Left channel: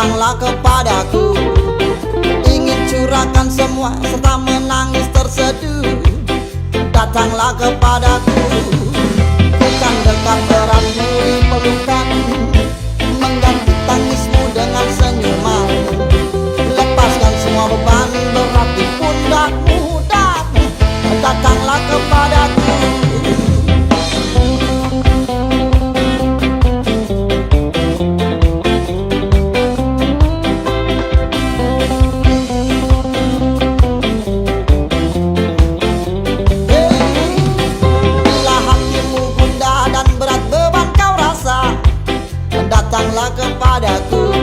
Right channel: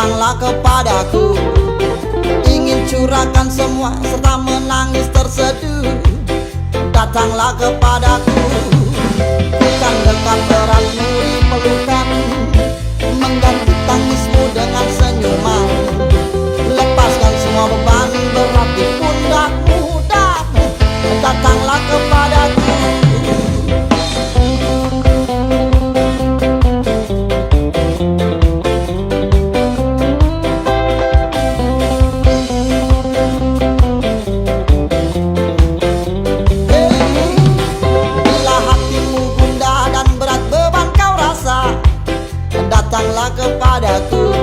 datanglah kepadaku, ingin curahkan semua serta menangis terseduh. Datanglah kepadaku, bukan dekat eratmu di pelukan, mengganti tangismu dengan senyuman. Lepaskan semua beban berat di pundakmu dan datanglah kepadaku. Datanglah kepadaku,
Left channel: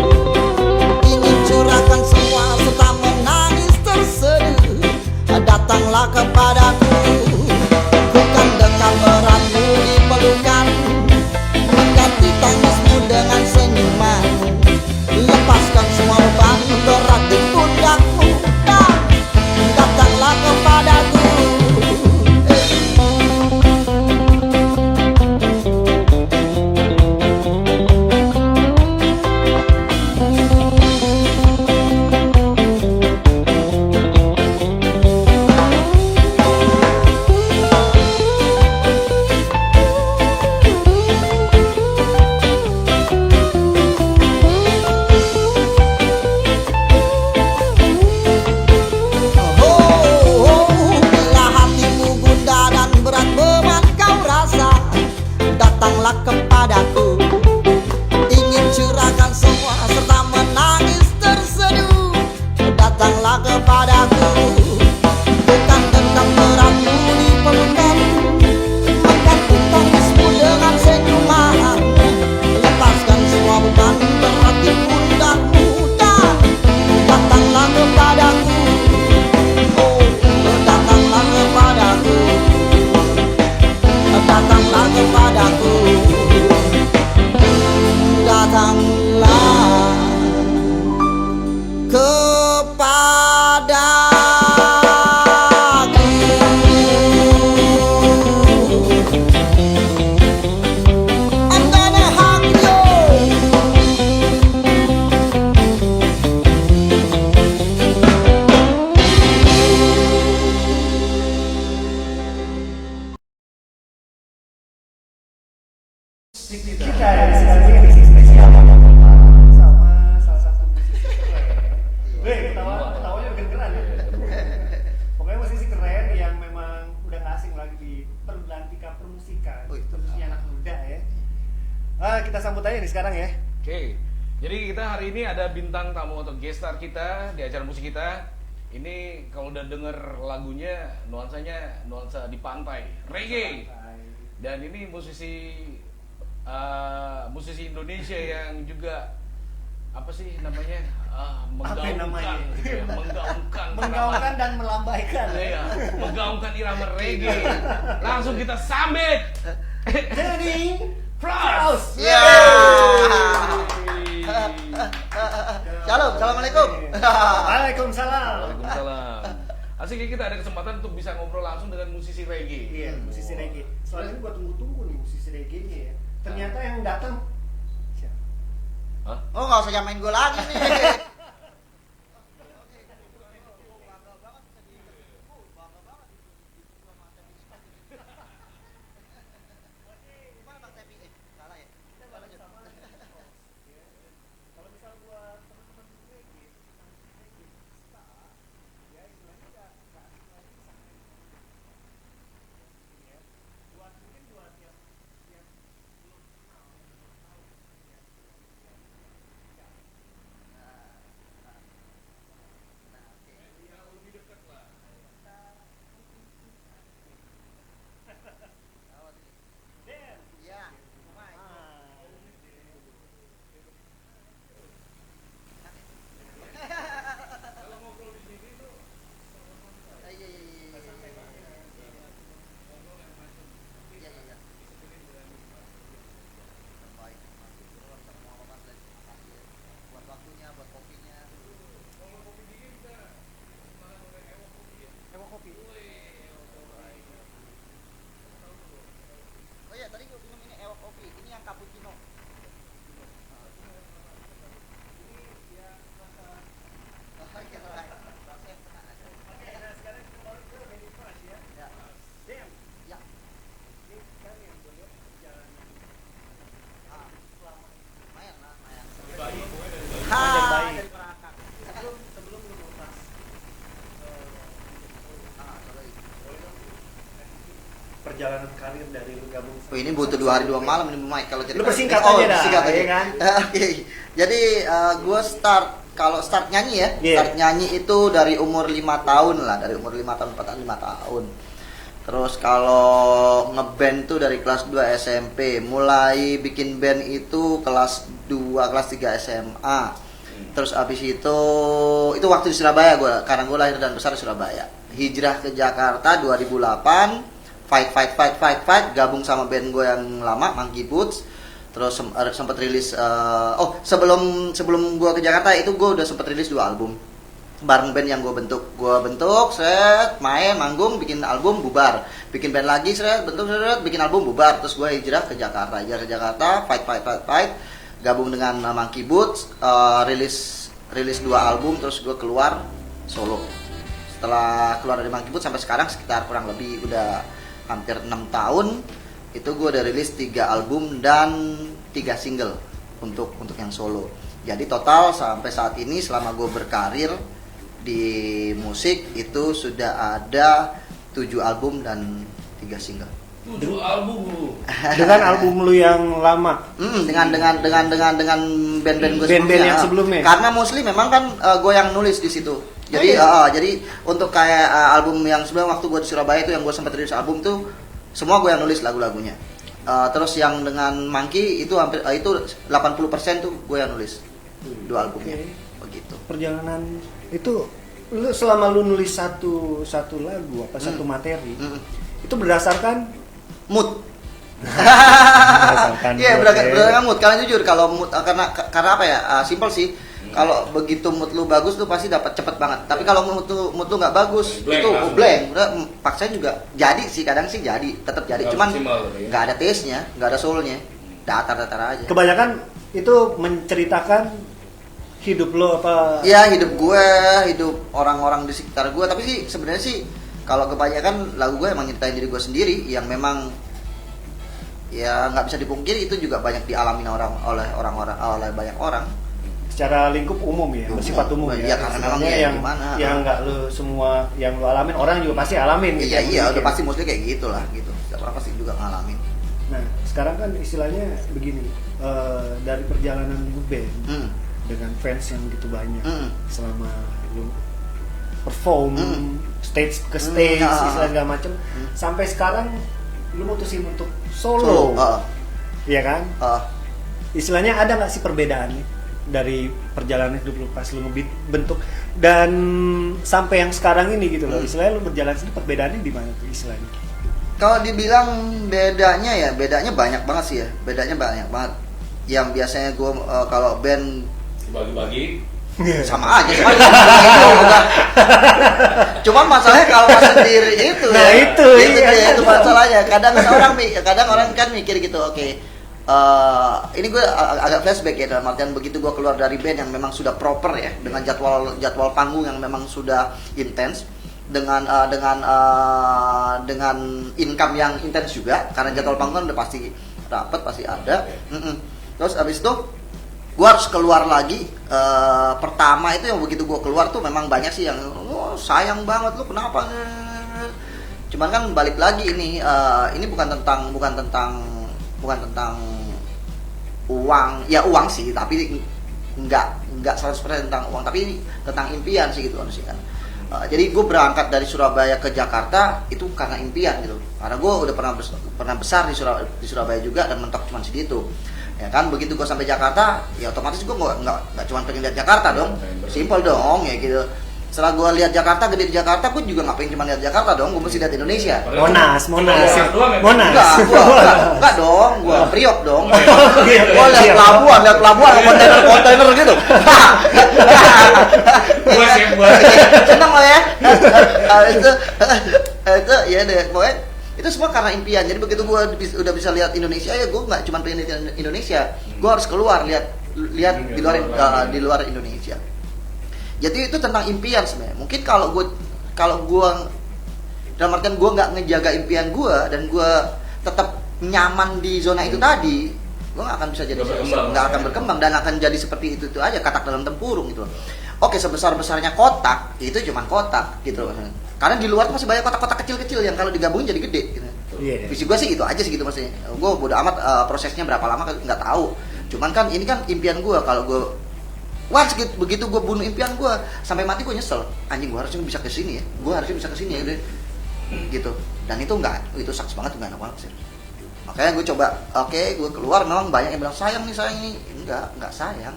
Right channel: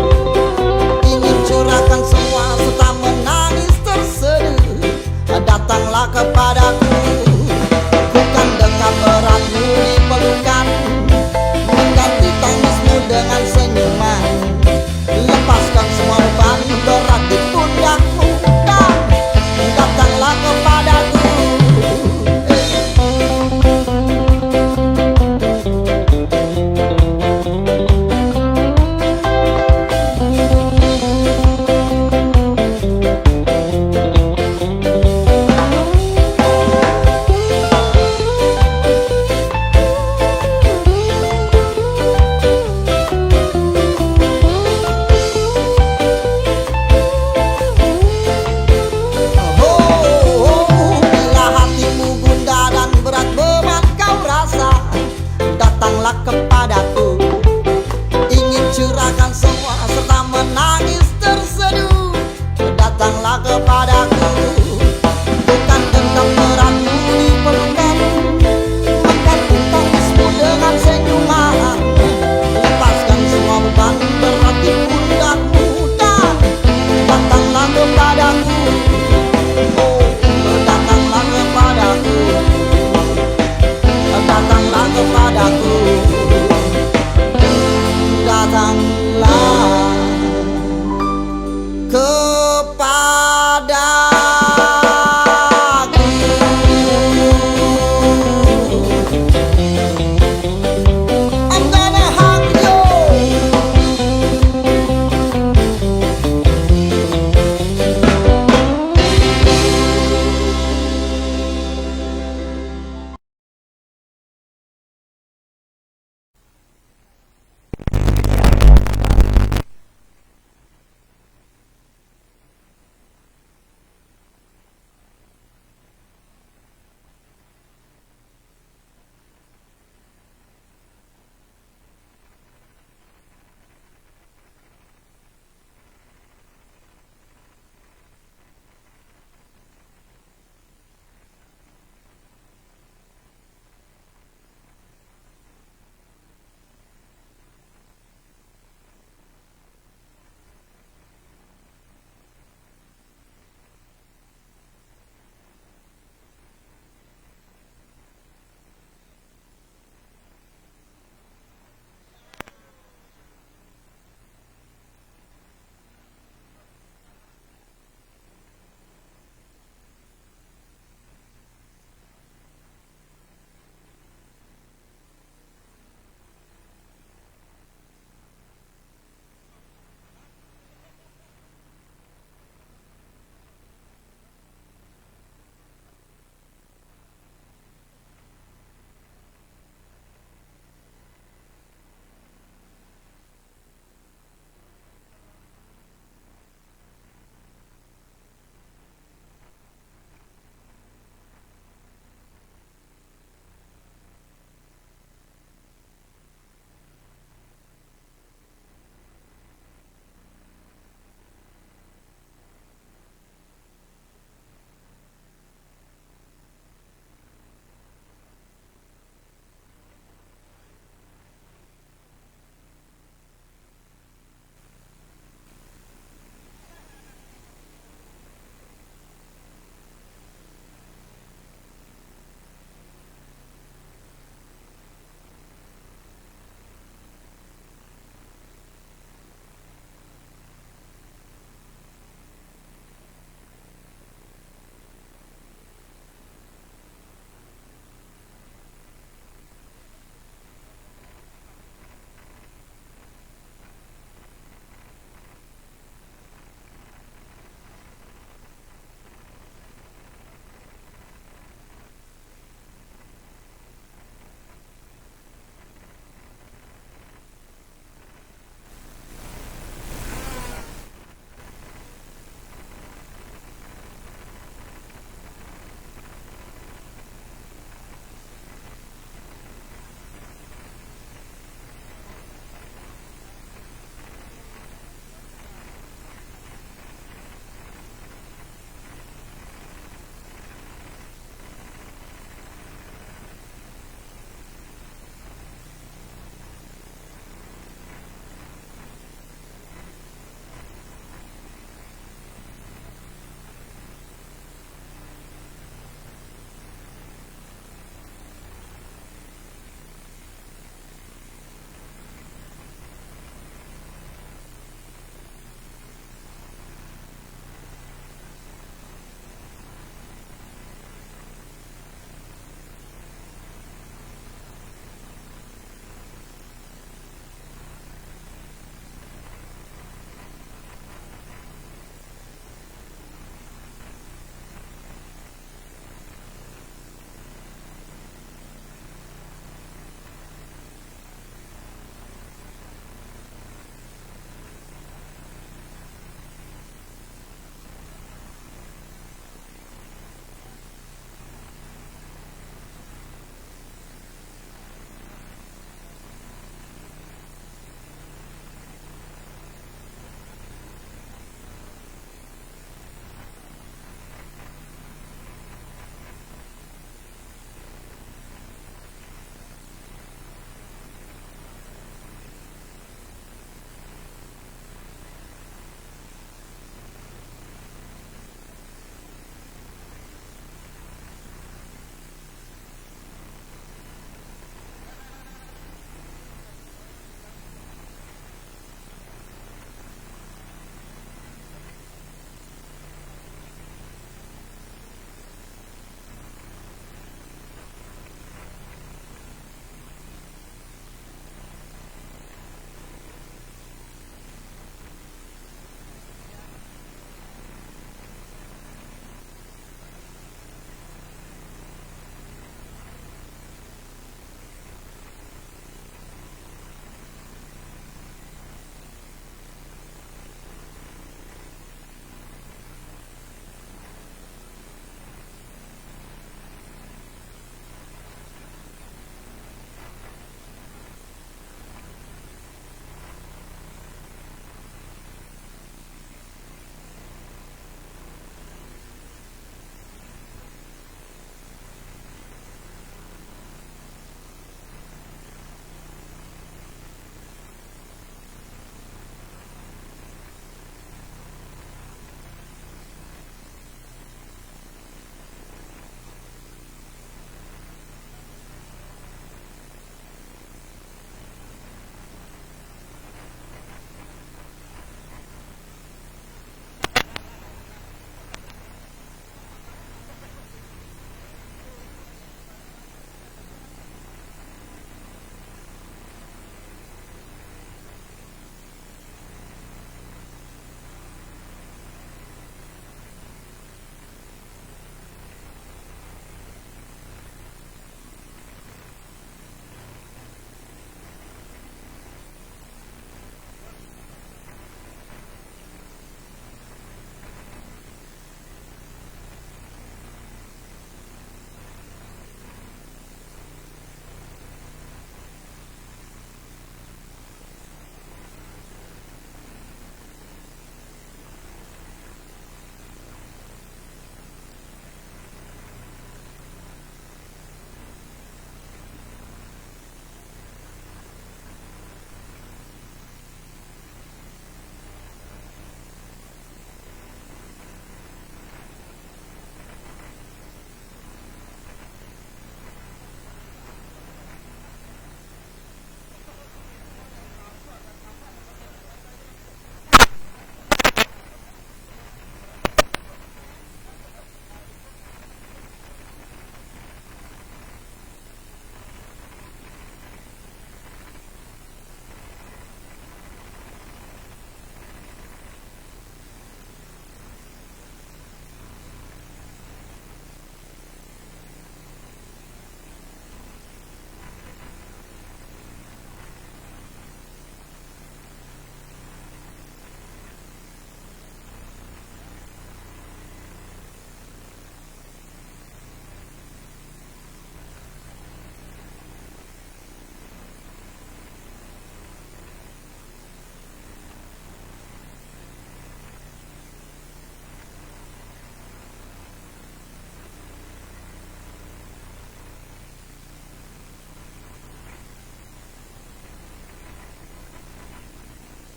ingin curahkan semua serta menangis terseduh. Datanglah kepadaku, bukan dekat eratmu di pelukan, mengganti tangismu dengan senyuman. Lepaskan semua beban berat di pundakmu dan datanglah kepadaku. Datanglah kepadaku, ingin curahkan semua serta menangis terseduh. Datanglah kepadaku, bukan dekat eratmu di pelukan, mengganti tangismu dengan senyuman. Lepaskan semua beban berat di pundakmu dan datanglah kepadaku. Oh, datanglah kepadaku, datanglah kepadaku, datanglah kepadaku. I'm gonna hug you. Kita ada di sini spesial sama salah satu musisi keren. Weh, ketawanya udah keren ya. Pokoknya musisi keren yang memang udah gak asing lagi di perbelantika permusikan, khususnya anak muda ya. Kita sambut aja nih sekarang ya. Oke, jadi kita hari ini ada bintang tamu atau guest star kita di acara musik kita. Ini kalau udah denger lagunya nuansanya nuansa di pantai, reggae. Dan ini musisi Indonesia yang juga apa sih namanya menggaungkan, gitu ya, menggaungkan dan melambaikan. Ya, menggaungkan irama reggae. Langsung kita sambit Denny Frost. Ya. Shalom, assalamualaikum. Waalaikumsalam. Waalaikumsalam. Asik ya, kita ada kesempatan untuk bisa ngobrol langsung dengan musisi reggae. Iya, musisi reggae. Soalnya ini gua tunggu-tunggu nih musisi reggae-nya ya. Ternyata yang datang. Hah? Oh, nggak usah nyamain gue lagi nih. perjalanan karir dari gabung. Oh, ini butuh 2 hari 2 malam ini Mike kalau cerita. Lu persingkat Oh, aja dah, singkat aja. ya kan? Oke. Jadi gue kalau start nyanyi ya, Iya. start nyanyi itu dari umur 5 tahun lah, dari umur 5 tahun, 5 tahun. Terus kalau ngeband tuh dari kelas 2 SMP, mulai bikin band itu kelas 2, kelas 3 SMA. Terus abis itu waktu di Surabaya gue, karena gue lahir dan besar di Surabaya. Hijrah ke Jakarta 2008, fight, gabung sama band gue yang lama, Monkey Boots. Terus sempat rilis, sebelum gue ke Jakarta itu gue udah sempat rilis 2 album bareng band yang gue bentuk, main, manggung, bikin album, bubar, bikin band lagi, bentuk, bikin album, bubar. Terus gue hijrah ke Jakarta, fight, gabung dengan Monkey Boots, rilis 2 album, terus gue keluar solo. Setelah keluar dari Monkey Boots sampai sekarang sekitar kurang lebih udah hampir 6 tahun, itu gue udah rilis 3 album dan 3 single untuk yang solo. Jadi total sampai saat ini selama gue berkarir di musik itu sudah ada 7 album dan 3 single. 7 album lu. Dengan album lu yang lama. Dengan band-band gue Band-band yang sebelumnya. Karena mostly memang kan gue yang nulis di situ. Jadi jadi untuk kayak album yang sebelum waktu gue di Surabaya itu yang gue sempat rilis album tuh semua gue yang nulis lagu-lagunya. Terus yang dengan Monkey itu hampir itu 80% tuh gue yang nulis 2 albumnya. Begitu. Perjalanan itu lu selama lu nulis satu lagu atau satu materi itu berdasarkan mood. berdasarkan Iya, berdasarkan mood. Karena jujur kalau mood karena apa ya? Simple sih. Kalau begitu mood lu bagus tuh pasti dapat cepet banget. Tapi kalau mood lu nggak bagus, Blank itu langsung. blank. Udah paksain juga jadi sih, kadang sih jadi, tetap jadi. Nggak Cuman maksimal gitu ya. nggak ada taste-nya, nggak ada soul-nya. Datar-datar aja. kebanyakan itu menceritakan hidup lo apa? Iya, hidup gue, hidup orang-orang di sekitar gue. Tapi sih sebenarnya sih kalau kebanyakan lagu gue emang nyeritain diri gue sendiri yang memang ya nggak bisa dipungkiri itu juga banyak dialami oleh banyak orang. Secara lingkup umum ya, bersifat umum Iya, ya. karena memang Sebenarnya ya yang gimana. yang nggak lo semua yang lo alamin orang juga pasti alamin. gitu. Iya, udah Mungkin. pasti mostly kayak gitulah gitu. Siapa pasti juga ngalamin. Nah, sekarang kan istilahnya begini, dari perjalanan band dengan fans yang begitu banyak selama lu perform stage ke stage istilah segala macem sampai sekarang lu mutusin untuk solo. Iya kan? Istilahnya ada nggak sih perbedaannya dari perjalanan hidup lu pas lu bentuk dan sampai yang sekarang ini gitu loh, istilahnya lu berjalan sini perbedaannya di mana tuh istilahnya? Kalau dibilang bedanya banyak banget sih ya. Bedanya banyak banget. Yang biasanya gue kalau band Bagi-bagi. sama aja udah. Cuma masalahnya kalau pas sendiri itu Nah, ya, itu, iya. dia, itu masalahnya. Kadang orang kan mikir gitu, oke. Ini gue agak flashback ya, dalam artian begitu gue keluar dari band yang memang sudah proper ya, dengan jadwal panggung yang memang sudah intens, dengan income yang intens juga, karena jadwal panggung udah pasti dapat, pasti ada. Terus abis itu gue harus keluar lagi. Pertama itu yang begitu gue keluar tuh memang banyak sih yang sayang banget lu kenapa. Cuman kan balik lagi ini bukan tentang uang, ya uang sih, tapi nggak 100% tentang uang, tapi tentang impian sih gitu sih kan. Jadi gue berangkat dari Surabaya ke Jakarta itu karena impian gitu, karena gue udah pernah besar di Surabaya juga dan mentok cuma segitu. Ya kan, begitu gue sampai Jakarta, ya otomatis gue nggak cuma pengen lihat Jakarta dong, simple dong ya gitu. Setelah gue lihat Jakarta, gede di Jakarta, gue juga nggak pengen cuma lihat Jakarta dong, gue mesti lihat Indonesia. Monas. Enggak dong, gue Priok dong. Gue lihat pelabuhan, kontainer gitu. Buat ya, buat. Seneng lo ya. Itu ya deh, pokoknya itu semua karena impian. Jadi begitu gue udah bisa lihat Indonesia, ya gue nggak cuma pengen lihat Indonesia, gue harus keluar lihat di luar Indonesia. Jadi itu tentang impian sebenarnya. Mungkin kalau gue dalam artian gue nggak ngejaga impian gue dan gue tetap nyaman di zona itu tadi, gue nggak akan bisa jadi, nggak akan berkembang dan akan jadi seperti itu aja, katak dalam tempurung gitu. Oke, sebesar-besarnya kotak itu cuma kotak gitu. Karena di luar masih banyak kotak-kotak kecil-kecil yang kalau digabungin jadi gede gitu. Iya. Visi gue sih itu aja sih gitu maksudnya. Gue bodo amat prosesnya berapa lama nggak tahu. Cuman kan ini kan impian gue, kalau gue begitu gue bunuh impian gue sampai mati gue nyesel, anjing gue harusnya bisa ke sini ya, gue harusnya bisa ke sini ya gitu. Dan itu itu saks banget, gak enak banget sih. Makanya gue coba, gue keluar, memang banyak yang bilang sayang nih enggak sayang.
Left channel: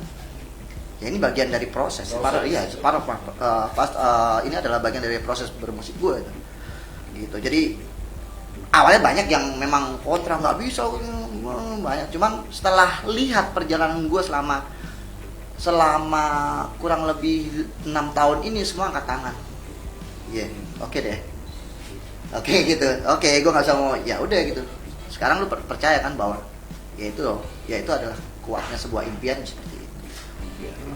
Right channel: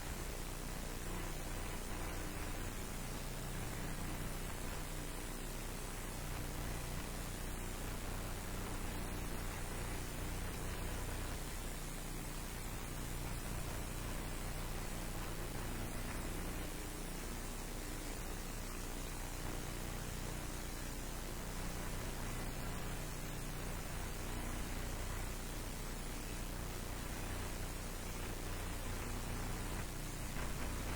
Ya ini bagian dari proses. Ini adalah bagian dari proses bermusik gue gitu. Jadi awalnya banyak yang memang kontra, nggak bisa, banyak. Cuman setelah lihat perjalanan gue selama kurang lebih 6 tahun ini, semua angkat tangan. Iya, oke deh. Oke gitu. Oke, gue nggak bisa mau, ya udah gitu. Sekarang lu percaya kan bahwa ya itu adalah kuatnya sebuah impian.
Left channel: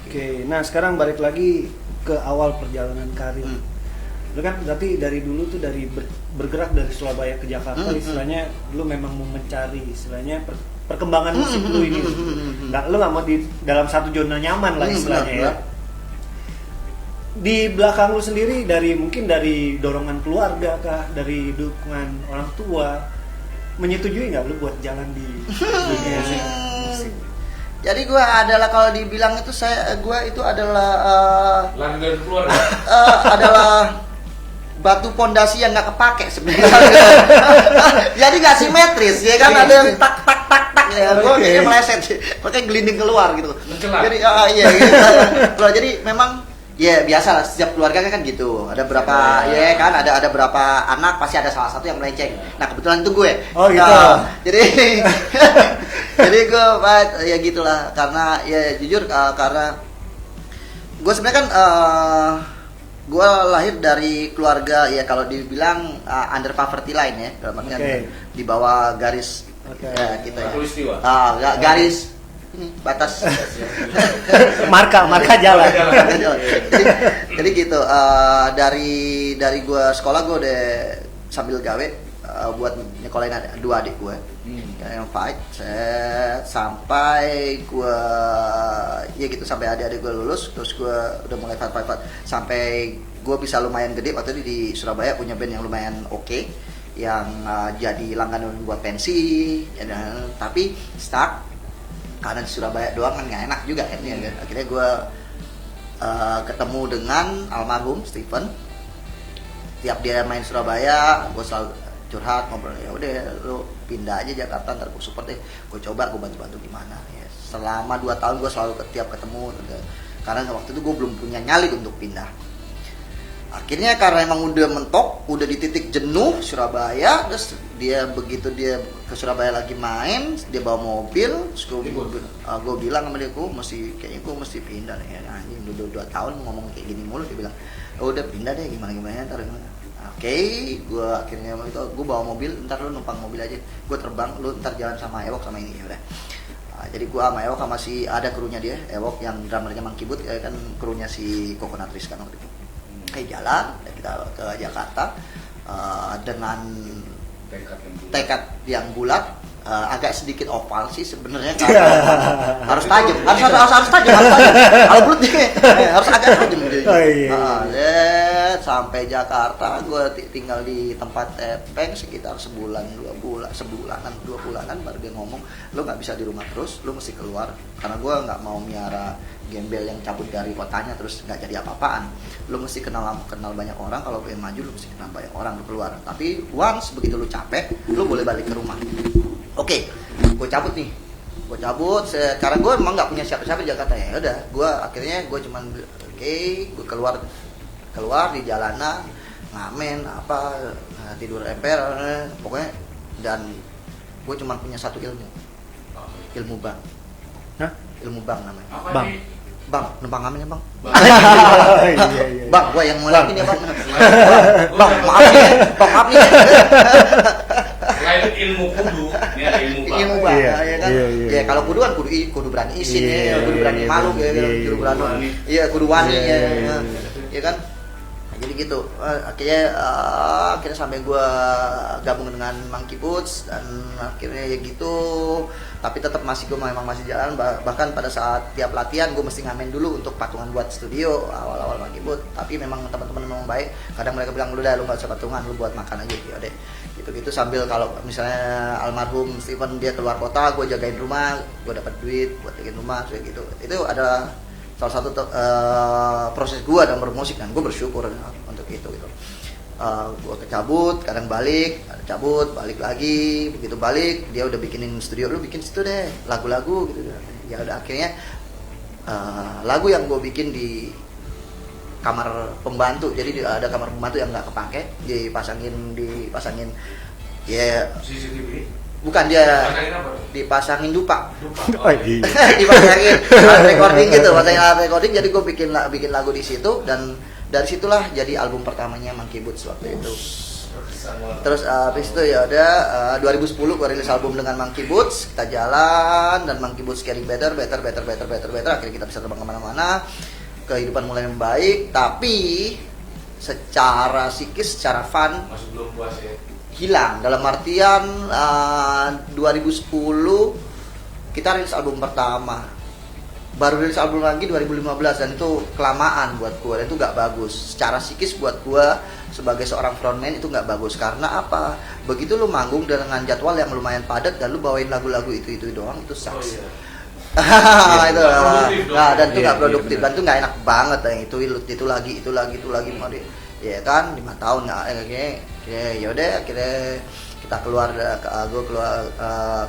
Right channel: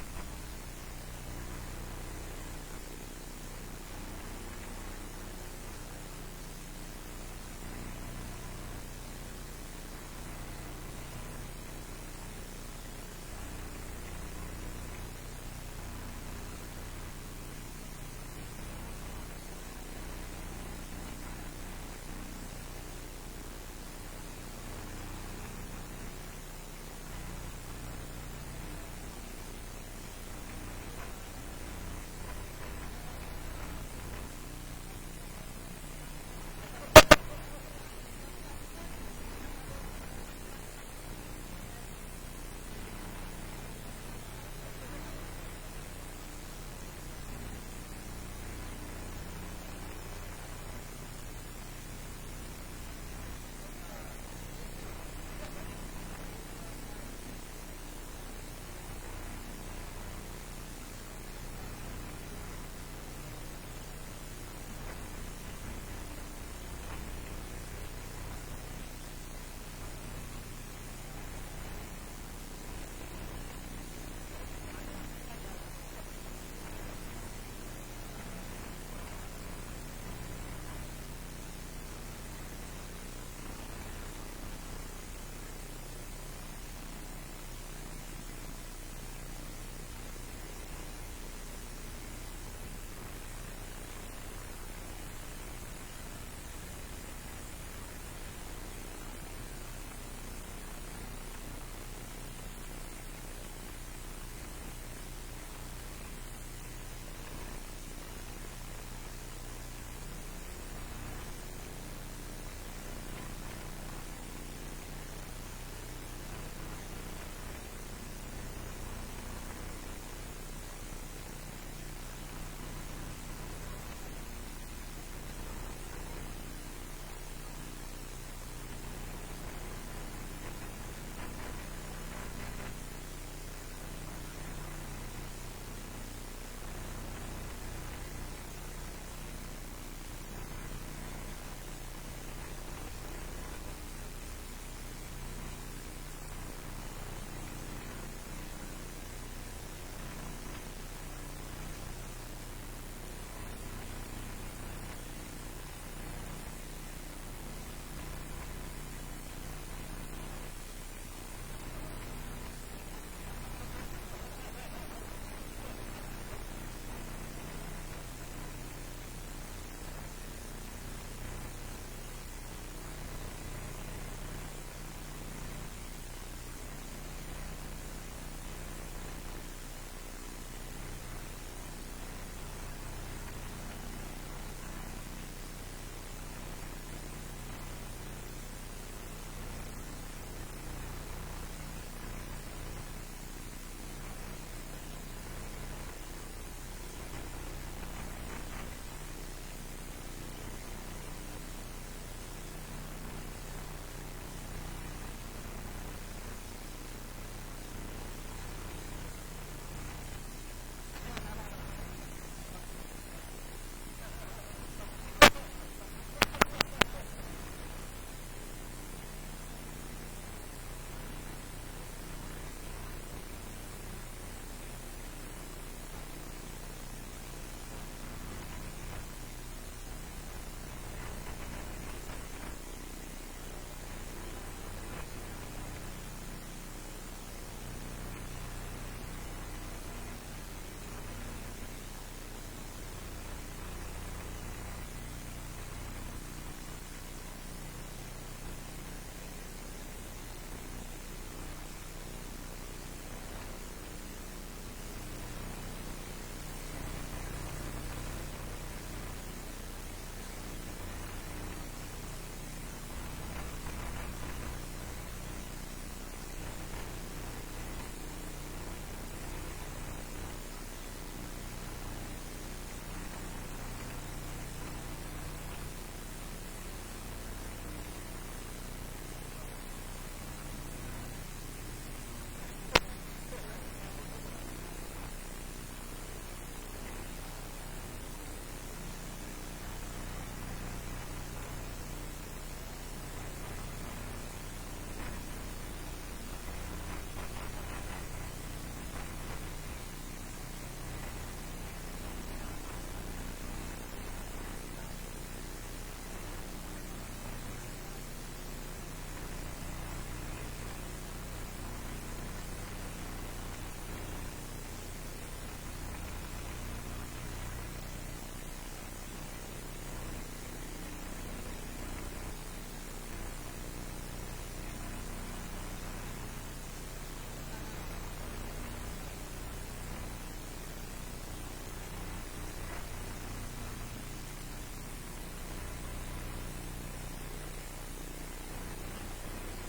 Oke, nah sekarang balik lagi ke awal perjalanan karir. Lu kan berarti dari dulu tuh bergerak dari Surabaya ke Jakarta, istilahnya lu memang mau mencari istilahnya perkembangan musik lu ini. Lu nggak mau di dalam satu zona nyaman lah istilahnya ya. Di belakang lu sendiri mungkin dari dorongan keluarga kah, dari dukungan orang tua, menyetujui nggak lu buat jalan di dunia musik? Jadi gue adalah, kalau dibilang itu gue itu adalah Langgan keluar. adalah batu pondasi yang nggak kepake sebenarnya. Jadi nggak simetris ya kan, ada yang tak ya. Gue kayaknya meleset sih, makanya gelinding keluar gitu. Jadi iya gitu. Jadi memang ya biasa lah, setiap keluarga kan gitu. Ada berapa ya kan, ada berapa anak, pasti ada salah satu yang melenceng. Nah kebetulan itu gue. Oh gitu. Jadi gue ya gitulah, karena ya jujur karena gue sebenarnya kan gue lahir dari keluarga ya, kalau dibilang under poverty line ya, dalam artian di bawah garis ya, gitu ya. Garis ini batas marka jalan. Jadi gitu, dari gue sekolah gue udah sambil gawe buat nyekolahin dua adik gue yang fight sampai gue ya gitu, sampai adik-adik gue lulus, terus gue udah mulai fight sampai gue bisa lumayan gede. Waktu itu di Surabaya punya band yang lumayan oke, yang jadi langganan buat pensi ya, tapi stuck karena di Surabaya doang kan nggak enak juga akhirnya. Akhirnya gue ketemu dengan almarhum Steven. Tiap dia main Surabaya gue selalu curhat, ngobrol, ya udah lu pindah aja Jakarta, ntar gue support deh, gue coba, gue bantu gimana ya. Selama 2 tahun gue selalu tiap ketemu, karena waktu itu gue belum punya nyali untuk pindah. Akhirnya karena emang udah mentok, udah di titik jenuh Surabaya, terus begitu dia ke Surabaya lagi main, dia bawa mobil, terus gue bilang sama dia, kayaknya gue mesti pindah ya. Anjing udah 2 tahun ngomong kayak gini mulu, dia bilang udah pindah deh, gimana ntar. Gue akhirnya gue bawa mobil, ntar lu numpang mobil aja, gue terbang, lu ntar jalan sama Ewok sama ini udah. Jadi gue sama Ewok sama ada krunya dia, Ewok yang drummernya Monkey Boot ya kan, krunya si Coconut Trees kan waktu itu. Jalan kita ke Jakarta dengan tekad yang bulat, agak sedikit oval sih sebenarnya, harus tajam, harus tajam. Kalau bulat harus agak tajam gitu. Sampai Jakarta, gue tinggal di tempat Epeng sekitar sebulanan 2 bulanan, baru dia ngomong, lo nggak bisa di rumah terus, lo mesti keluar, karena gue nggak mau miara gembel yang cabut dari kotanya terus nggak jadi apa-apaan. Lo mesti kenal banyak orang, kalau pengen maju lo mesti kenal banyak orang, keluar. Tapi once begitu lo capek, lo boleh balik ke rumah. Oke, gue cabut. Sekarang gue emang nggak punya siapa-siapa di Jakarta ya. Udah, gue cuman gue keluar di jalanan, ngamen tidur emper pokoknya, dan gue cuma punya satu ilmu bank. Ilmu bank namanya. Bang, numpang ngamen ya bang. Bang, gue yang mulai ini ya bang. Bang, maaf nih. Selain ilmu kudu, ini ada ilmu bang. Ya kan. Ya kalau kudu kan kudu berani izin ya, kudu berani malu ya, kudu berani. Iya, kudu wani ya. Ya kan. Jadi gitu. Akhirnya sampai gue gabung dengan Monkey Boots, dan akhirnya ya gitu. Tapi tetap gue memang masih jalan, bahkan pada saat tiap latihan gue mesti ngamen dulu untuk patungan buat studio awal-awal Monkey Boot. Tapi memang teman-teman memang baik, kadang mereka bilang lu nggak usah patungan, lu buat makan aja ya deh. gitu sambil kalau misalnya almarhum Steven dia keluar kota, gue jagain rumah, gue dapat duit buat jagain rumah kayak gitu. Itu ada salah satu proses gue dalam bermusik kan, gue bersyukur untuk itu gitu. Gue kecabut, kadang balik, cabut, balik lagi, begitu balik dia udah bikinin studio, lu bikin situ deh lagu-lagu gitu. Ya udah akhirnya lagu yang gue bikin di kamar pembantu, jadi ada kamar pembantu yang nggak kepake, dipasangin ya CCTV. bukan dia Pasangin apa? dipasangin dupa. Oh, iya. Dipasangin alat recording gitu, pasangin alat recording, jadi gue bikin lagu di situ dan dari situlah jadi album pertamanya Monkey Boots waktu itu. Terus habis itu ya ada 2010 gue rilis album dengan Monkey Boots, kita jalan dan Monkey Boots carry better, akhirnya kita bisa terbang kemana-mana, kehidupan mulai membaik, tapi secara psikis, secara fun Masih belum puas ya. hilang. Dalam artian 2010 kita rilis album pertama, baru rilis album lagi 2015 dan itu kelamaan buat gue, dan itu gak bagus secara psikis buat gue sebagai seorang frontman. Itu nggak bagus karena apa, begitu lu manggung dengan jadwal yang lumayan padat dan lu bawain lagu-lagu itu doang, itu sucks. Itu nah, dan itu nggak produktif dan itu nggak enak banget yang itu lagi mau di ya kan 5 tahun nggak ya udah akhirnya kita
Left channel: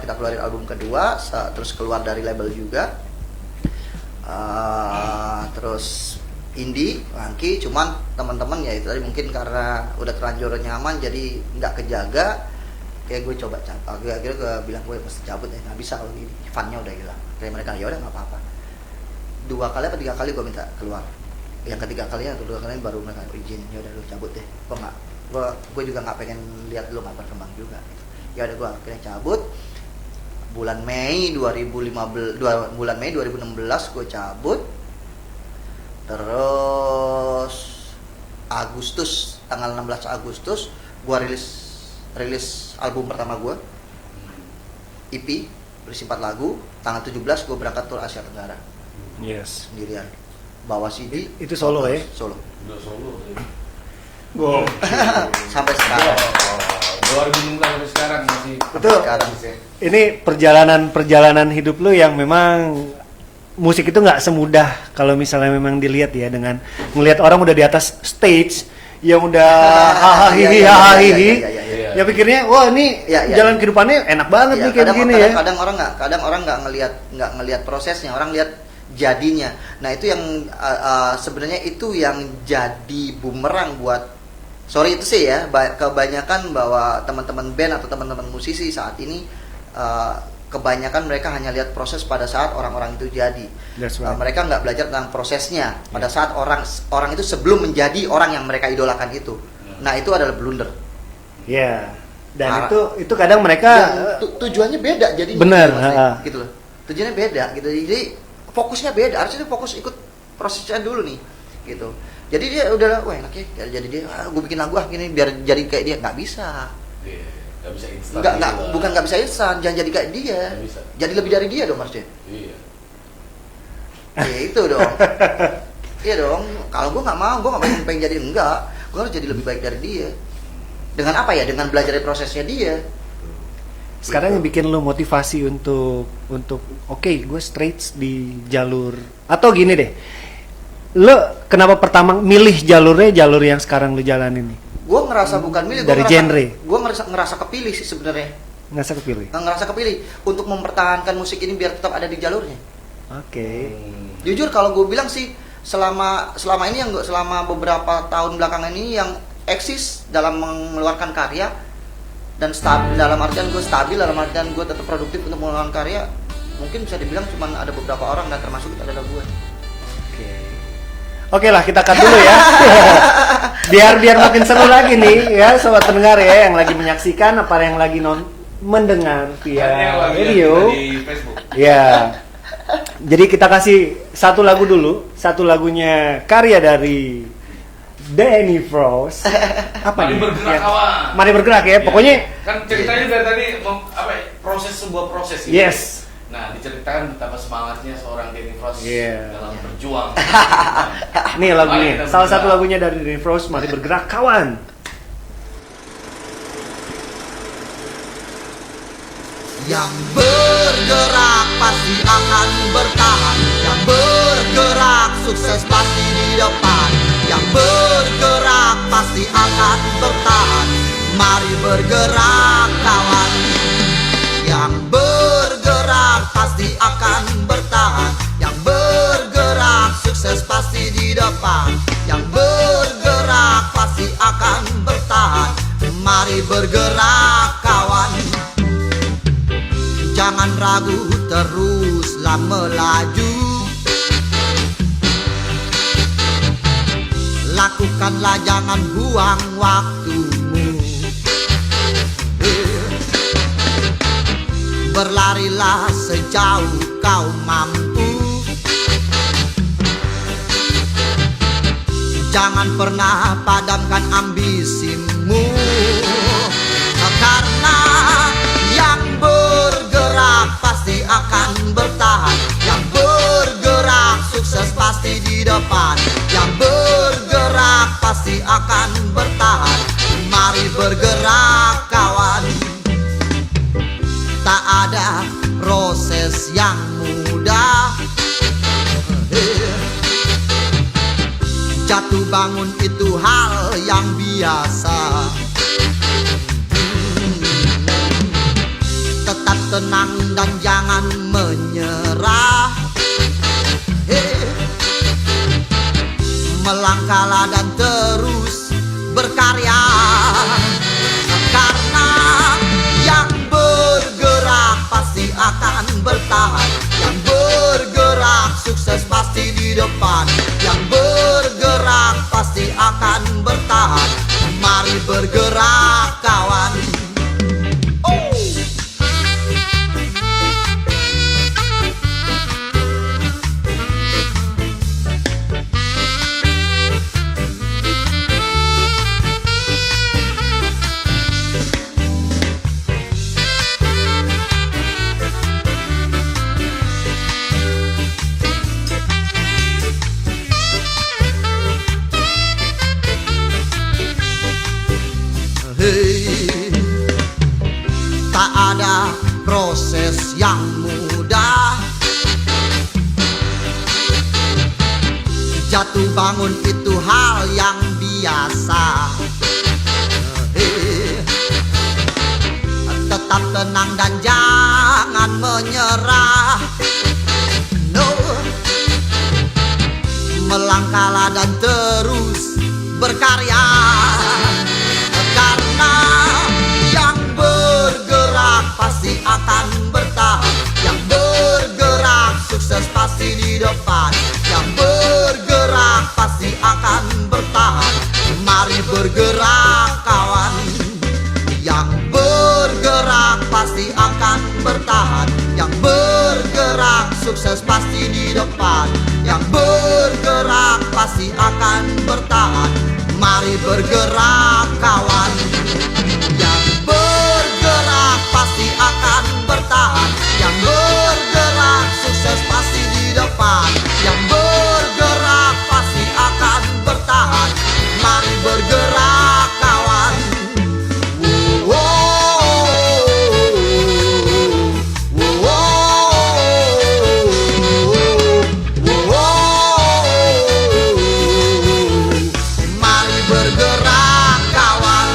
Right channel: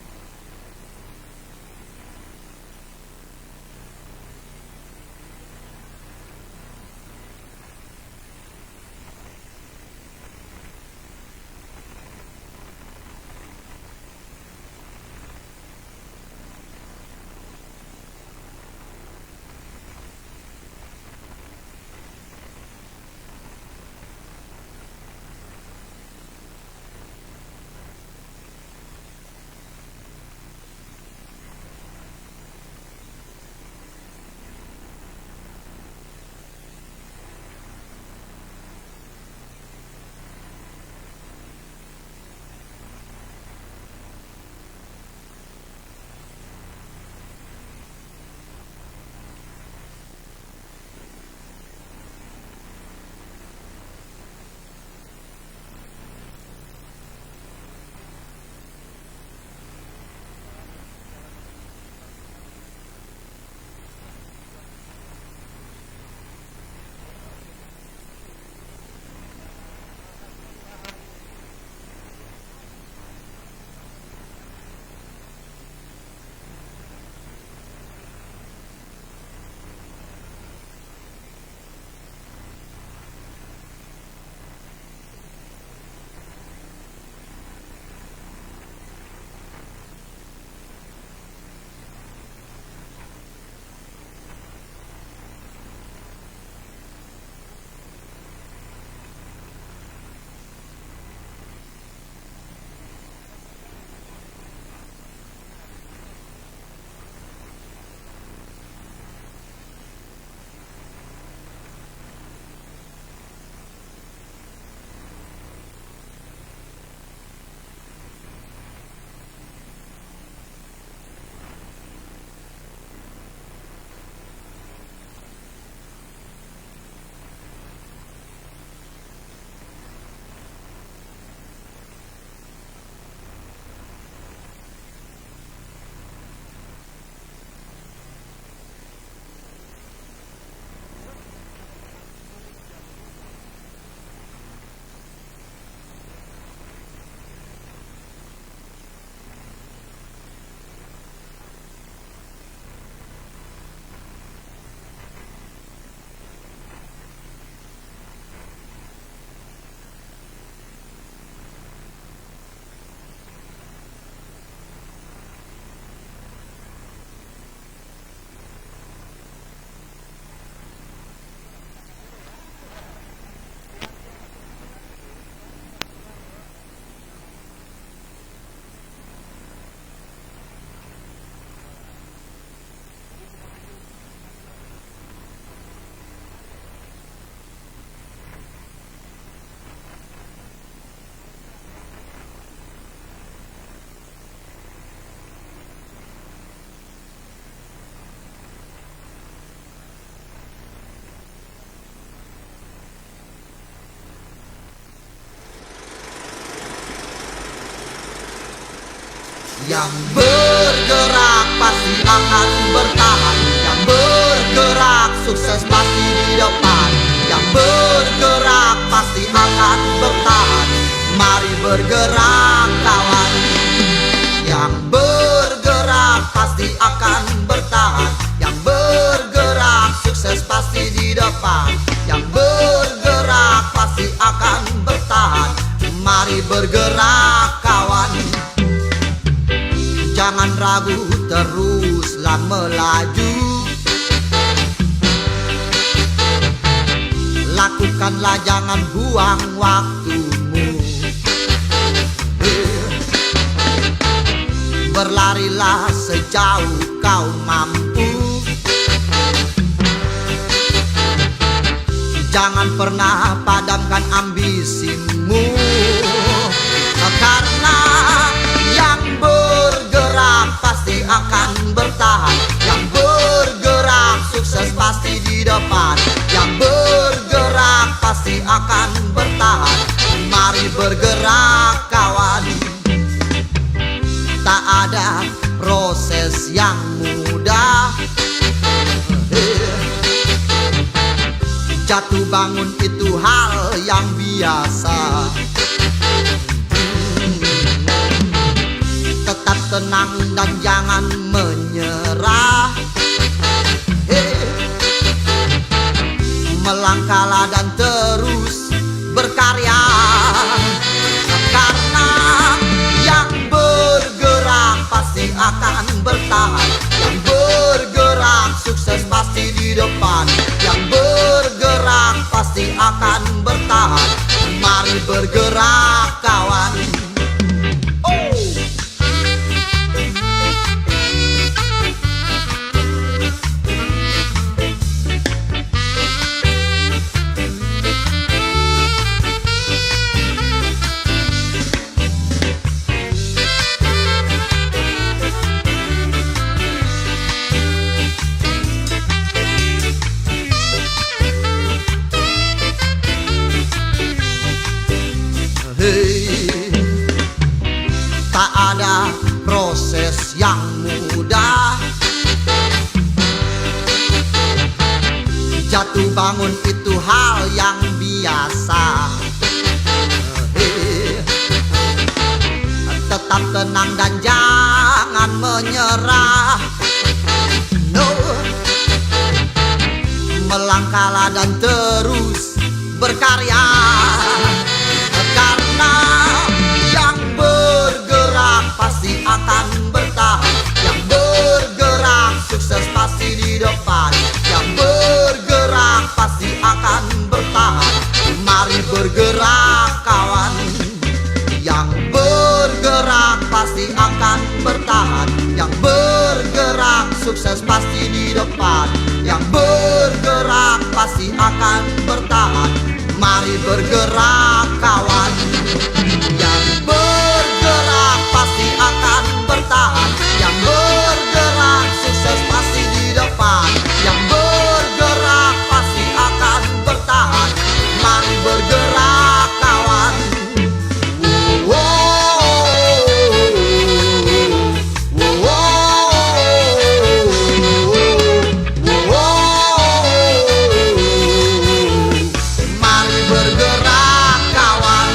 kita keluarin album kedua, terus keluar dari label juga, terus indie Monkey, cuman teman-teman ya itu tadi mungkin karena udah terlanjur nyaman jadi nggak kejaga ya, gue coba akhirnya gue bilang gue pasti cabut ya, nggak bisa kalau funnya udah hilang. Dari mereka ya udah nggak apa-apa, 2 kali atau 3 kali gue minta keluar, yang ketiga kalinya atau 2 kali baru mereka izin, ya udah lu cabut deh, gue juga nggak pengen lihat lu nggak berkembang juga, ya udah gue akhirnya cabut. Bulan Mei 2016 gue cabut. Terus Agustus, tanggal 16 Agustus gue rilis album pertama gue, EP berisi 4 lagu. Tanggal 17 gue berangkat tur Asia Tenggara Yes. sendirian, bawa CD. Itu solo ya? Solo. Udah solo. Wow. Sampai sekarang. 2016 sampai sekarang masih. Itu Sekarang. ini perjalanan hidup lu yang memang musik itu nggak semudah kalau misalnya memang dilihat ya, dengan ngelihat orang udah di atas stage yang udah hahaha ya pikirnya wah ini jalan kehidupannya enak banget nih kayak begini ya. Kadang orang nggak ngelihat prosesnya, orang lihat jadinya. Nah itu yang sebenarnya itu yang jadi bumerang buat, sorry itu sih ya, kebanyakan bahwa teman-teman band atau teman-teman musisi saat ini kebanyakan mereka hanya lihat proses pada saat orang-orang itu jadi. Right. Mereka nggak belajar tentang prosesnya pada saat orang itu sebelum menjadi orang yang mereka idolakan itu. Nah itu adalah blunder. Ya. Dan itu kadang mereka tujuannya beda, jadi benar, gitu loh. Tujuannya beda gitu. Jadi fokusnya beda. Harusnya fokus ikut prosesnya dulu nih, gitu. Jadi dia udah wah enak ya, jadi dia gue bikin lagu gini biar jadi kayak dia, nggak bisa. Nggak bisa instan. Bukan nggak bisa instan, jangan jadi kayak dia. Jadi lebih dari dia dong maksudnya. Iya. Ya itu dong. Iya dong. Kalau gue nggak mau, gue nggak pengen jadi enggak. Gue harus jadi lebih baik dari dia. Dengan apa ya? Dengan belajar dari prosesnya dia. sekarang gitu. yang bikin lu motivasi untuk oke, gue straight di jalur, atau gini deh, lu kenapa pertama milih jalur yang sekarang lu jalanin? Gue ngerasa bukan milih, dari genre. Gue ngerasa kepilih sih sebenarnya. Ngerasa kepilih Untuk mempertahankan musik ini biar tetap ada di jalurnya. Oke. Jujur kalau gue bilang sih selama ini selama beberapa tahun belakangan ini yang eksis dalam mengeluarkan karya dan stabil, dalam artian gue tetap produktif untuk mengeluarkan karya, mungkin bisa dibilang cuma ada beberapa orang dan termasuk adalah gue. Oke lah, kita cut dulu ya. biar makin seru lagi nih ya sobat pendengar ya, yang lagi menyaksikan apa yang lagi mendengar via video. Di Facebook. Ya. Jadi kita kasih satu lagu dulu, satu lagunya karya dari Danny Frost. Apa Mari nih? bergerak, kawan. Mari bergerak ya. Pokoknya kan ceritanya dari tadi sebuah proses gitu. yes. Nah, diceritakan betapa semangatnya seorang Danny Frost dalam berjuang. Nih lagunya, Mari kita salah satu bergerak. lagunya dari Danny Frost, Mari Bergerak Kawan. Yang bergerak pasti akan bertahan. Yang bergerak sukses pasti di depan. Yang bergerak pasti akan bertahan. Mari bergerak kawan. Yang bergerak pasti akan bertahan. Yang bergerak sukses pasti di depan. Yang bergerak pasti akan bertahan. Mari bergerak kawan. Jangan ragu, teruslah melaju. Lakukanlah, jangan buang waktumu. Berlarilah sejauh kau mampu. Jangan pernah padamkan ambisimu. Karena yang bergerak pasti akan bertahan. Yang bergerak sukses pasti di depan. Yang bergerak pasti akan bertahan. Mari bergerak kawan. Tak ada proses yang mudah. Jatuh bangun itu hal yang biasa. Tetap tenang dan jangan menyerah. Melangkahlah dan terus berkarya. Karena yang bergerak pasti akan bertahan. Yang bergerak sukses pasti di depan. Yang bergerak pasti akan bertahan. Mari bergerak kawan. Tak ada proses yang mudah. Jatuh bangun itu hal yang biasa. Tetap tenang dan jangan menyerah. No. Melangkahlah dan terus berkarya. Karena yang bergerak pasti akan bertahan. Yang bergerak sukses pasti di depan. Yang bergerak pasti akan bertahan. Mari bergerak kawan. Yang bergerak pasti akan bertahan. Yang bergerak sukses pasti di depan. Yang bergerak pasti akan bertahan. Mari bergerak kawan. Yang bergerak pasti akan bertahan. Yang bergerak sukses pasti di depan. Yang bergerak pasti akan bertahan. Mari bergerak kawan. Mari bergerak kawan.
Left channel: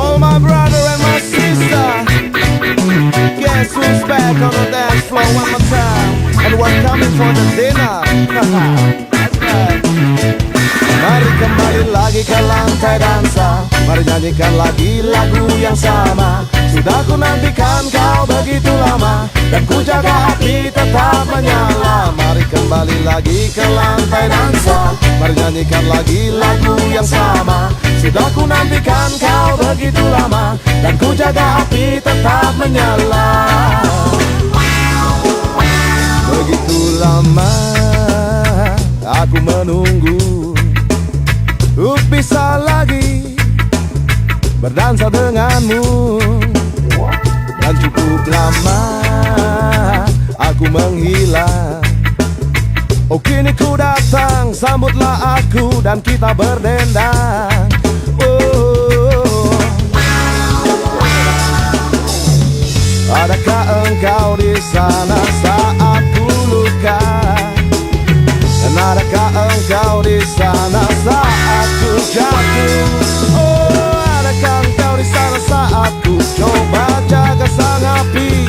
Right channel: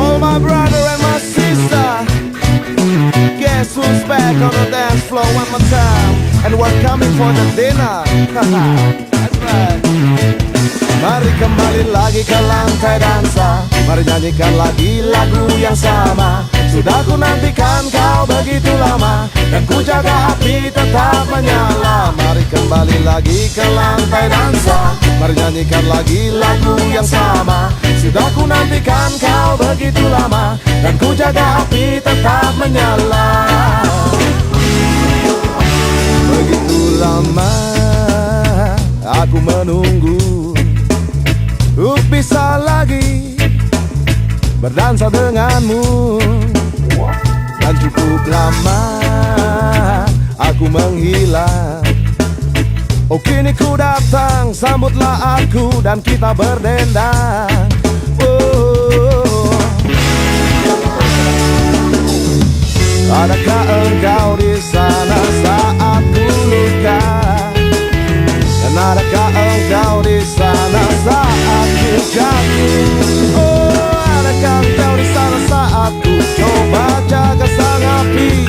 All my brother and my sister, guess who's back on the dance floor one more time? And we're coming for the dinner. That's right. Mari kembali lagi ke lantai dansa. Mari nyanyikan lagi lagu yang sama. Sudah ku nantikan kau begitu lama, dan ku jaga api tetap menyala. Mari kembali lagi ke lantai dansa. Mari nyanyikan lagi lagu yang sama. Sudah ku nantikan kau begitu lama, dan ku jaga api tetap menyala. Begitu lama aku menunggu untuk bisa lagi berdansa denganmu. dan cukup lama aku menghilang. Oh kini ku datang, sambutlah aku dan kita berdendang. Oh, adakah engkau di sana saat ku luka? Dan adakah engkau di sana saat ku jatuh? Oh, adakah engkau di sana saat ku coba jaga sang api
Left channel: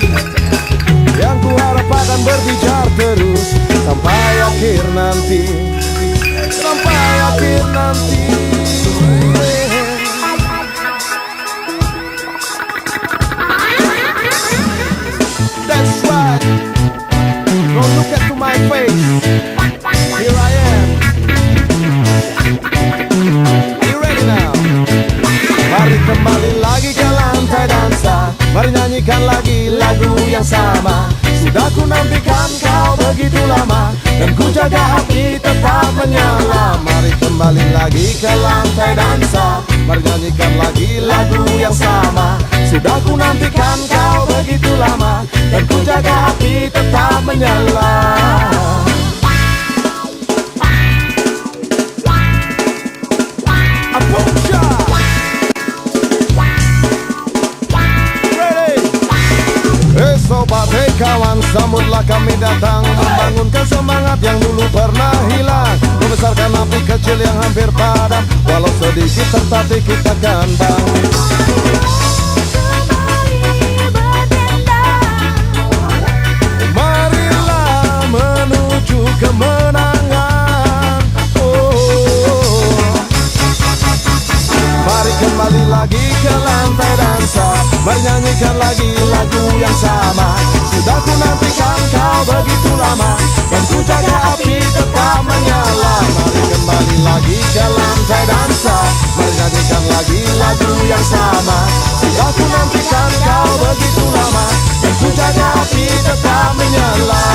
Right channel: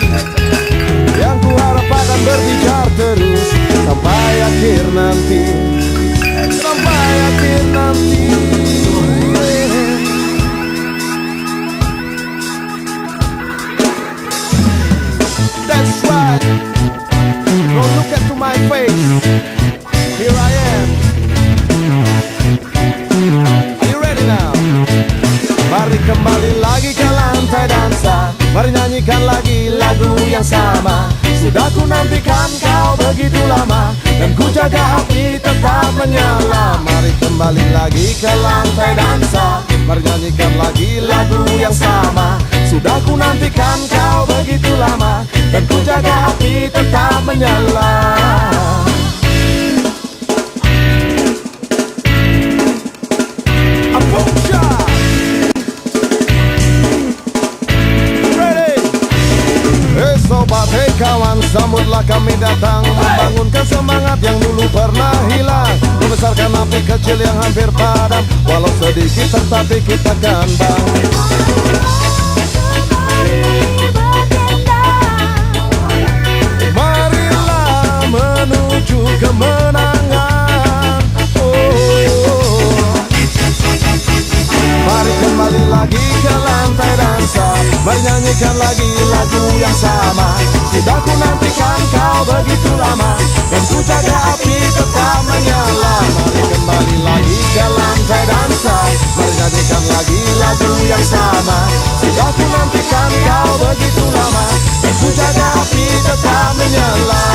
yang ku harap akan berbicara terus sampai akhir nanti, sampai akhir nanti. That's right. Don't look into my face. Here I am. Are you ready now? Mari kembali lagi ke lantai dansa, mari nyanyikan lagi lagu yang sama. Sudah ku nantikan kau begitu lama, dan ku jaga api tetap menyala. Mari kembali lagi ke lantai dansa, mari nyanyikan lagi lagu yang sama. Sudah ku nantikan kau begitu lama, dan ku jaga api tetap menyala. Apusha! Sobat, hei kawan, sambutlah kami datang, membangunkan semangat yang dulu pernah hilang, membesarkan api kecil yang hampir padam, walau sedikit tetapi kita kan bangkit. Marilah menuju kemenangan. Mari kembali lagi ke lantai dansa, mari nyanyikan lagi lagu yang sama. Sudah ku nantikan kau begitu lama, dan ku jaga api tetap menyala. Mari kembali lagi ke lantai dansa, mari nyanyikan lagi lagu yang sama. Sudah ku nantikan kau begitu lama, dan ku jaga api tetap menyala.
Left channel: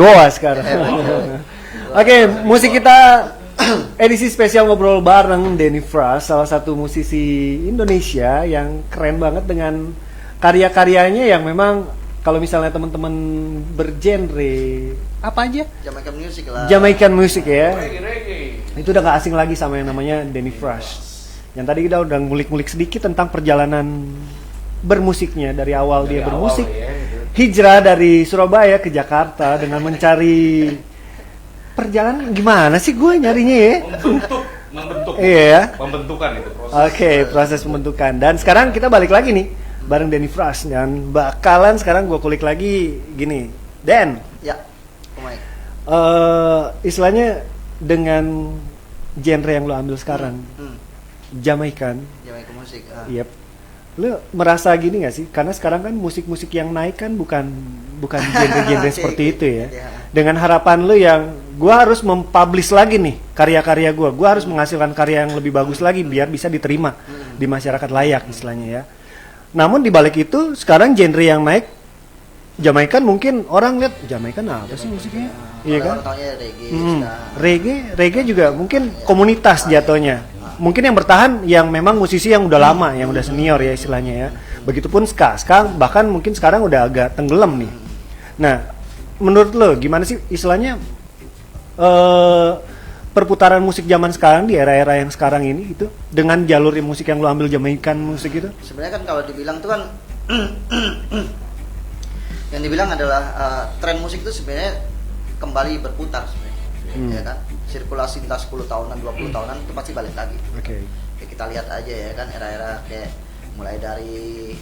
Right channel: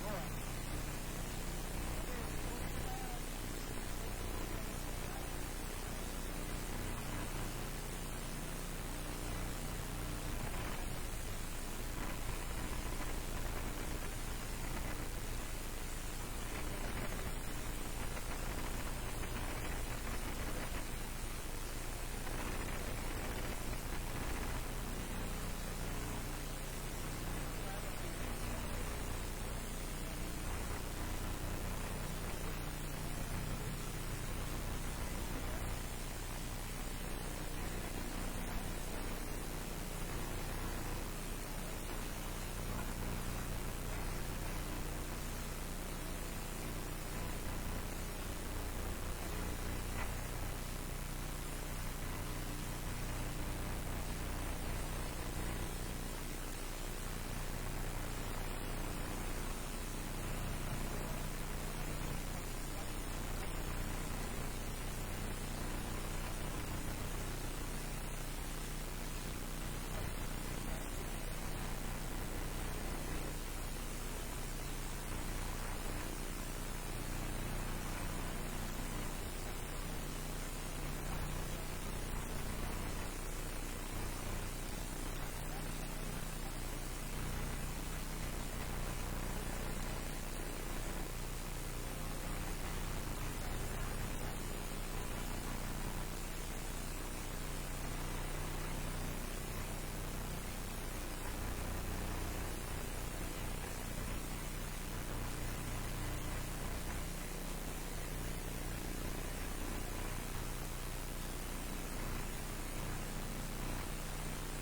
Goa sekarang. Oke, musik kita edisi spesial ngobrol bareng Denny Fras, salah satu musisi Indonesia yang keren banget dengan karya-karyanya yang memang kalau misalnya teman-teman bergenre apa aja? Jamaican music lah. Jamaican music ya. Reggae. Itu udah gak asing lagi sama yang namanya Denny Fras. Yang tadi kita udah ngulik-ngulik sedikit tentang perjalanan bermusiknya dari awal dia bermusik. Hijrah dari Surabaya ke Jakarta dengan mencari perjalanan gimana sih gue nyarinya ya? Membentuk. Iya. Pembentukan itu proses. Oke, proses pembentukan. Dan sekarang kita balik lagi nih bareng Denny Fras dan bakalan sekarang gue kulik lagi gini. Dan Ya. Oh my. Istilahnya dengan genre yang lo ambil sekarang, Jamaican. Jamaican music. Yep. Lu merasa gini gak sih? Karena sekarang kan musik-musik yang naik kan bukan genre-genre seperti itu ya. Dengan harapan lu yang gua harus mempublish lagi nih karya-karya gua harus menghasilkan karya yang lebih bagus lagi biar bisa diterima di masyarakat layak istilahnya ya. Namun di balik itu sekarang genre yang naik Jamaikan mungkin orang lihat Jamaikan apa sih musiknya? Iya kan? Orang taunya reggae, Hmm, ska. reggae juga mungkin komunitas jatuhnya. Mungkin yang bertahan yang memang musisi yang udah lama, yang udah senior ya istilahnya ya. Begitupun ska bahkan mungkin sekarang udah agak tenggelam nih. Nah, menurut lo gimana sih istilahnya perputaran musik zaman sekarang di era-era yang sekarang ini gitu dengan jalur musik yang lo ambil Jamaikan musik itu? Sebenarnya kan kalau dibilang tuh kan yang dibilang adalah tren musik itu sebenarnya kembali berputar sebenarnya, ya kan? Sirkulasi entah 10 tahunan, 20 tahunan itu pasti balik lagi. Oke. Ya, kita lihat aja ya kan era-era kayak mulai dari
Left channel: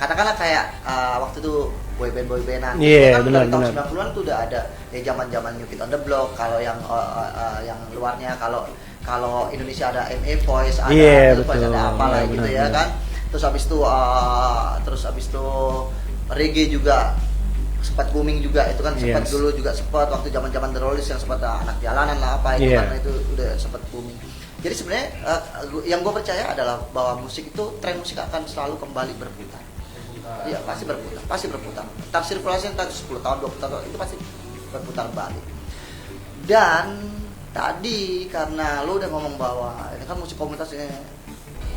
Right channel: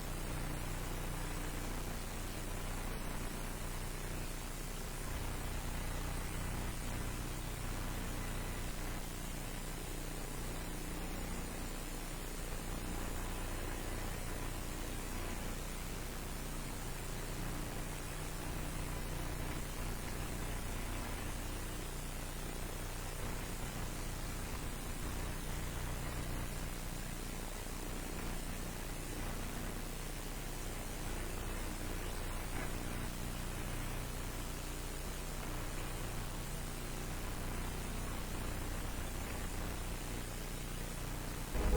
katakanlah kayak waktu itu boyband-boybandan. Iya, Kan benar, dari tahun benar. 90-an tuh udah ada zaman-zaman New Kid on the Block, kalau yang luarnya kalau Indonesia ada MA Voice, ada Iya, Voice, betul. ada apalah Iya, gitu benar, ya benar. kan. Terus habis itu reggae juga sempat booming juga, itu kan sempat Yes. dulu juga sempat waktu zaman-zaman The Rollies yang sempat anak jalanan lah apa itu Iya. kan itu udah sempat booming. Jadi sebenarnya yang gue percaya adalah bahwa musik itu tren musik akan selalu kembali berputar. Iya pasti berputar. Entar sirkulasi entar 10 tahun 20 tahun itu pasti berputar balik. Dan tadi karena lo udah ngomong bahwa ini kan musik komunitasnya,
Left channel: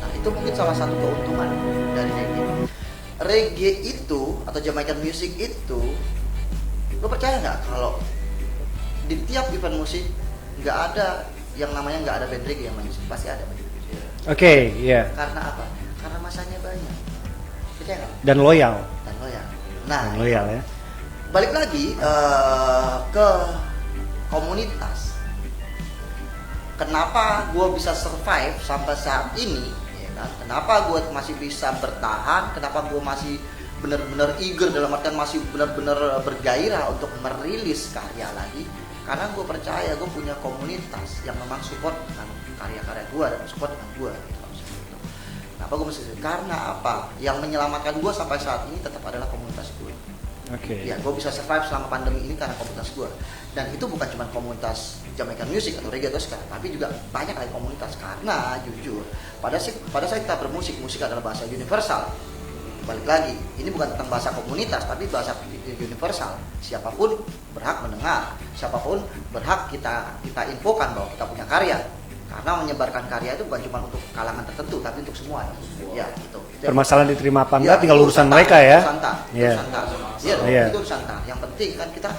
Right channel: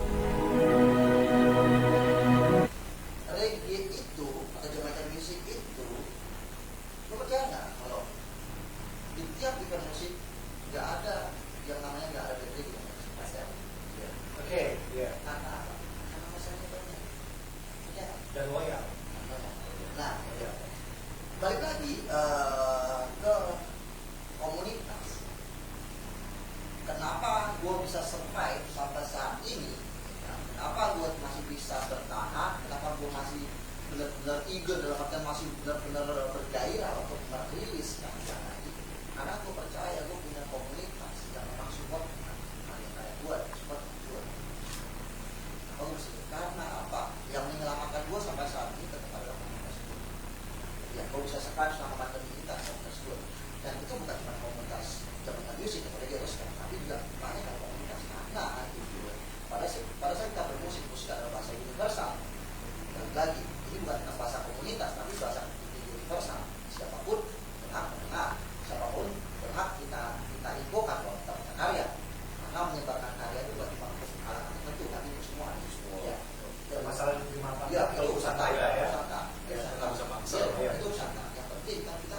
nah itu mungkin salah satu keuntungan dari reggae. Reggae itu atau Jamaican music itu, lo percaya nggak kalau di tiap event musik nggak ada yang namanya nggak ada band reggae yang main, pasti ada. Oke, iya. Karena apa? Karena masanya banyak. Percaya nggak? Dan loyal. Dan loyal. Nah, Dan loyal ya. balik lagi ke komunitas. Kenapa gue bisa survive sampai saat ini? Ya kan? Kenapa gue masih bisa bertahan? Kenapa gue masih benar-benar eager dalam artian masih benar-benar bergairah untuk merilis karya lagi? Karena gue percaya gue punya komunitas yang memang support karya-karya gue dan support gue. Kenapa gue bisa? Karena apa? Yang menyelamatkan gue sampai saat ini tetap adalah komunitas gue. Oke. Ya, gue bisa survive selama pandemi ini karena komunitas gue. Dan itu bukan cuma komunitas Jamaican music atau reggae atau ska, tapi juga banyak lagi komunitas. Karena jujur, pada saat kita bermusik, musik adalah bahasa universal. Balik lagi, ini bukan tentang bahasa komunitas, tapi bahasa universal. Siapapun berhak mendengar, siapapun berhak kita infokan bahwa kita punya karya. Karena menyebarkan karya itu bukan cuma untuk kalangan tertentu, tapi untuk semua. Ya, gitu. Permasalahan diterima apa enggak Ya, tinggal itu urusan urusan mereka tak, ya. urusan tak, Iya. urusan tak. Iya, dong, Iya. itu urusan tak. Yang penting kan kita,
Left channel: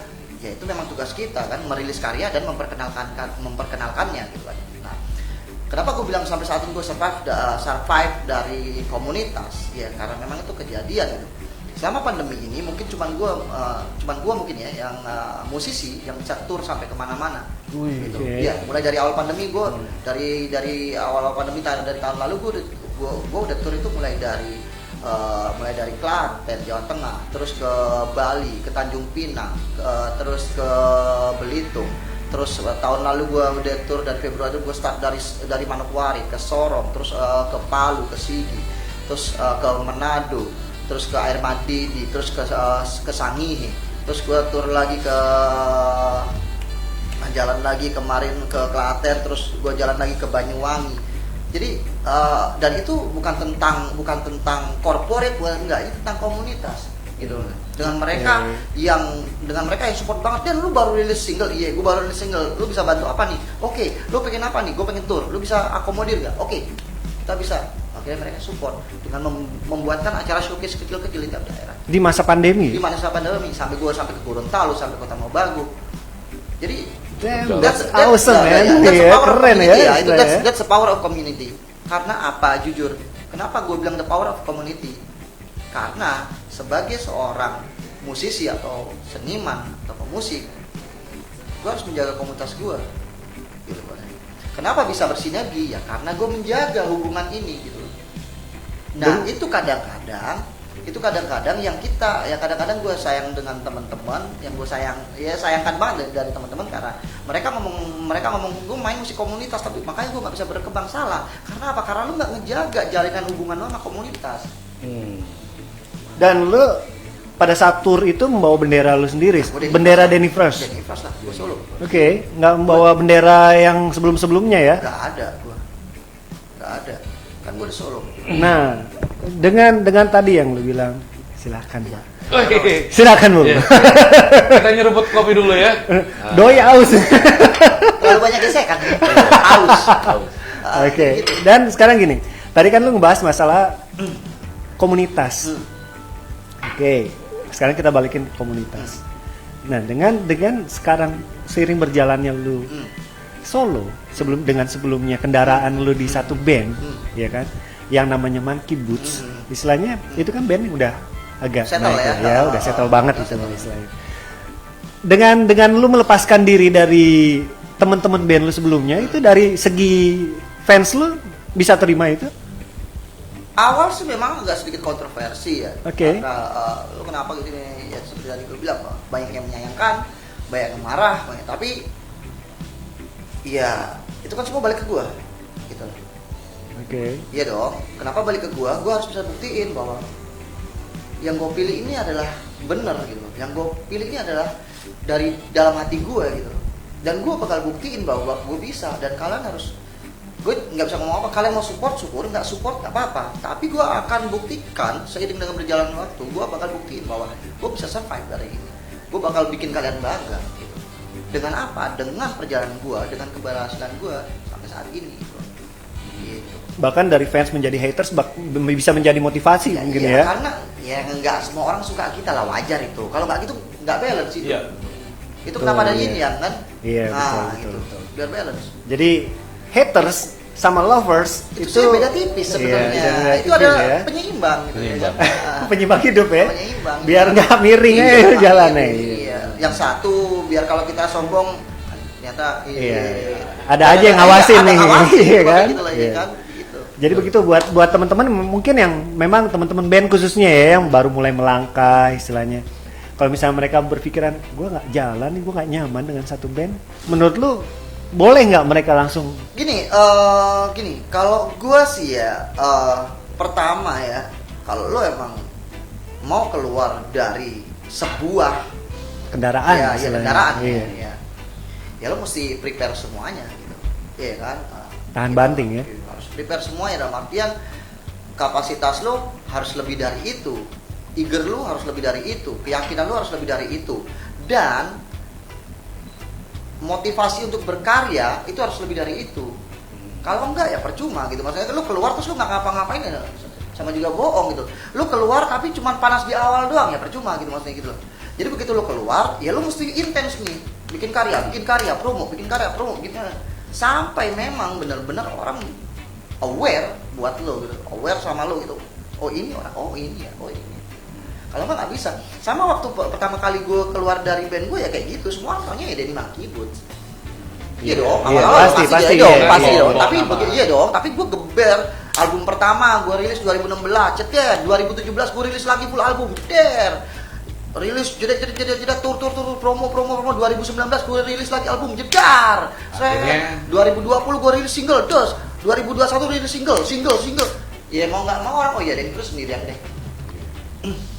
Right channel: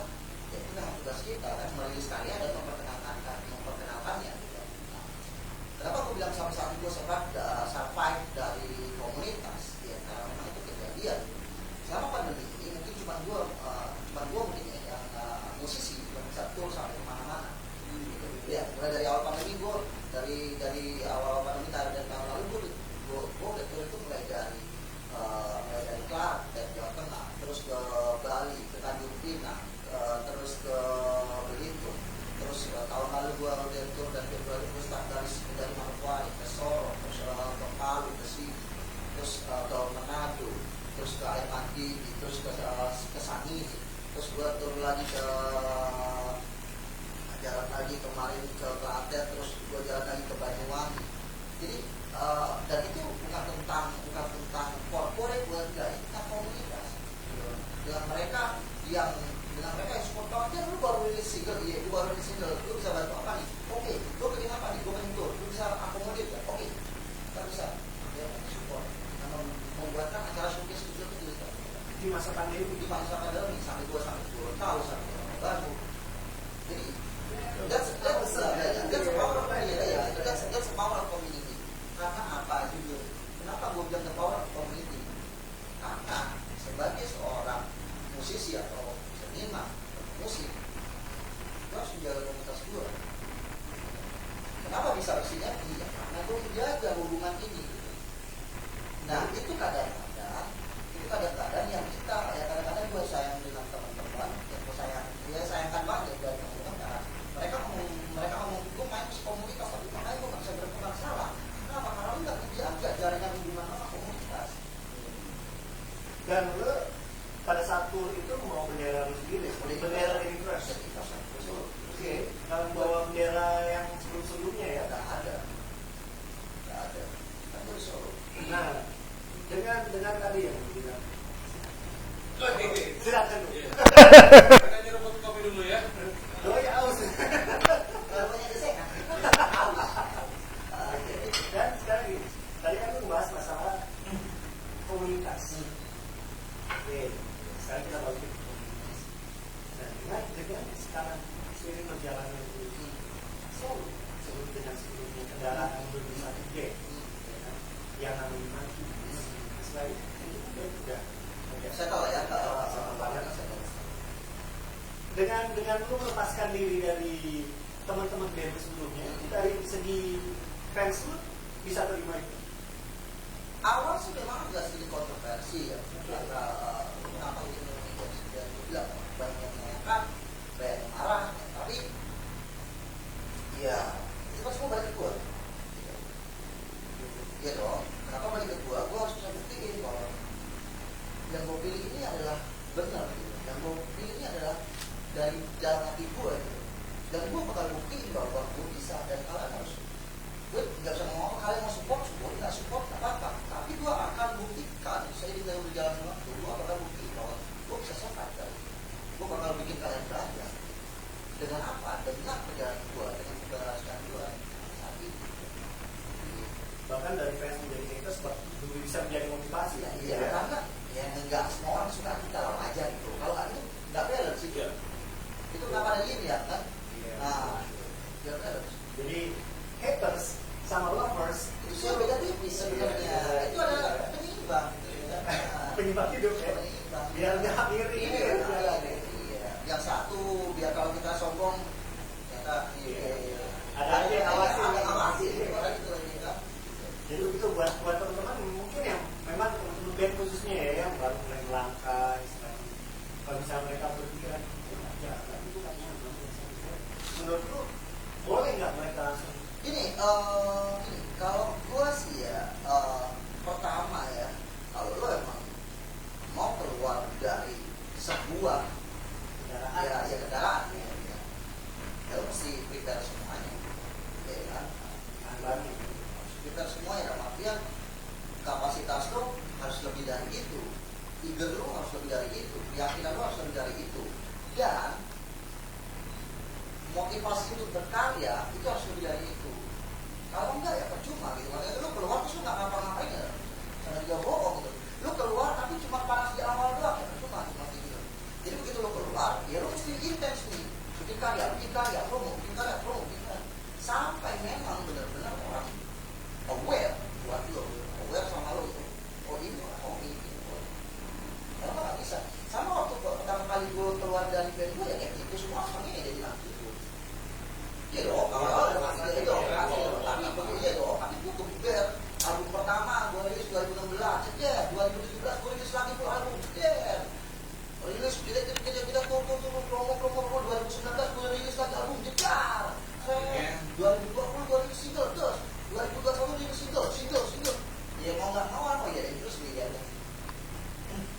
ya itu memang tugas kita kan merilis karya dan memperkenalkannya. Gitu kan. Nah, kenapa gue bilang sampai saat ini gue survive dari komunitas? Ya karena memang itu kejadian. Selama pandemi ini mungkin cuman gue mungkin ya yang musisi yang bisa tur sampai kemana-mana. Gitu. Oke. Ya, mulai dari awal pandemi gue dari awal pandemi dari tahun lalu gue udah tur itu mulai dari Klaten, Jawa Tengah, terus ke Bali, ke Tanjung Pinang, terus ke Belitung, terus tahun lalu gue udah tur dari Februari gue start dari Manokwari ke Sorong, terus ke Palu, ke Sigi, terus ke Manado, terus ke Air Mati, terus ke Sangihe, terus gue tur lagi ke jalan lagi kemarin ke Klaten, terus gue jalan lagi ke Banyuwangi. Jadi dan itu bukan tentang corporate, enggak, ini tentang komunitas gitu. Dengan mereka yang support banget, dan lu baru rilis single, iya, gue baru rilis single, lu bisa bantu apa nih? Oke, lu pengen apa nih? Gue pengen tour, lu bisa akomodir nggak? Oke, kita bisa. Akhirnya mereka support dengan membuatkan acara showcase kecil-kecil di daerah. Di masa pandemi. Di masa pandemi sampai ke Gorontalo, sampai Kota Mobagu. Jadi Damn, that's awesome man. that's the Iya, power of keren ya. community, itu istilahnya. that's the power of community. Karena apa? Jujur, kenapa gue bilang the power of community? Karena sebagai seorang musisi atau seniman atau pemusik, gue harus menjaga komunitas gue. Gitu. Kenapa bisa bersinergi? Ya karena gue menjaga hubungan ini. Gitu. Nah itu kadang-kadang yang kita, ya kadang-kadang gue sayang dengan teman-teman, yang gue sayangkan banget dari teman-teman karena mereka ngomong gue main musik komunitas, tapi makanya gue nggak bisa berkembang. Salah. Karena apa? Karena lu nggak menjaga jalinan hubungan lu sama komunitas. Dan lu pada saat tour itu membawa bendera lu sendiri, bendera Denny Fresh. Jadi pas lah gue solo. Oke, nggak membawa bendera yang sebelum-sebelumnya ya. Nggak ada. Kan gue udah solo. Nah, dengan tadi yang lu bilang Silahkan Pak. Oke. Silakan Bu. Iya. Kita nyeruput kopi dulu ya. Doi aus. Terlalu banyak gesekan. Haus. Oke. Gitu. Dan sekarang gini, tadi kan lu ngebahas masalah komunitas. Oke. Sekarang kita balikin ke komunitas. Nah, dengan sekarang seiring berjalannya lu solo sebelumnya kendaraan lu di satu band, ya kan? Yang namanya Monkey Boots. Istilahnya itu kan band yang udah agak Settle naik, ya. udah settle banget itu Settle. istilahnya. Dengan lu melepaskan diri dari teman-teman band lu sebelumnya, itu dari segi fans lu bisa terima itu? Awal sih memang agak sedikit kontroversi ya. Oke. Karena lu kenapa gitu ya sudah lu bilang banyak yang menyayangkan, banyak yang marah, tapi ya itu kan semua balik ke gua gitu. Oke. Iya dong. Kenapa balik ke gua? Gua harus bisa buktiin bahwa yang gua pilih ini adalah benar gitu. Yang gua pilih ini adalah dari dalam hati gua gitu. Dan gua bakal buktiin bahwa gua bisa dan kalian harus, gue nggak bisa ngomong apa, kalian mau support syukur, nggak support nggak apa-apa, tapi gue akan buktikan seiring dengan berjalan waktu, gue bakal buktiin bahwa gue bisa survive dari ini, gue bakal bikin kalian bangga gitu. Dengan apa? Dengan perjalanan gue, dengan keberhasilan gue sampai saat ini gitu. Bahkan dari fans menjadi haters bisa menjadi motivasi mungkin ya. Karena ya nggak semua orang suka kita lah, wajar itu, kalau nggak gitu nggak balance itu. Iya. Itu kenapa ada Iya. ini ya kan? Iya, Nah, betul, gitu. Biar balance. Jadi haters sama lovers Itu itu beda tipis sebenarnya. Iya, beda Itu tipis ada ya. penyeimbang gitu. Penyeimbang. Nah, Penyeimbang hidup ya. penyeimbang. Biar nggak miring Iya, aja jalannya. Iya. Yang satu biar kalau kita sombong ternyata Iya. Ada aja yang ngawasin ada nih. ngawasin, Iya kan? gitu lah, Iya. kan? Gitu. Jadi begitu buat teman-teman mungkin yang memang teman-teman band khususnya ya yang baru mulai melangkah istilahnya. Kalau misalnya mereka berpikiran, gue nggak jalan nih, gue nggak nyaman dengan satu band. Menurut lu boleh nggak mereka langsung? Gini, kalau gua sih ya, pertama ya, kalau lo emang mau keluar dari sebuah Kendaraan, ya istilahnya. kendaraan, Iya. ya lo mesti prepare semuanya, iya kan? Tahan banting ya. Harus prepare semuanya dalam artian kapasitas lo harus lebih dari itu, eager lo harus lebih dari itu, keyakinan lo harus lebih dari itu, dan motivasi untuk berkarya itu harus lebih dari itu. Kalau enggak ya percuma gitu. Maksudnya lu keluar terus lu nggak ngapa-ngapain ya, sama juga bohong gitu. Lu keluar tapi cuma panas di awal doang ya percuma gitu maksudnya gitu loh. Jadi begitu lu keluar ya lu mesti intens nih, bikin karya, promo, bikin sampai memang benar-benar orang aware buat lu, aware sama lu gitu. Oh ini orang, oh ini. Kalau nggak bisa. Sama waktu pertama kali gue keluar dari band gue ya kayak gitu, semua orangnya ya dari Monkey Boots. Iya dong, Iya, awal-awal pasti, dong, iya, pasti iya. dong. Tapi iya dong, tapi gue geber. Album pertama gue rilis 2016, cetet. 2017 gue rilis lagi full album, der. Rilis jeda tur promo 2019 gue rilis lagi album jedar. Akhirnya 2020 gue rilis single, dos. 2021 rilis single. Ya mau nggak mau orang, oh iya deh, terus sendirian deh.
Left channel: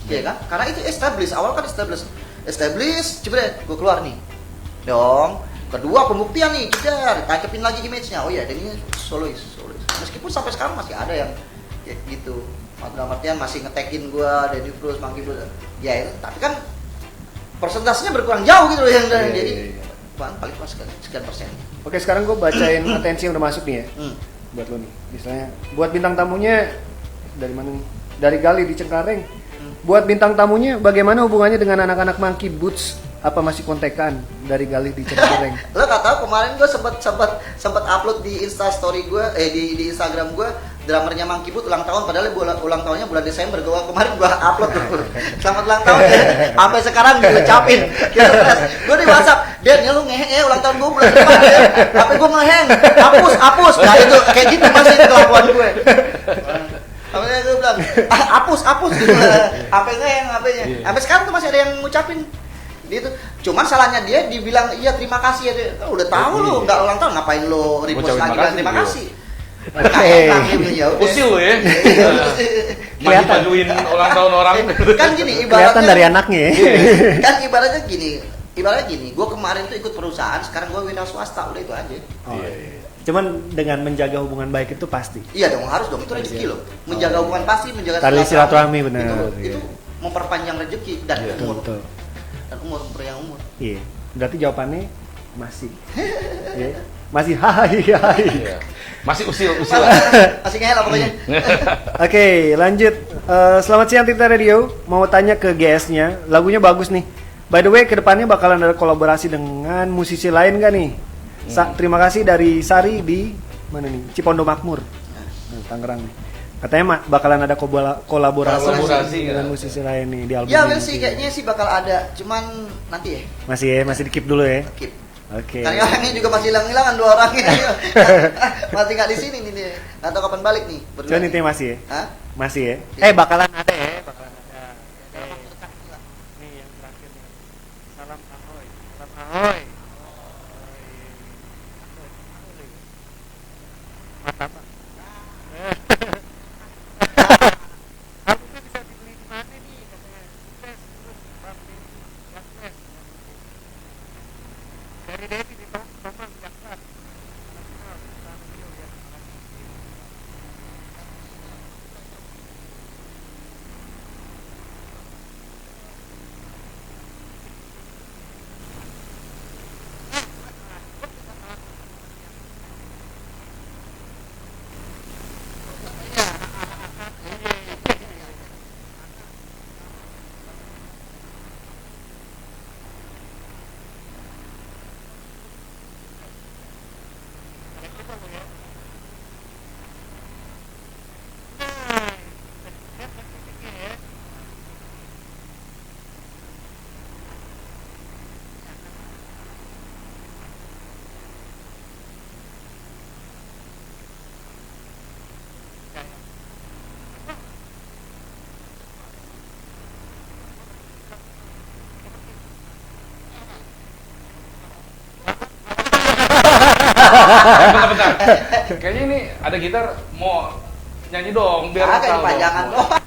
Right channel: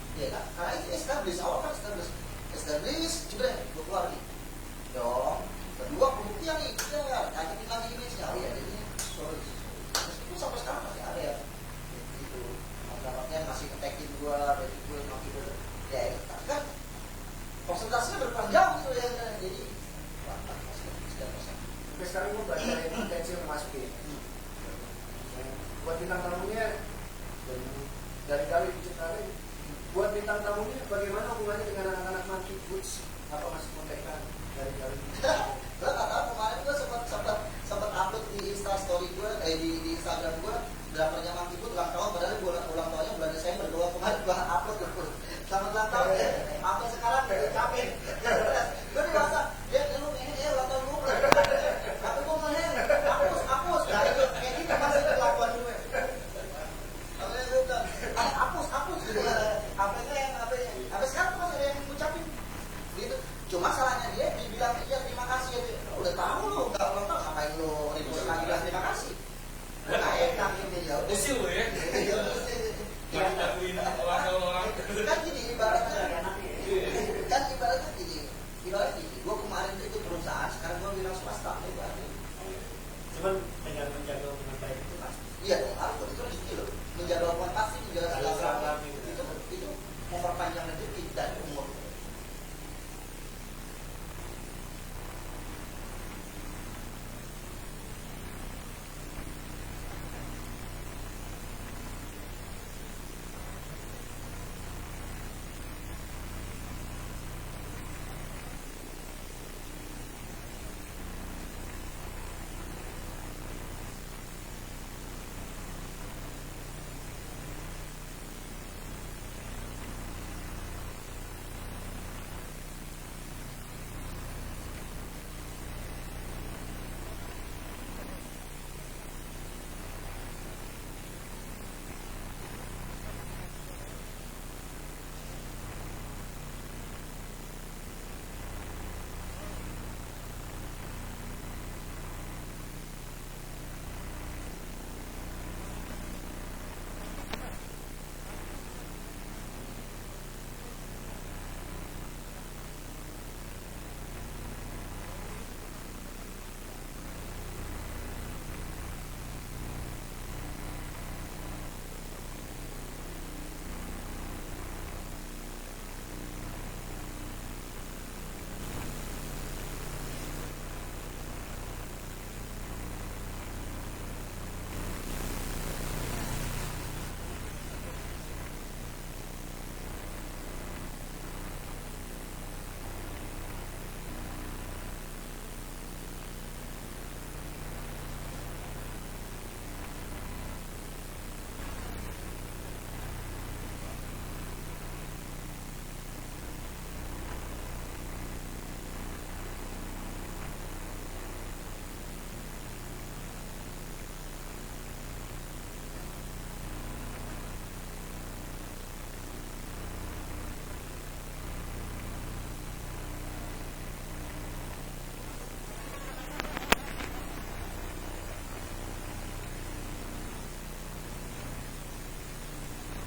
Ya kan? Karena itu awal kan establish, jebret, gue keluar nih. Dong. Kedua pembuktian nih, jedar, tancapin lagi image-nya. Oh iya, ini solois. Meskipun sampai sekarang masih ada yang ya gitu. Dalam artian masih ngetekin gue, Denny Cruz, Monkey Boots. Ya, tapi kan persentasenya berkurang jauh gitu loh yang jadi paling pas sekian persen. Oke, sekarang gue bacain atensi yang udah masuk nih ya. Buat lo nih. Misalnya buat bintang tamunya dari mana? Dari Gali di Cengkareng. Buat bintang tamunya bagaimana hubungannya dengan anak-anak Monkey Boots? Apa masih kontekan dari Gali di Cengkareng? Lo gak tahu kemarin gue sempat upload di Instastory gue, di Instagram gue, drummernya Monkey Boots ulang tahun, padahal ulang tahunnya bulan Desember. Kemarin gue upload tuh, selamat ulang tahun ya. Sampai sekarang diucapin. Gue di WhatsApp, Dan ya lu ngeheng ya ulang tahun gue bulan depan ya. HP gue ngeheng, hapus. Nah itu kayak gitu masih kelakuan gue. Sampai gue bilang, hapus gitu. HP ngeheng, HP-nya. Sampai sekarang tuh masih ada yang ngucapin. Gitu. Cuman salahnya dia dibilang iya terima kasih ya. Udah tahu lu nggak ulang tahun ngapain lu repost lagi bilang terima kasih. Usil lo ya. Kelihatan. Maju-majuin ulang tahun orang. Kan gini Kelihatan ibaratnya dari anaknya ya. kan ibaratnya gini, gue kemarin tuh ikut perusahaan, sekarang gue wira swasta, udah itu aja. Cuman dengan menjaga hubungan baik itu pasti. Iya dong, harus dong, itu rezeki loh. Menjaga hubungan pasti, menjaga Tali silaturahmi benar. Itu memperpanjang rezeki dan Iya, umur. betul. Dan umur yang umur. Iya. Berarti jawabannya masih. Iya. Masih hai hai. Iya. Masih usil Masih ngehel lah pokoknya. Oke, lanjut. Selamat siang Tita Radio. Mau tanya ke GS-nya, lagunya bagus nih. By the way, kedepannya bakalan ada kolaborasi dengan musisi lain gak nih? Terima kasih dari Sari di mana nih? Cipondo Makmur, Tangerang. Katanya bakalan ada kolaborasi Kolaborasi, dengan ya. musisi lain nih di album Ya ini. Will sih kayaknya sih bakal ada, cuman nanti ya. Masih di keep dulu ya. Keep. Oke. Karena orangnya juga masih hilang-hilangan 2 orang ini. Masih nggak di sini nih dia. Nggak tahu kapan balik nih. berdua Cuman nih. intinya masih ya. Hah? Masih ya. Iya. Bakalan ada ya. Bentar. Kayaknya ini ada gitar mau nyanyi dong biar Kagak tahu ini pajangan dong. doang.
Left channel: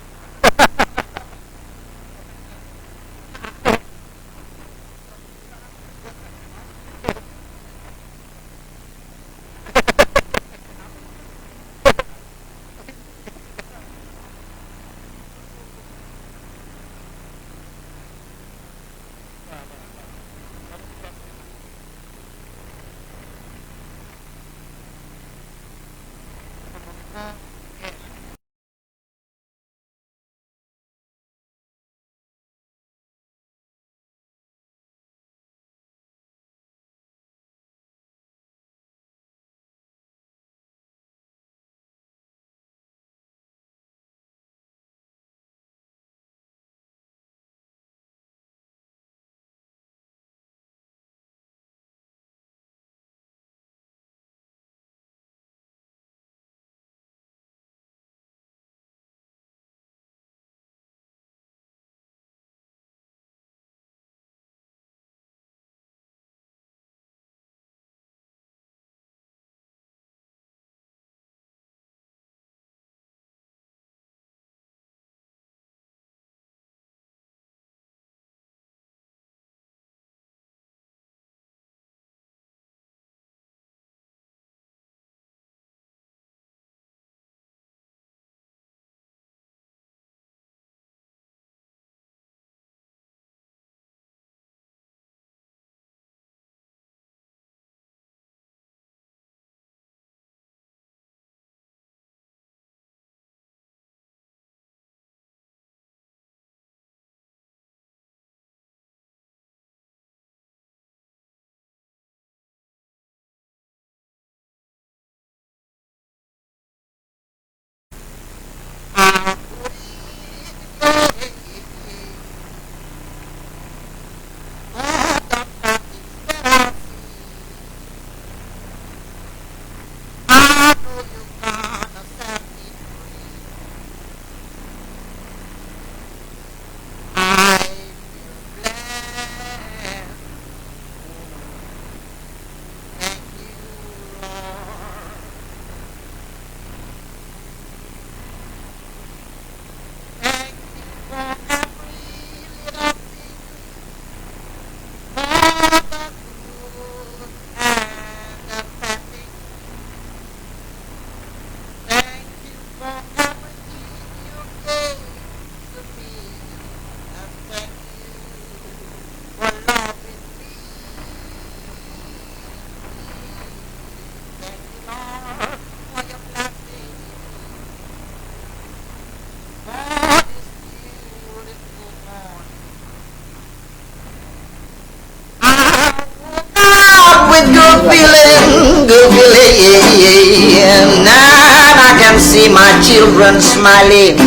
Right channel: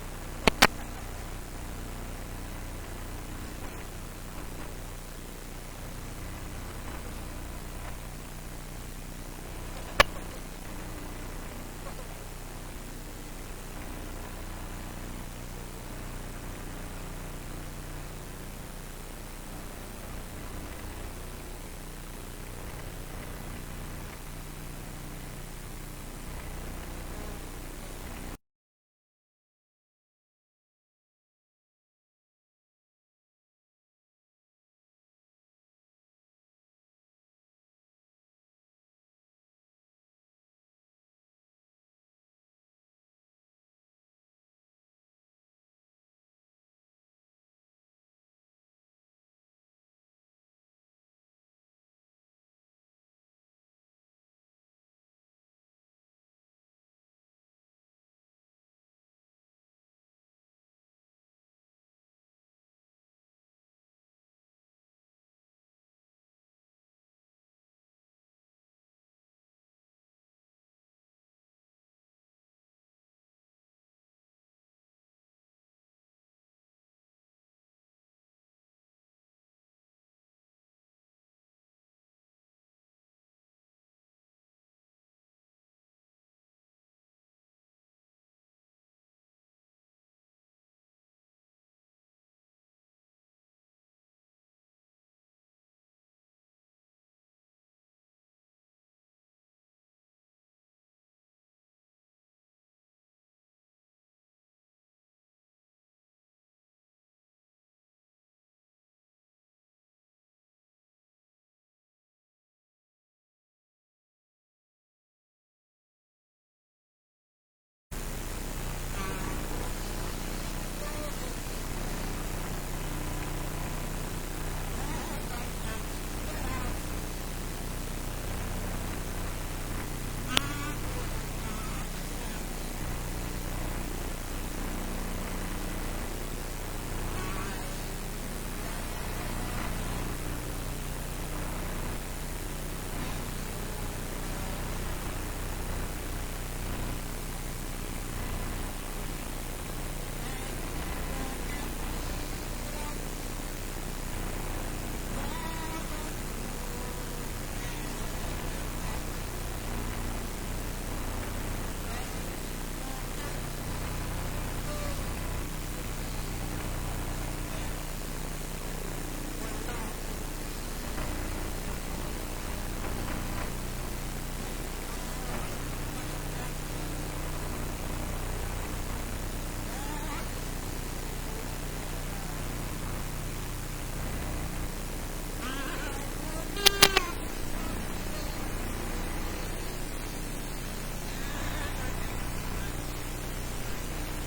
good feeling. Now I can see my children smiling.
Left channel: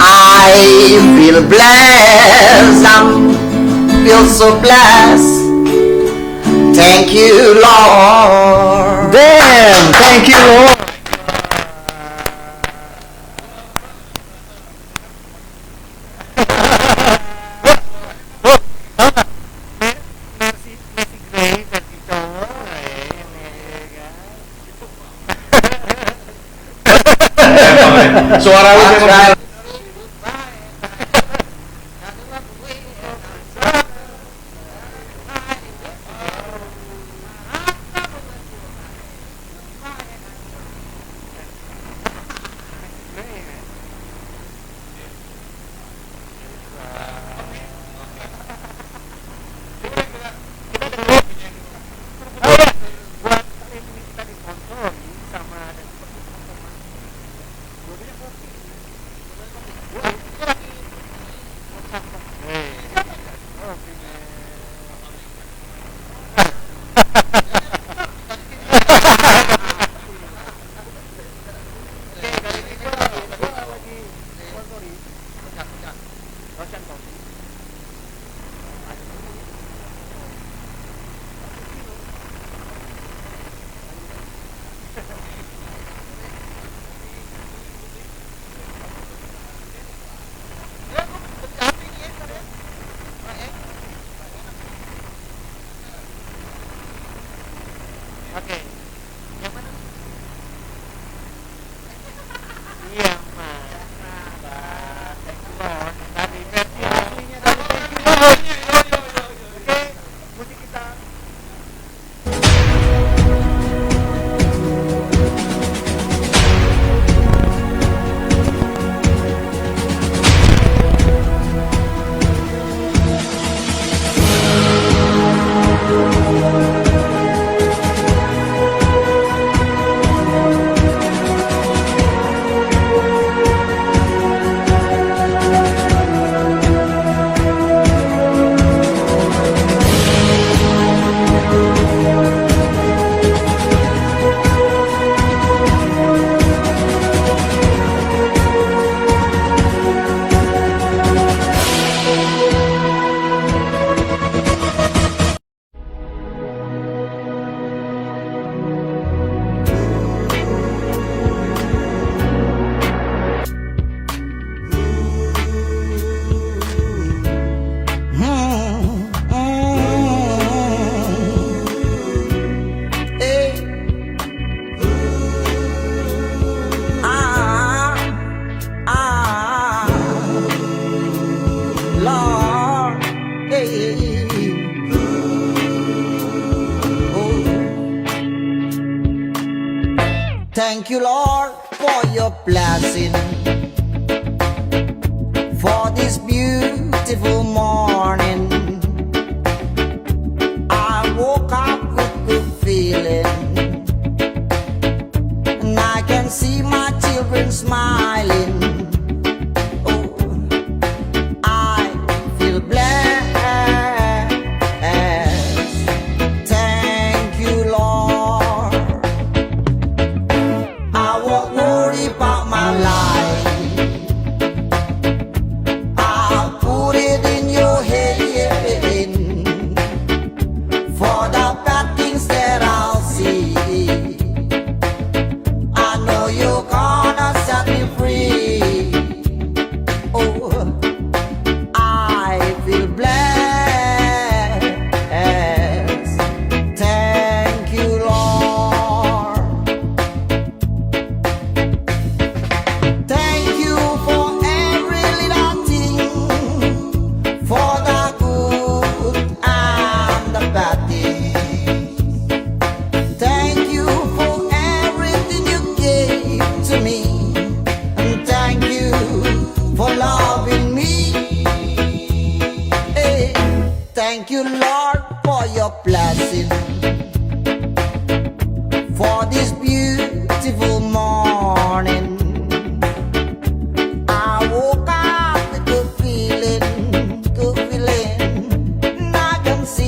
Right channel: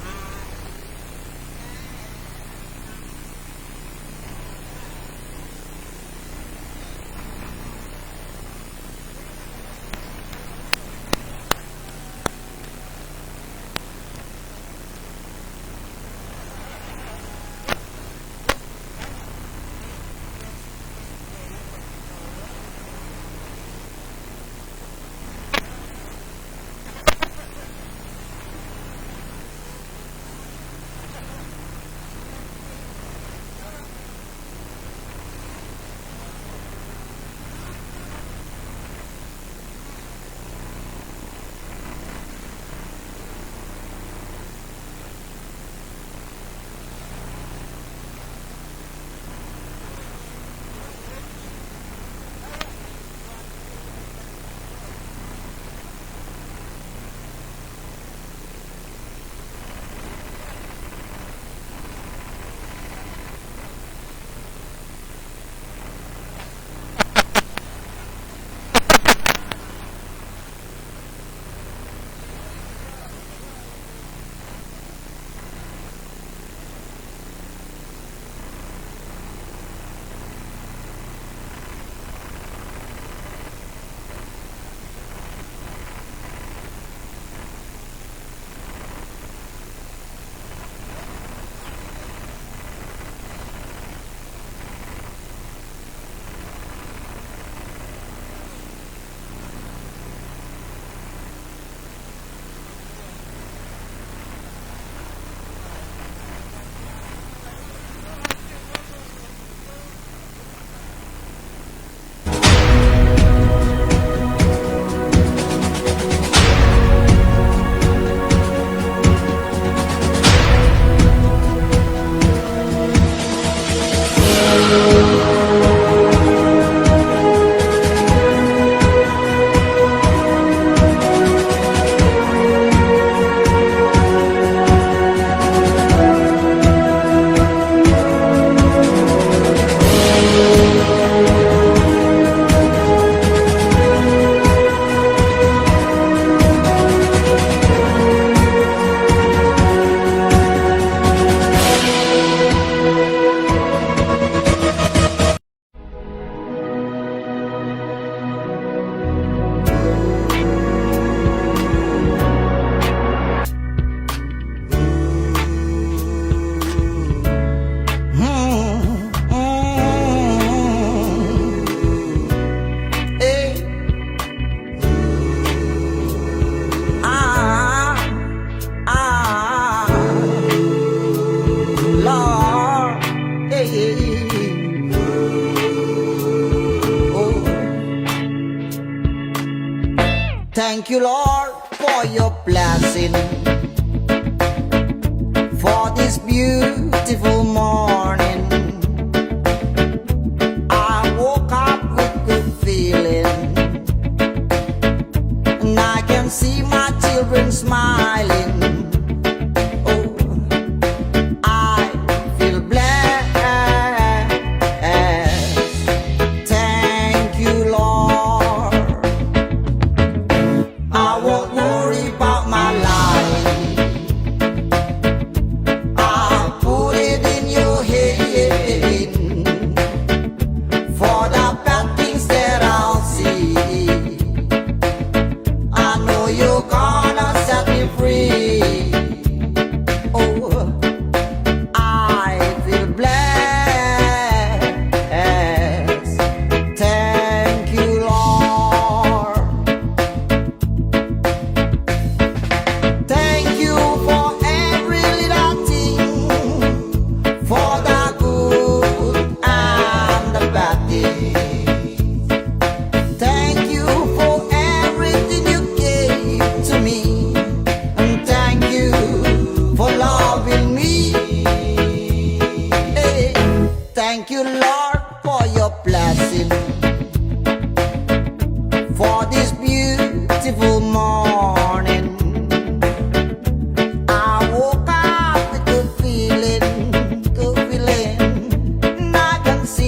I feel blessed. I feel so blessed. Thank you, Lord. Damn, thank you Lord. Suara lu memang Thank you, Lord, for your blessing, for this beautiful morning. I woke up with good feeling, and I can see my children smiling. Oh, I feel blessed. Thank you, Lord. I won't worry about my life. I'll put it in your head, for the bad things that I'll see. I know you're gonna set me free. Oh, I feel blessed. Thank you, Lord. Thank you for every little thing, for the good and the bad thing. Thank you for everything you gave to me, and thank you for loving me. Hey, thank you, Lord, for your blessing, for this beautiful morning. I woke up with good feeling, and I can see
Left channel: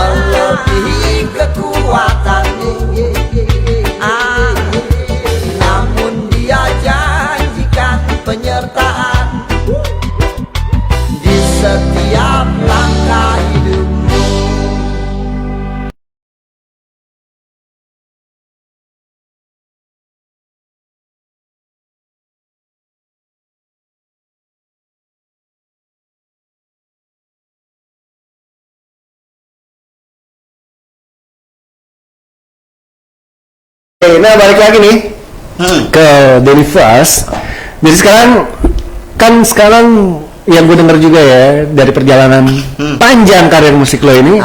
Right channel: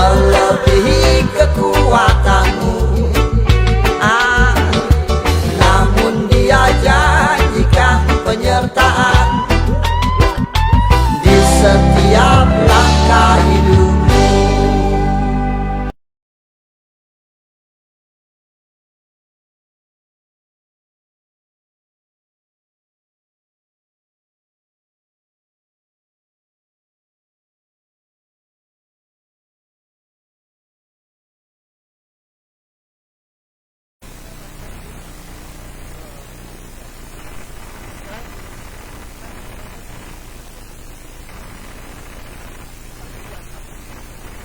melebihi kekuatanmu. Namun dia janjikan penyertaan di setiap langkah hidupmu. Oke, nah balik lagi nih ke Denny First. Jadi sekarang yang gue denger juga ya dari perjalanan panjang karir musik lo ini,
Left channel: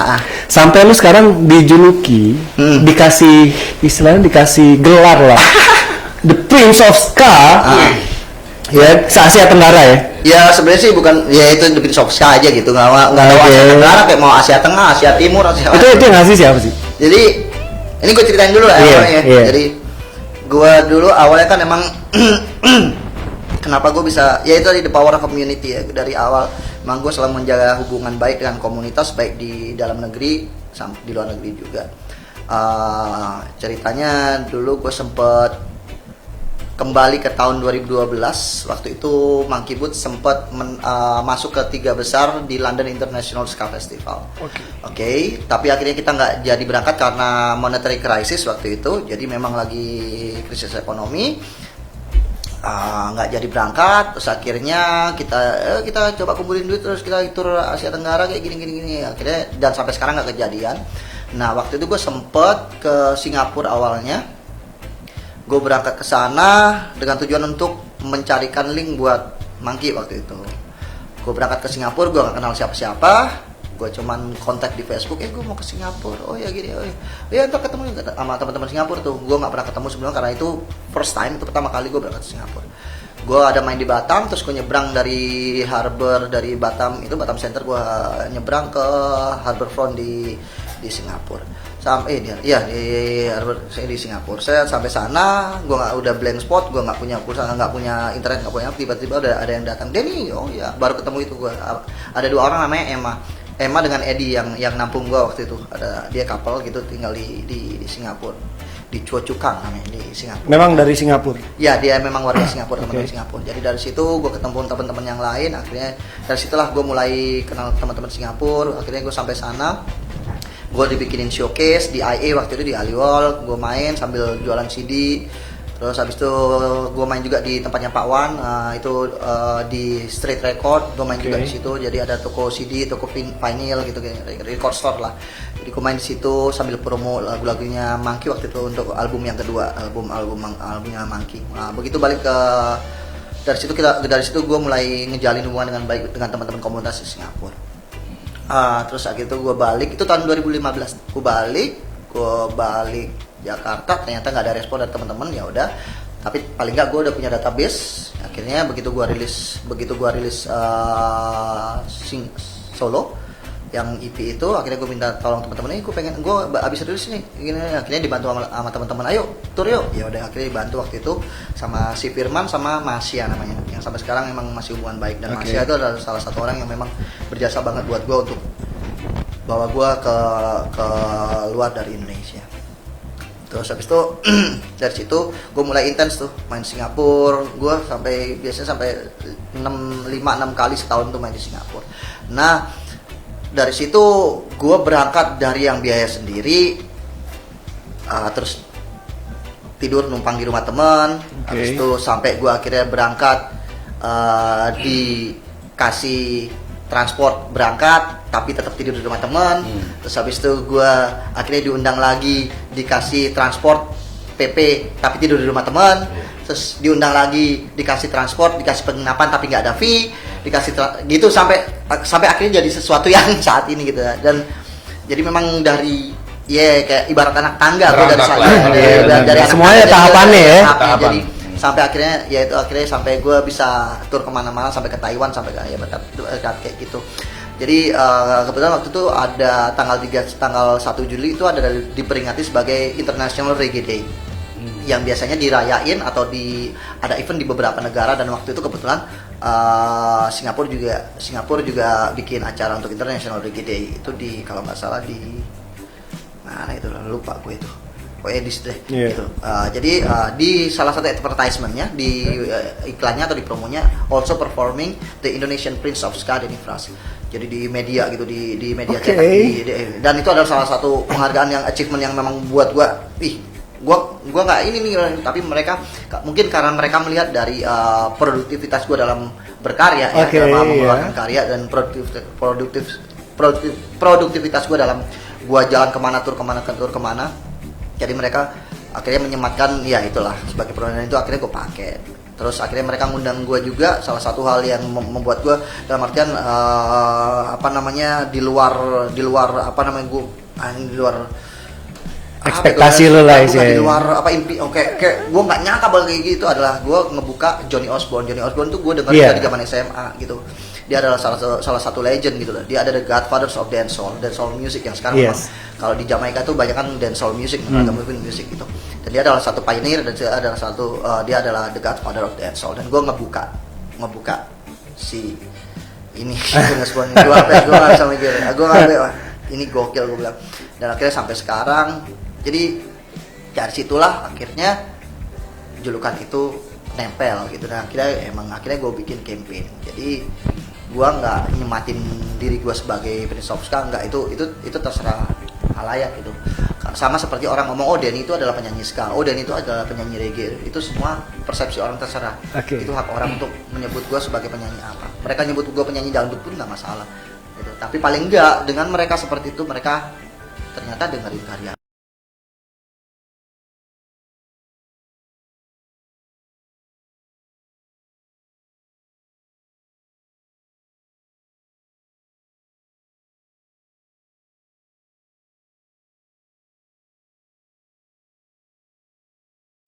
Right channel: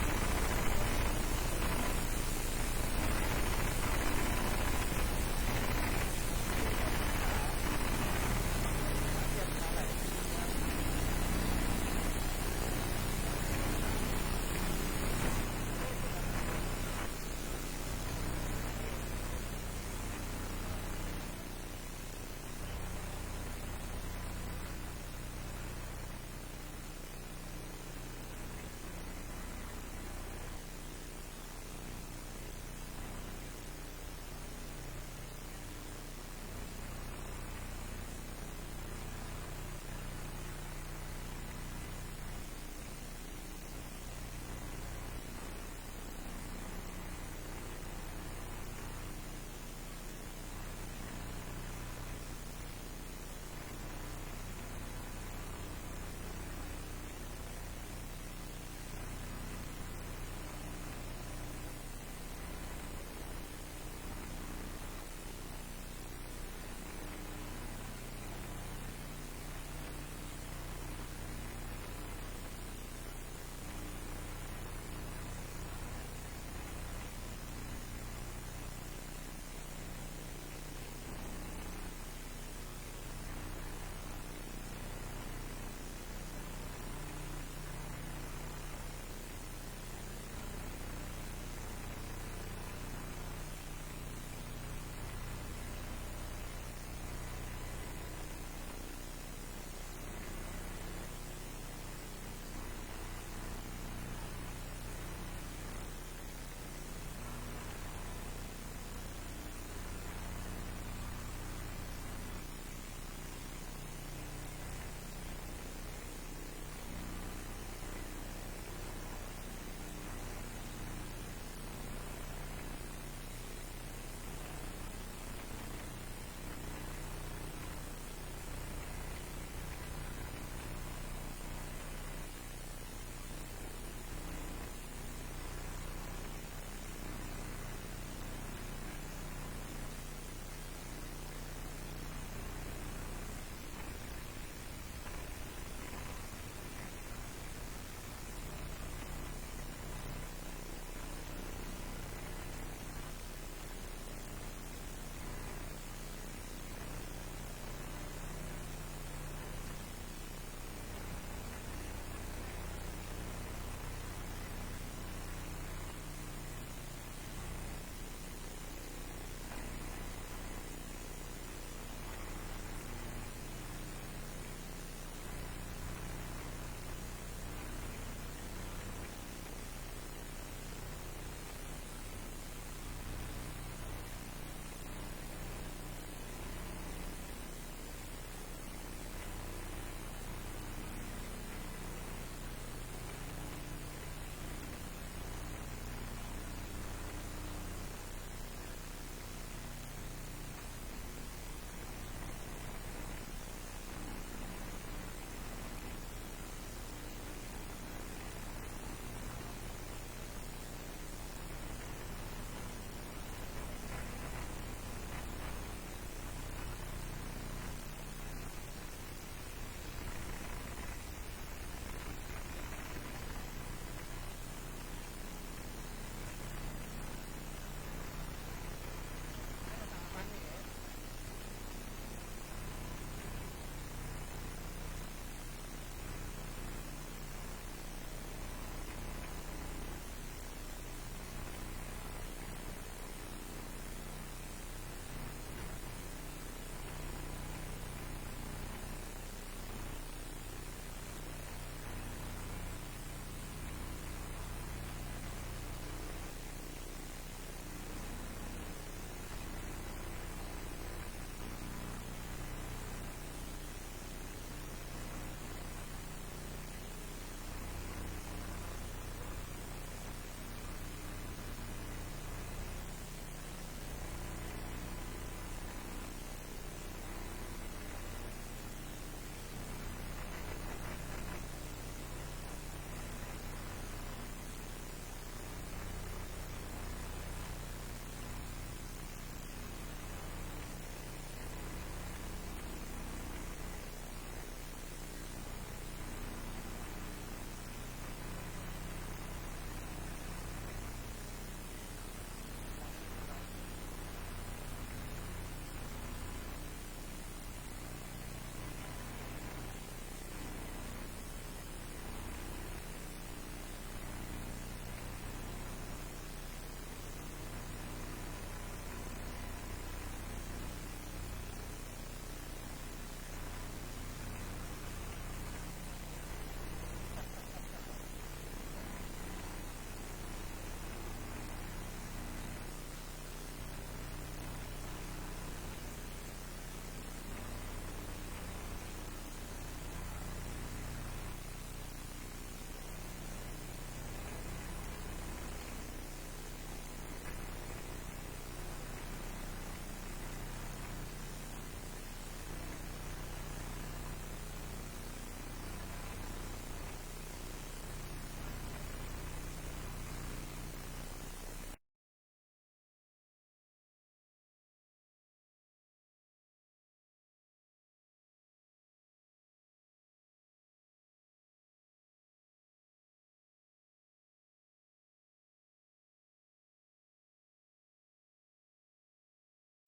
sampai lo sekarang dijuluki, dikasih gelar lah, The Prince of Ska, ya se Asia Tenggara ya. Ya sebenarnya sih bukan, ya itu The Prince of Ska aja gitu, nggak tahu Asia Tenggara kayak mau Asia Tengah, Asia Timur, Itu yang ngasih siapa sih? Jadi ini gue ceritain dulu lah awalnya. Jadi gue dulu awalnya kan emang kenapa gue bisa, ya itu tadi the power of community ya. Dari awal emang gue selalu menjaga hubungan baik dengan komunitas, baik di dalam negeri sampai di luar negeri juga. Ceritanya dulu gue sempet kembali ke tahun 2012. Waktu itu Monkey Boots sempat masuk ke 3 besar di London International Ska Festival. Oke, tapi akhirnya kita nggak jadi berangkat karena monetary crisis waktu itu. Jadi memang lagi krisis ekonomi, nggak jadi berangkat. Terus akhirnya kita coba kumpulin duit, terus kita tur Asia Tenggara kayak gini. Akhirnya dan sampai sekarang nggak kejadian. Nah waktu itu gue sempet ke Singapura awalnya. Gue berangkat ke sana dengan tujuan untuk mencarikan link buat Monkey waktu itu. Gue berangkat ke Singapura, gue gak kenal siapa-siapa. Gue cuman kontak di Facebook, gue mau ke Singapura. Oh ya gini, ya ntar ketemu sama teman-teman Singapura tuh. Gue gak pernah ketemu sebelumnya karena itu first time, itu pertama kali gue berangkat ke Singapura. Gue ada main di Batam, terus gue nyebrang dari harbor, dari Batam, itu Batam Center, gue nyebrang ke Harbourfront di Singapura. Sampai di Singapura. Saya sampai sana, gue udah blank spot, gue nggak punya pulsa, nggak punya internet, nggak punya. Tiba-tiba ada yang datang, Denny, oh ya, baru ketemu itu gue. Ada 2 orang namanya Emma dengan Eddie yang nampung gue waktu itu. Ada dia couple gitu tinggal di Singapura, di Chua Chu Kang namanya di Singapura. Memang dari Singapura. Ya dia memang warga Singapura, teman dari Singapura. Jadi dari situ gue ketemu teman-teman yang lain. Akhirnya dari situlah gue mulai kenal teman-teman Singapura. Akhirnya gue sampai sana. Gue dibikinin showcase di IA waktu itu di Aliwal, gue main sambil jualan CD. Terus habis itu gue main juga di tempatnya Pak Wan, itu di Street Record, gue main juga di situ. Jadi ada toko CD, toko vinyl gitu, record store lah. Jadi gue main di situ sambil promo lagu-lagunya Monkey waktu itu untuk album yang kedua, albumnya Monkey. Nah, begitu balik ke dari situ gue mulai ngejalin hubungan dengan baik dengan teman-teman komunitas di Singapura. Terus akhirnya itu gue balik, itu tahun 2015 gue balik Jakarta, ternyata nggak ada respon dari teman-teman. Ya udah, tapi paling nggak gue udah punya database. Akhirnya begitu gue rilis solo yang EP itu, akhirnya gue minta tolong teman-teman, gue abis rilis nih gini. Akhirnya dibantu sama teman-teman, ayo tur yuk. Ya udah, akhirnya dibantu waktu itu sama si Firman sama Masya namanya, yang sampai sekarang memang masih hubungan baik. Dan Masya itu adalah salah satu orang yang memang berjasa banget buat gue untuk bawa gue ke luar dari Indonesia. Terus habis itu dari situ gue mulai intens tuh main Singapura. Gue biasanya sampai 5-6 kali setahun tuh main di Singapura. Nah dari situ gue berangkat dari yang biaya sendiri, terus tidur numpang di rumah teman. Habis itu sampai gue akhirnya berangkat, dikasih transport berangkat tapi tetap tidur di rumah teman. Terus habis itu gue akhirnya diundang lagi, dikasih transport PP tapi tidur di rumah teman. Terus diundang lagi, dikasih transport, dikasih penginapan tapi nggak ada fee, dikasih gitu sampai akhirnya jadi sesuatu yang saat ini gitu. Dan jadi memang dari kayak ibarat anak tangga tuh dari sana, dari semuanya tahapannya ya. Jadi sampai akhirnya sampai gue bisa tur kemana-mana, sampai ke Taiwan, sampai ke kayak gitu. Jadi kebetulan waktu itu ada tanggal 1 Juli itu ada diperingati sebagai International Reggae Day, yang biasanya dirayain atau ada event di beberapa negara. Dan waktu itu kebetulan Singapura juga bikin acara untuk International Reggae Day itu di kalau nggak salah di mana itu lupa gue itu pokoknya Iya. gitu. Jadi di salah satu advertisementnya di iklannya atau di promonya also performing the Indonesian Prince of Ska Denny Fras. Jadi di media gitu di media Oke. cetak dan itu adalah salah satu penghargaan yang achievement yang memang buat gua nggak ini nih, tapi mereka mungkin karena mereka melihat dari produktivitas gua dalam berkarya ya, Oke, dalam mengeluarkan iya. karya dan produktivitas gua dalam gua jalan kemana tur kemana. Jadi mereka akhirnya menyematkan ya itulah sebagai perundangan itu akhirnya gue pakai. Terus akhirnya mereka ngundang gue juga, salah satu hal yang membuat gue dalam artian di luar di luar Ekspektasi lu lah di sih. luar impi kayak gue nggak nyangka bakal kayak gitu adalah gue ngebuka Johnny Osborne tuh gue dengar Iya. dari zaman SMA gitu. Dia adalah salah satu legend gitu loh. Dia ada the godfathers of dancehall music yang sekarang Yes. memang kalau di Jamaika tuh banyak kan dancehall music, movement music gitu. Dan dia adalah satu pioneer dan dia adalah the godfather of dancehall. Dan gue ngebuka si ini Osborne. Gue nggak bisa mikir, ini gokil gue bilang. Dan akhirnya sampai sekarang, jadi dari situlah akhirnya julukan itu nempel gitu. Dan akhirnya gue bikin campaign. Jadi gue nggak nyematin diri gue sebagai Prince of Ska, nggak, itu terserah halayak gitu. Sama seperti orang ngomong, oh Denny itu adalah penyanyi ska, oh Denny itu adalah penyanyi reggae. Itu semua persepsi orang, terserah. Oke. Itu hak orang untuk menyebut gue sebagai penyanyi apa. Mereka nyebut gue penyanyi dangdut pun nggak masalah gitu. Tapi paling enggak dengan mereka seperti itu, mereka ternyata dengerin karya.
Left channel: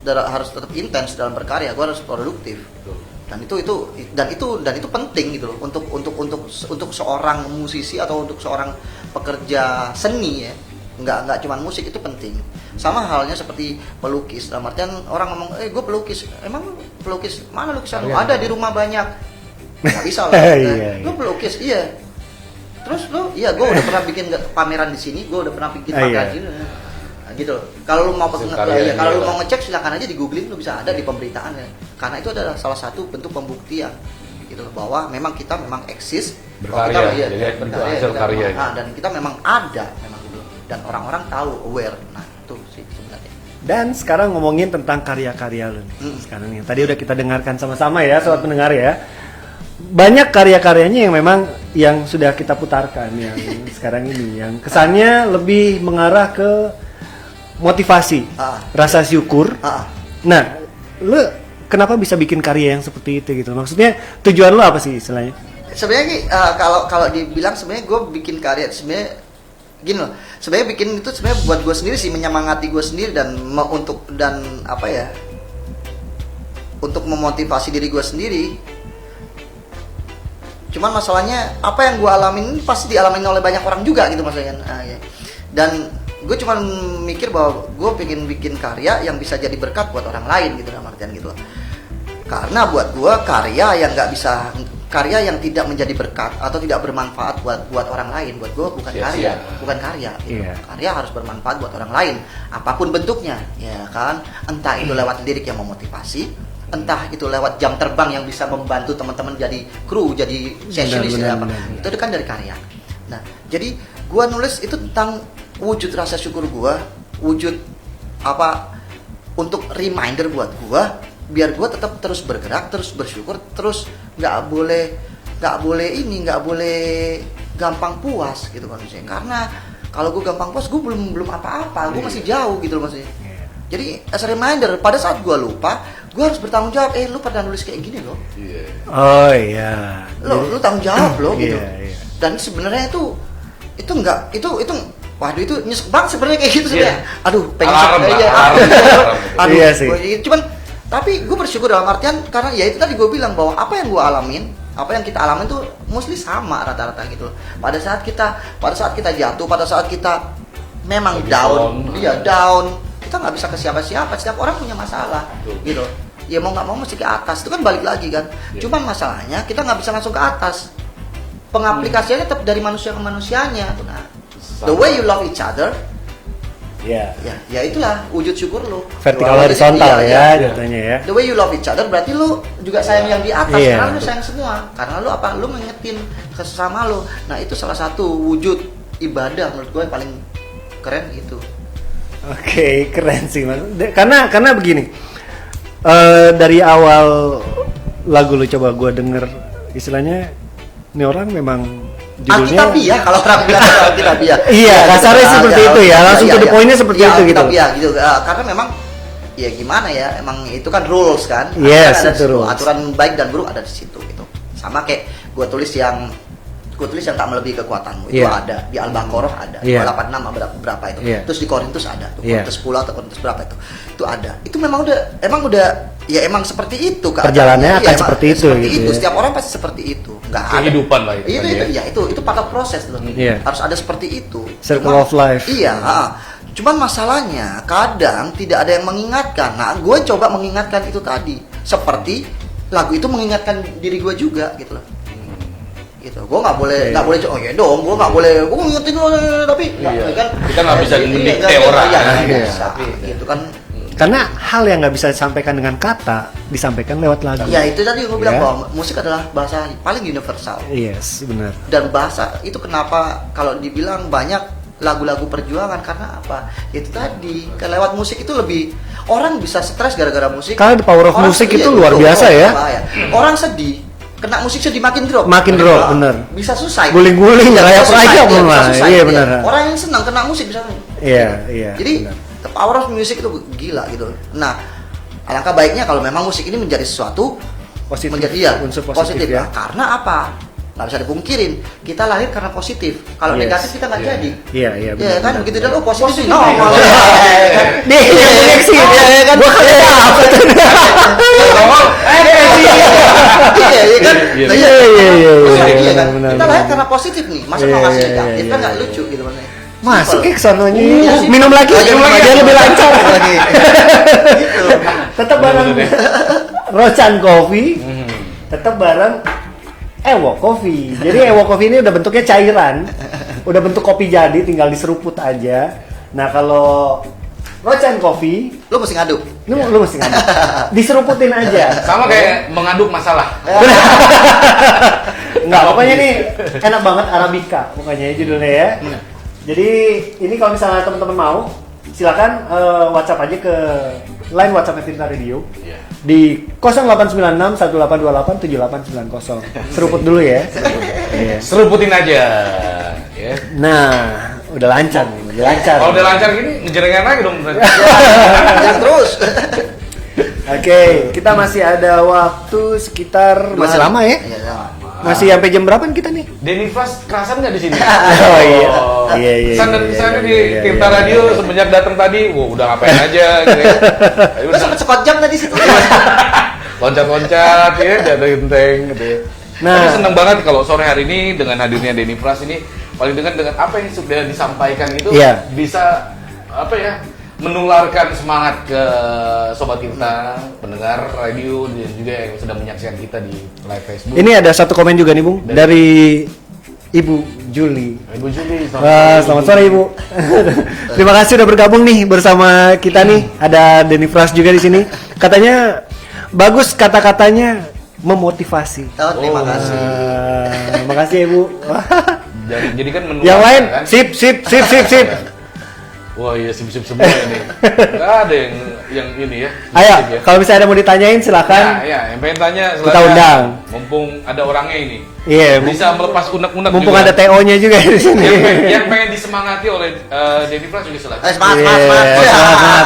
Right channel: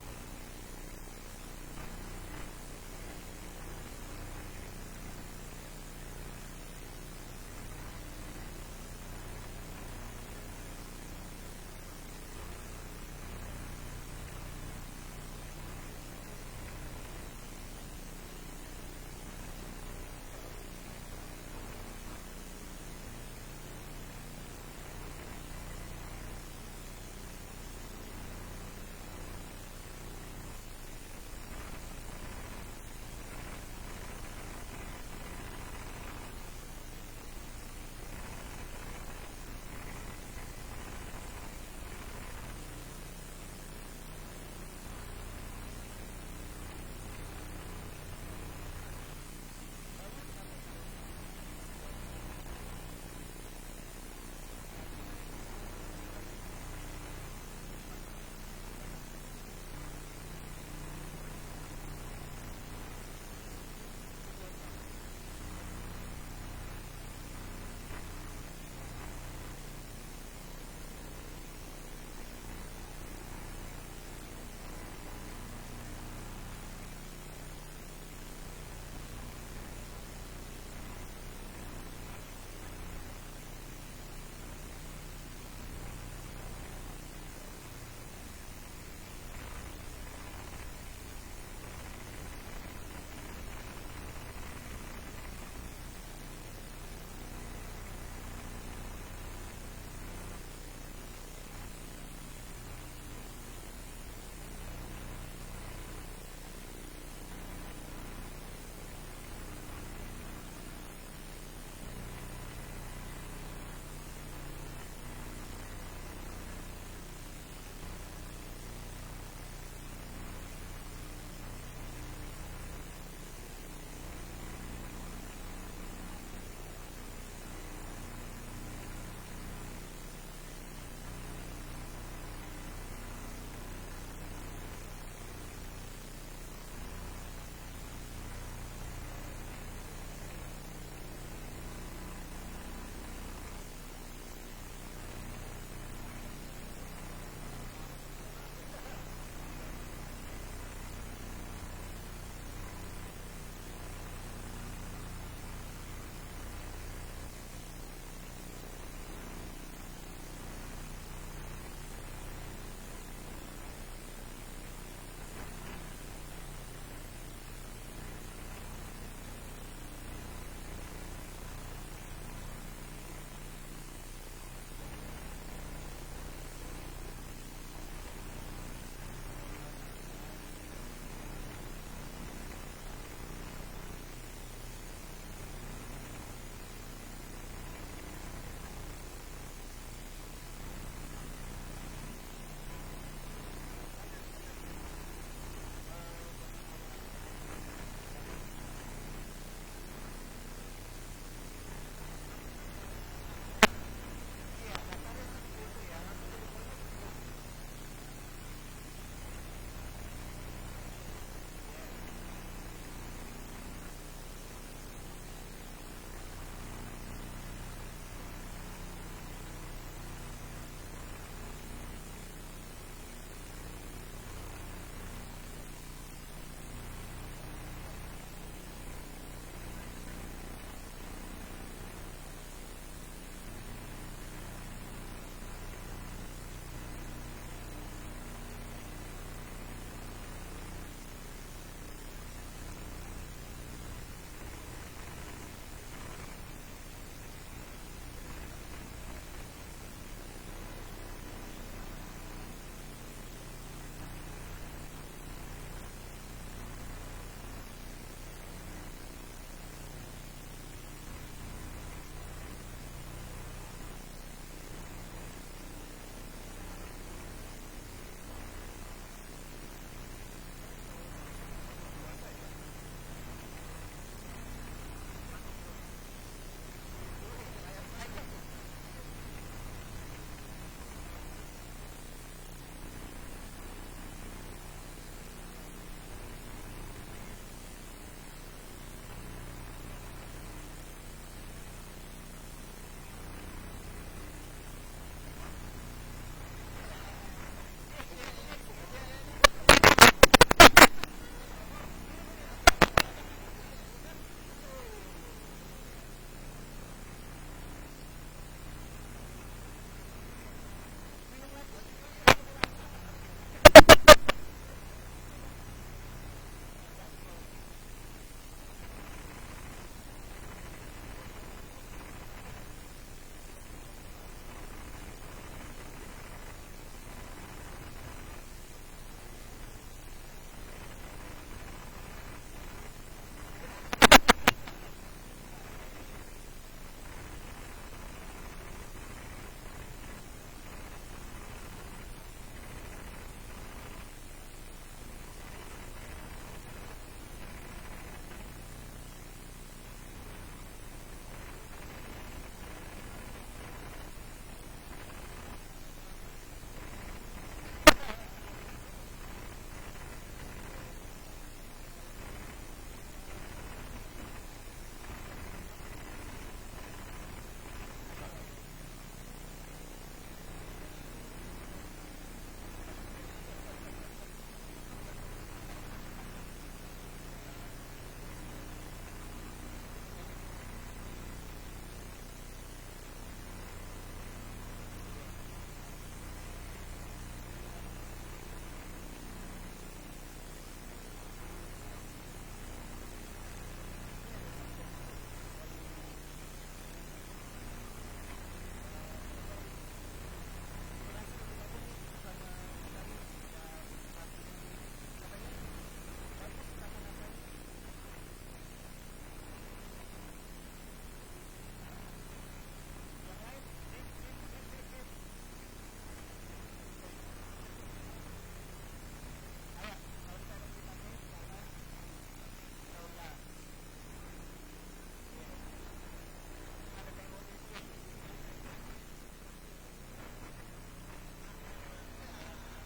Harus tetap intens dalam berkarya, gue harus produktif. Dan itu penting gitu loh untuk seorang musisi atau untuk seorang pekerja seni ya. Nggak cuma musik, itu penting. Sama halnya seperti pelukis. Dalam artian orang ngomong, gue pelukis. Emang pelukis mana lukisan lu? Ada di rumah banyak. Nggak bisa lah. Iya, Lu pelukis, iya. Terus lu, iya gue udah pernah bikin pameran di sini, gue udah pernah bikin Iya. pameran di sini. Nah, gitu. Kalau lu mau Karyanya kalau lu lah. mau ngecek silakan aja di googling, lu bisa ada di pemberitaan ya. Karena itu adalah salah satu bentuk pembuktian gitu bahwa memang kita memang eksis, bahwa Berkarya, kita, jadi itu hasil kita karya. dan kita memang ada memang gitu. Dan orang-orang tahu, aware. Nah, itu sih sebenarnya. Dan sekarang ngomongin tentang karya-karya lu nih. Sekarang yang tadi udah kita dengarkan sama-sama ya, sobat pendengar ya. Banyak karya-karyanya yang memang yang sudah kita putarkan yang sekarang ini, yang kesannya lebih mengarah ke motivasi, rasa syukur. Nah, lu kenapa bisa bikin karya yang seperti itu gitu? Maksudnya tujuan lu apa sih istilahnya? Sebenarnya kalau dibilang sebenarnya gue bikin karya sebenarnya gini loh. Sebenarnya bikin itu sebenarnya buat gue sendiri sih, menyemangati gue sendiri dan untuk memotivasi diri gue sendiri. Cuman masalahnya apa yang gue alamin ini pasti dialamin oleh banyak orang juga gitu maksudnya. Ya. Dan gue cuma mikir bahwa gue pengen bikin karya yang bisa jadi berkat buat orang lain gitu, dalam artian gitu. Karena buat gue karya yang tidak menjadi berkat atau tidak bermanfaat buat orang lain, buat gue bukan Sia-sia. karya gitu. Iya. Karya harus bermanfaat buat orang lain apapun bentuknya, ya kan. Entah itu lewat lirik yang memotivasi, entah itu lewat jam terbang yang bisa membantu teman-teman jadi kru, jadi sessionis, Benar. itu kan dari karya. Nah, jadi gue nulis itu tentang wujud rasa syukur gue, wujud untuk reminder buat gue, biar gue tetap terus bergerak, terus bersyukur, terus nggak boleh gampang puas gitu maksudnya. Karena kalau gue gampang puas, gue belum apa-apa, gue masih jauh gitu loh maksudnya. Jadi as a reminder, pada saat gue lupa, gue harus bertanggung jawab. Lu pernah nulis kayak gini loh. Oh iya. Lu tanggung jawab loh gitu. Iya. Dan sebenarnya itu waduh, itu nyesek banget sebenarnya kayak gitu sebenarnya. Aduh, pengen Alarm, aja. alarm. Iya sih. Cuman tapi gue bersyukur dalam artian karena ya itu tadi gue bilang bahwa apa yang gue alamin, apa yang kita alamin tuh mostly sama rata-rata gitu. Pada saat kita jatuh, pada saat kita memang lagi down, down. down, kita nggak bisa ke siapa-siapa. Setiap orang punya masalah, gitu. ya mau nggak mau mesti ke atas. Itu kan balik lagi kan. Cuman masalahnya kita nggak bisa langsung ke atas. Pengaplikasiannya tetap dari manusia ke manusianya. Nah, the way you love each other, Ya. ya itulah wujud syukur lu. Vertikal Iya, horizontal iya. ya jatuhnya ya. The way you love each other berarti lu juga sayang yang di atas, Iya. karena lu sayang semua. Karena lu apa? Lu mengingetin ke sesama lu. Nah, itu salah satu wujud ibadah menurut gue yang paling keren itu. Oke, keren sih Mas. Karena begini. Dari awal lagu lu coba gua denger, istilahnya ini orang memang judulnya Alkitabiah, kalau orang bilang Alkitabiah. Iya, kasarnya seperti itu ya, langsung to the point-nya seperti itu gitu. Alkitabiah gitu. Karena memang ya gimana ya, emang itu kan rules kan. Yes, Aturan ada di itu situ. rules. Aturan baik dan buruk ada di situ gitu. Sama kayak gue tulis yang tak melebihi kekuatanmu itu Iya. ada di Al-Baqarah ada, Iya. 286 berapa itu. Iya. Terus di Korintus ada, tuh, Iya. Korintus 10 atau Korintus berapa itu ada. Itu memang udah ya emang seperti itu keadaannya. Perjalanannya akan Iya, seperti itu gitu ya. Setiap orang pasti seperti itu. Nggak ada. Kehidupan lah itu Itu, kan itu, ya. ya itu part of proses loh. Iya. Harus ada seperti itu. Circle of life. Iya. Cuman masalahnya kadang tidak ada yang mengingatkan. Nah, gue coba mengingatkan itu tadi. Seperti lagu itu mengingatkan diri gue juga gitu loh. Gitu. Gue nggak boleh oh ya dong, gue nggak boleh. Gue ngingetin lo tapi Iya. kan Kita nggak bisa mendikte nggak orang. Iya, nggak Iya. bisa. Gitu kan. Karena hal yang nggak bisa disampaikan dengan kata disampaikan lewat lagu. Ya itu tadi gue bilang Ya. bahwa musik adalah bahasa paling universal. Yes, benar. Dan bahasa itu kenapa kalau dibilang banyak lagu-lagu perjuangan karena apa? Itu tadi kan lewat musik itu lebih orang bisa stres gara-gara musik. Karena the power of Orang musik sedih, itu ya, luar betul, biasa ya. bahaya. Orang sedih kena musik sedih makin drop. Makin drop, Nah, bener. Bisa susah. Guling-guling, rayap-rayap malah. Iya, bener. Orang yang senang kena musik bisa. Iya. Jadi benar. the power of music itu gila gitu. Nah, alangkah baiknya kalau memang musik ini menjadi sesuatu Positif, menjadi unsur positif ya. Nah, karena apa? Nggak bisa dipungkirin, kita lahir karena positif. Kalau Yes. negatif kita nggak jadi. Iya, Ya benar. kan begitu dia positif Positif, no. ya. malah. Nih, yang koneksi Iya kan? Gua kagak apa tuh. Iya kan? Iya. Nah, Iya. Iya kan? benar, Kita lahir benar. karena positif nih. Masa Iya, mau ngasih iya, negatif iya, kan nggak iya. lucu gitu maksudnya. Masuk Simple. ke sononya. Iya, sih. Minum lagi Lagi. lebih lancar. Lagi. Gitu. Tetap bareng Rocan Coffee. Tetap bareng Ewo Coffee. Jadi Ewo Coffee ini udah bentuknya cairan. Udah bentuk kopi jadi, tinggal diseruput aja. Nah, kalau Rocan Coffee, Lu mesti ngaduk. lu mesti ngaduk. Diseruputin aja. Sama kayak mengaduk masalah. Enggak, pokoknya nih enak banget Arabica pokoknya judulnya ya. Jadi ini kalau misalnya teman-teman mau, silakan WhatsApp aja ke line WhatsApp Tirta Radio Iya. di 0896 1828 7890. Seruput dulu ya. Iya. Seruputin aja. Ya. Nah, udah lancar nih, udah lancar. Kalau udah lancar gini, ngejerengan lagi dong. Jangan terus. Oke, kita masih ada waktu sekitar masih lama ya? Iya, lama. Masih sampai jam berapa kita nih? Denny Flash kerasan nggak di sini? Oh, iya. Iya. Sana di Iya, Tirta iya, Radio iya. semenjak datang tadi, wah udah ngapain aja gitu ya. Ayo, Lu sempet sekot jam tadi situ. loncat-loncat ya, jatuh genteng gitu ya. Nah. Tapi seneng banget kalau sore hari ini dengan hadirnya Denny Flash ini paling dengan apa yang sudah disampaikan itu Iya. bisa apa ya menularkan semangat ke sobat Tirta, pendengar radio dan juga yang sedang menyaksikan kita di live Facebook. Ini ada satu komen juga nih, Bung, dari Ibu Juli. Ibu Juli, Wah, selamat sore Ibu. Terima kasih udah bergabung nih bersama kita nih. Ada Denny Flash juga di sini. Katanya bagus kata-katanya memotivasi. Oh, terima kasih. Makasih Ibu. Jadi kan menularkan Yang lain kan? sip. Wah iya sip-sip semua ini. Gak ada yang ini ya. Ayo, sip ya. kalau misalnya ada mau ditanyain silakan. Ya, yang pengen tanya Kita undang. Mumpung ada orangnya ini. Iya, Bisa melepas unek-unek mumpung juga. ada TO-nya juga di sini. yang pengen disemangati oleh Denny Flash juga silakan. Semangat. Iya, semangat.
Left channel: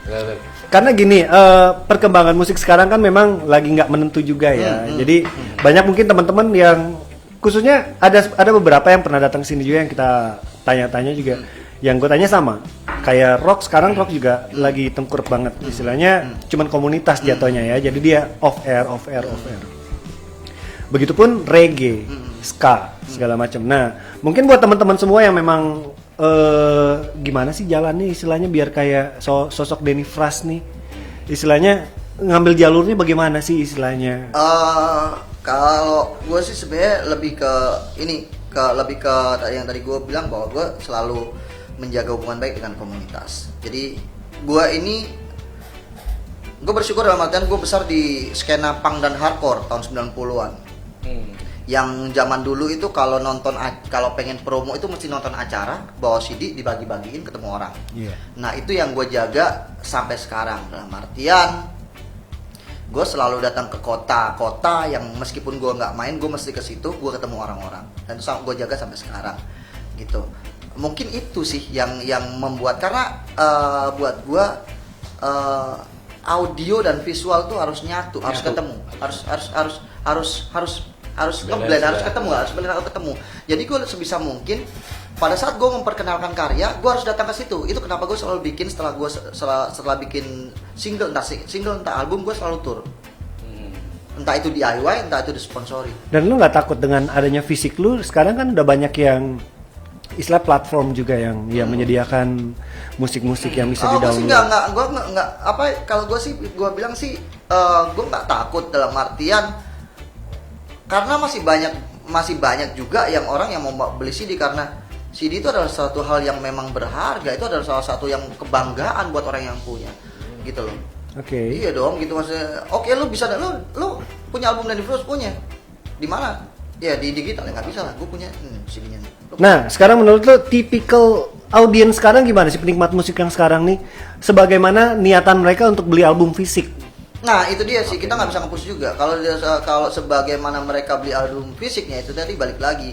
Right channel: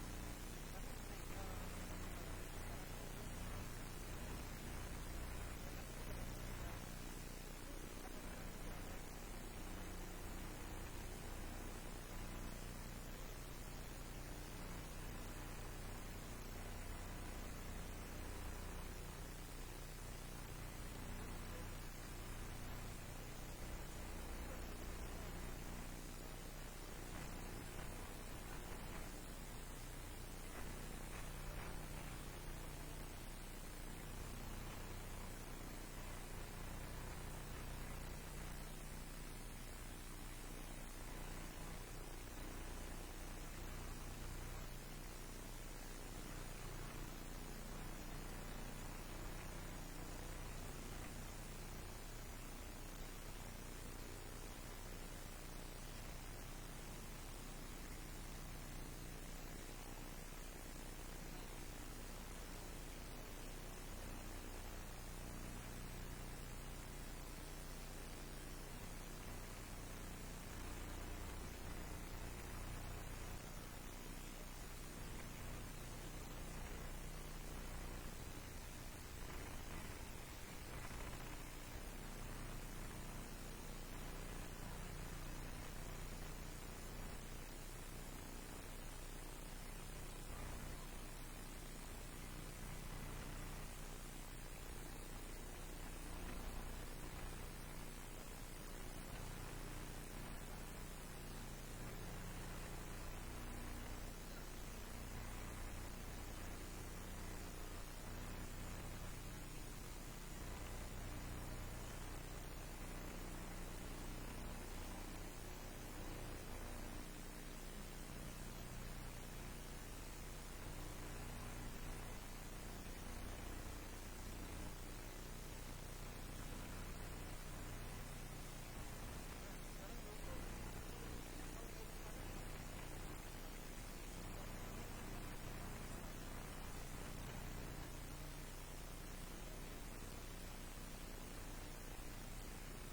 Silakan. Karena gini, perkembangan musik sekarang kan memang lagi nggak menentu juga ya. Jadi banyak mungkin teman-teman yang khususnya ada beberapa yang pernah datang sini juga yang kita tanya-tanya juga. Yang gue tanya sama, kayak rock sekarang rock juga lagi tengkurap banget. Istilahnya cuman komunitas jatuhnya ya. Jadi dia off air. Begitupun reggae, ska, segala macam. Nah, mungkin buat teman-teman semua yang memang gimana sih jalannya istilahnya biar kayak sosok Denny Flash nih, istilahnya ngambil jalurnya bagaimana sih istilahnya? Kalau gue sih sebenarnya lebih ke ini, lebih ke yang tadi gue bilang bahwa gue selalu menjaga hubungan baik dengan komunitas. Jadi gue bersyukur dalam artian gue besar di skena punk dan hardcore tahun 90-an. Yang zaman dulu itu kalau pengen promo itu mesti nonton acara, bawa CD, dibagi-bagiin ketemu orang. Iya. Nah itu yang gue jaga sampai sekarang, dalam artian gue selalu datang ke kota-kota yang meskipun gue nggak main, gue mesti ke situ, gue ketemu orang-orang, dan itu gue jaga sampai sekarang gitu. Mungkin itu sih yang membuat, karena buat gue audio dan visual tuh harus nyatu, harus ketemu, harus ngeblend, harus ketemu. Jadi gue sebisa mungkin pada saat gue memperkenalkan karya, gue harus datang ke situ. Itu kenapa gue selalu bikin setelah bikin single entah album, gue selalu tour. Entah itu DIY, entah itu disponsori. Dan lu nggak takut dengan adanya fisik lu? Sekarang kan udah banyak yang istilah platform juga yang menyediakan musik-musik yang bisa Gue sih di-download. gue nggak apa, kalau gue sih gue bilang sih gue nggak takut dalam artian karena masih banyak juga yang orang yang mau beli CD, karena CD itu adalah suatu hal yang memang berharga, itu adalah salah satu yang kebanggaan buat orang yang punya, gitu loh. Oke. Iya dong, gitu maksudnya. Oke, lu bisa, lu punya album dan Frost punya di mana? Ya di digital ya nggak bisa lah, gue punya CD-nya. Nah, sekarang menurut lu tipikal audiens sekarang gimana sih, penikmat musik yang sekarang nih? Sebagaimana niatan mereka untuk beli album fisik? Nah itu dia sih, kita nggak bisa nge-push juga. Kalau sebagaimana mereka beli album fisiknya, itu tadi balik lagi.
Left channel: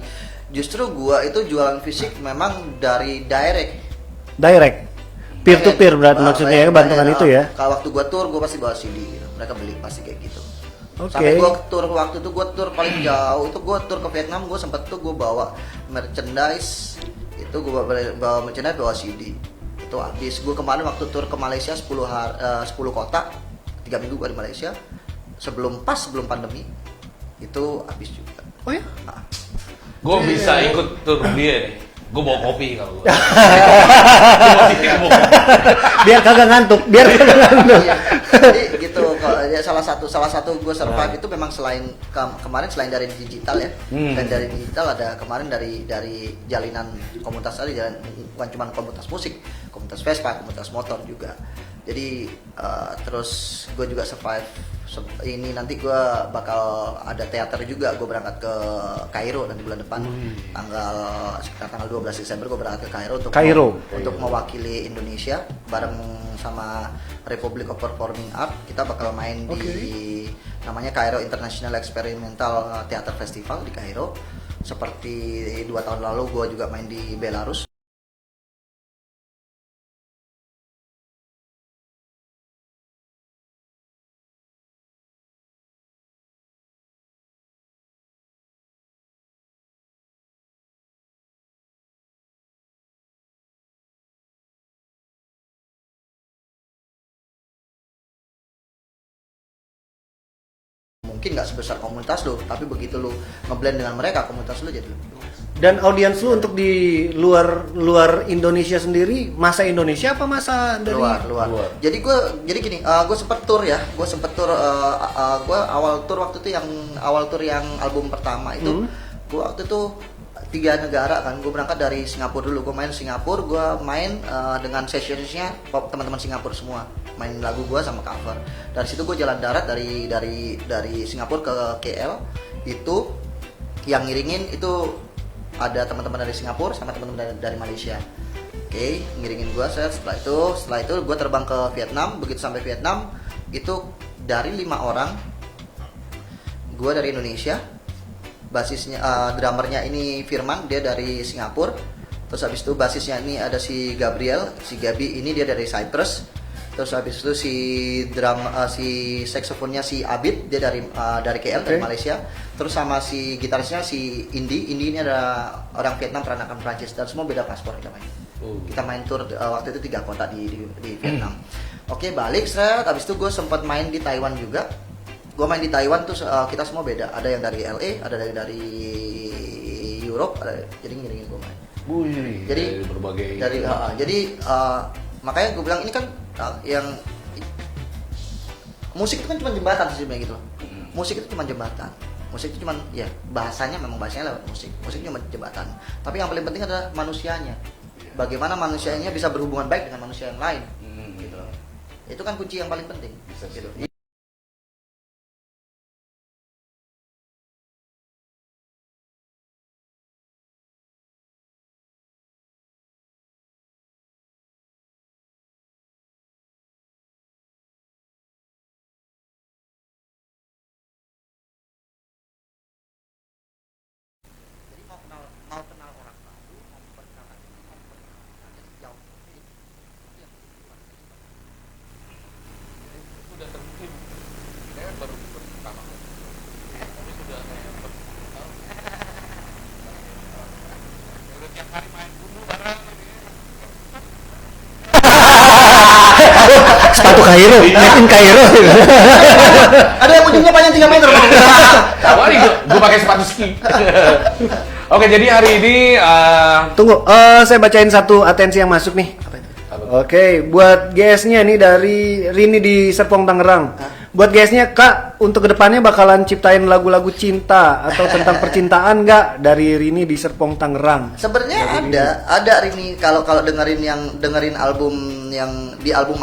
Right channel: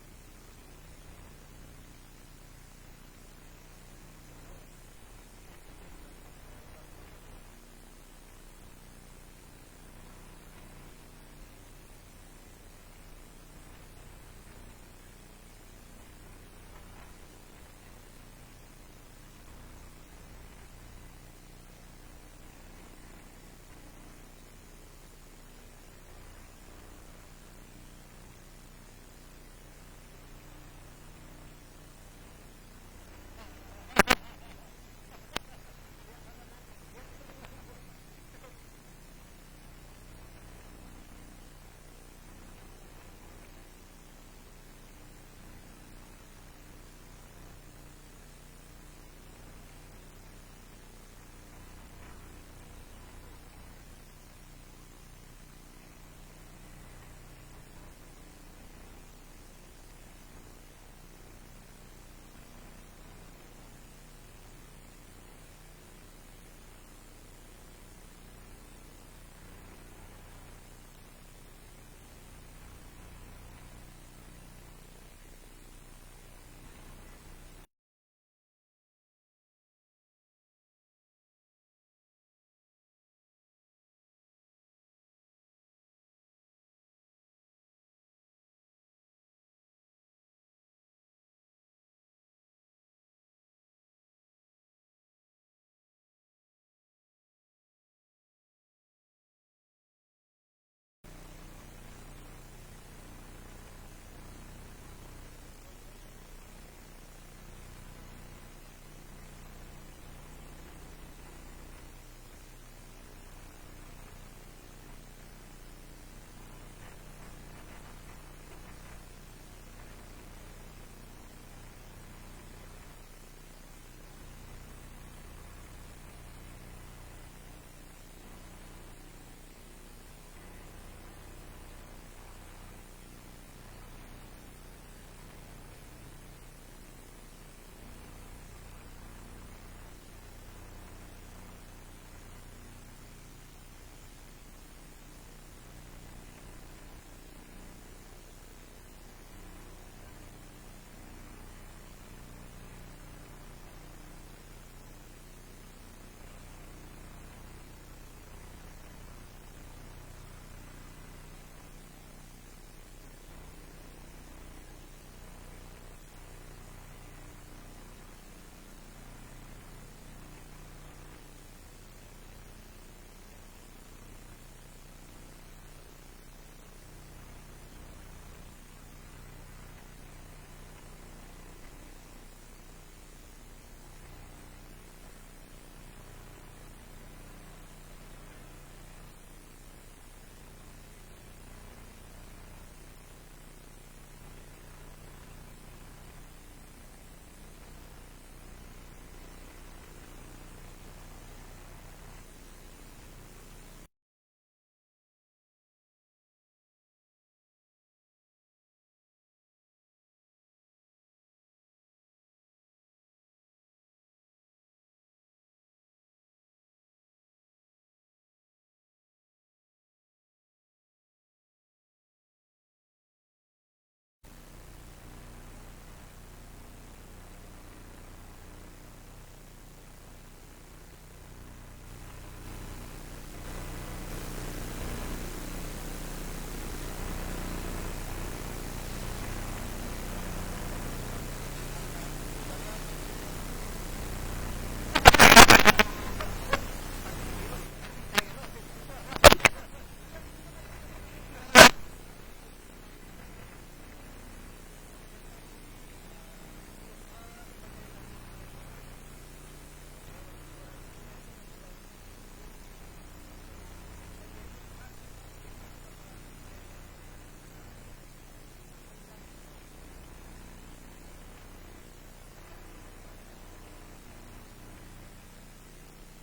Justru gua itu jualan fisik memang dari direct, peer to peer berarti maksudnya ya, bantuan itu ya. Kalau waktu gua tour, gua pasti bawa CD gitu. Mereka beli pasti kayak gitu. Oke. Sampai gua tour waktu itu, gua tour paling jauh itu gua tour ke Vietnam, gua sempet tuh gua bawa merchandise. Itu gua bawa merchandise, bawa CD. Itu habis. Gua kemarin waktu tour ke Malaysia 10 kota, 3 minggu gua di Malaysia. Sebelum pandemi itu habis juga. Oh ya? Nah, Gue bisa ikut tur dia nih. Gue bawa kopi kalau gue. Biar kagak ngantuk. Iya. Jadi gitu, ya salah satu gue survive itu memang selain kemarin selain dari digital ya, dan dari digital ada kemarin dari jalinan komunitas tadi, bukan cuma komunitas musik, komunitas Vespa, komunitas motor juga. Jadi terus gue juga survive ini, nanti gue bakal ada teater juga, gue berangkat ke Kairo nanti bulan depan, sekitar tanggal 12 Desember gue berangkat ke Kairo untuk mewakili Indonesia bareng sama Republic of Performing Art. Kita bakal main di namanya Kairo International Experimental Theater Festival di Kairo. Seperti 2 tahun lalu gue juga main di Belarus. Mungkin nggak sebesar komunitas lo, tapi begitu lo ngeblend dengan mereka, komunitas lo jadi lebih luas. Dan audiens lu untuk di luar Indonesia sendiri, masa Indonesia apa masa dari luar. Jadi gini, gue sempet tour, gue awal tour waktu itu yang album pertama itu, gue waktu itu 3 negara kan. Gue berangkat dari Singapura dulu, gue main Singapura, gue main dengan sessionsnya teman-teman Singapura semua, main lagu gue sama cover. Dari situ gue jalan darat dari Singapura ke KL. Itu yang ngiringin itu ada teman-teman dari Singapura sama teman-teman dari Malaysia. Oke, ngiringin gue. Setelah itu gue terbang ke Vietnam. Begitu sampai Vietnam itu dari 5 orang, gue dari Indonesia, basisnya drummernya ini Firman, dia dari Singapura. Terus habis itu basisnya ini ada si Gabriel, si Gabi, ini dia dari Cyprus. Terus habis itu si saksofonnya si Abid, dia dari KL, dari Malaysia. Terus sama si gitarisnya si Indi ini ada orang Vietnam, peranakan Prancis, dan semua beda paspor kita main. Kita main tour waktu itu 3 kota di Vietnam. Oke, balik habis itu gue sempat main di Taiwan juga. Gue main di Taiwan tuh kita semua beda. Ada yang dari LA, ada dari Europe, jadi ngiringin gue main. Jadi berbagai. Makanya gue bilang ini kan yang musik itu kan cuma jembatan sih sebenarnya gitu. Musik itu cuma jembatan. Musik itu cuma ya bahasanya memang bahasanya lewat musik. Musik cuma jembatan. Tapi yang paling penting adalah manusianya. Bagaimana manusianya bisa berhubungan baik dengan manusia yang lain. Gitu. Itu kan kunci yang paling penting. Gitu. Sepatu Kairo, made in Kairo. Ada yang ujungnya panjang 3 meter. Awalnya gue pakai sepatu ski. Oke, jadi hari ini Tunggu, saya bacain satu atensi yang masuk nih. Oke, buat GS-nya nih dari Rini di Serpong Tangerang. Buat GS-nya, Kak, untuk kedepannya bakalan ciptain lagu-lagu cinta atau tentang percintaan nggak? Dari Rini di Serpong Tangerang. Sebenarnya ada Rini kalau dengerin album yang di album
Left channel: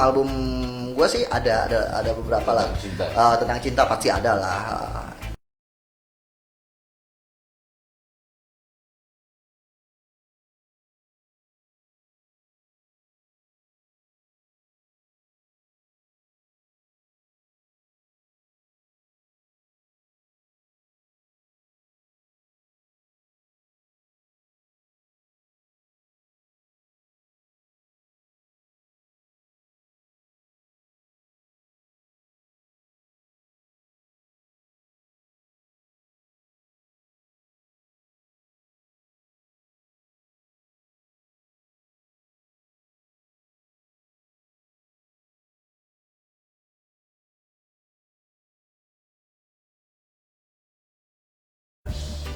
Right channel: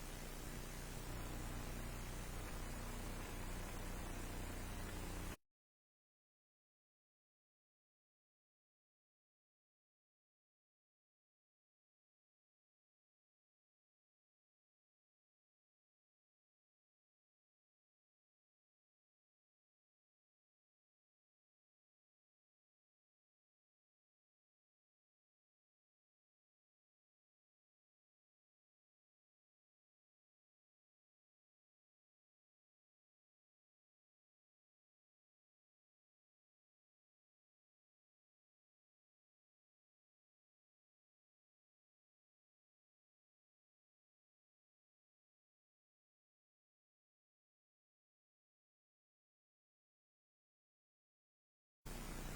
gue sih ada beberapa lah. Cinta. Tentang cinta pasti ada lah.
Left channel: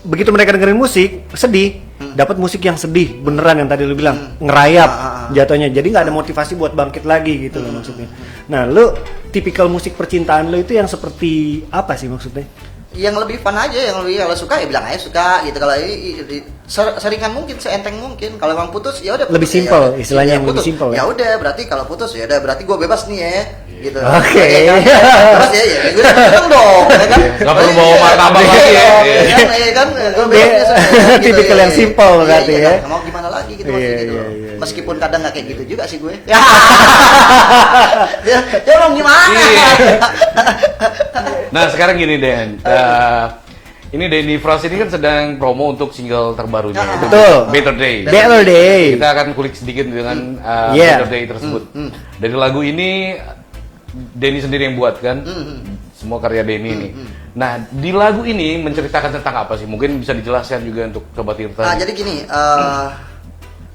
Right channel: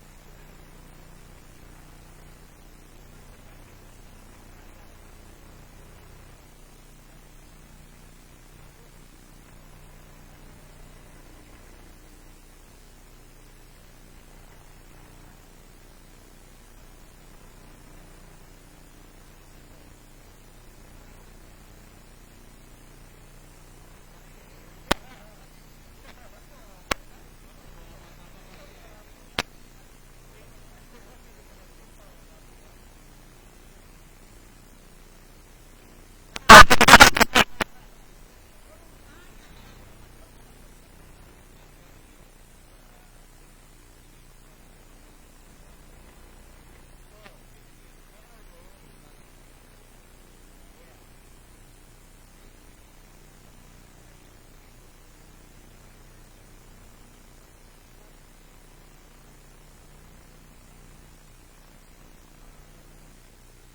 Begitu mereka dengerin musik sedih, dapat musik yang sedih beneran yang tadi lu bilang ngerayap jatuhnya, jadi nggak ada motivasi buat bangkit lagi gitu loh maksudnya. Nah, lu tipikal musik percintaan lu itu yang seperti apa sih maksudnya? Yang lebih fun aja, yang lebih kalau suka ya bilang aja suka gitu. Kalau seringan mungkin, seenteng mungkin. Kalau emang putus ya udah. Lebih putus, simpel, ya, istilahnya yang lebih putus. simpel ya? Ya udah, berarti kalau putus ya udah, berarti gue bebas nih ya. Gitu. Oke. Ya, kan? Bebas ya, gue seneng dong, ya kan? nggak perlu bawa martabak lagi ya. Ya kan, gue bebas ya, gitu, Tipikal yang simpel berarti ya. Kan? Mau gimana lagi gitu Iya, maksudnya gitu. iya, iya. Meskipun kadang nggak kayak gitu juga sih gue. Ya mau gimana? Iya. Nah, sekarang gini Den. Ini Denny Frost ini kan sedang promo untuk single terbarunya, itu Betul. Better Day. Better Day. Kita akan kulik sedikit dengan Yeah. Better Day tersebut. Dari lagu ini Denny sendiri yang buat kan, semua karya Denny ini. Nah, di lagu ini menceritakan tentang apa sih? Mungkin bisa dijelaskan juga untuk Sobat Tirta. Nah, jadi gini,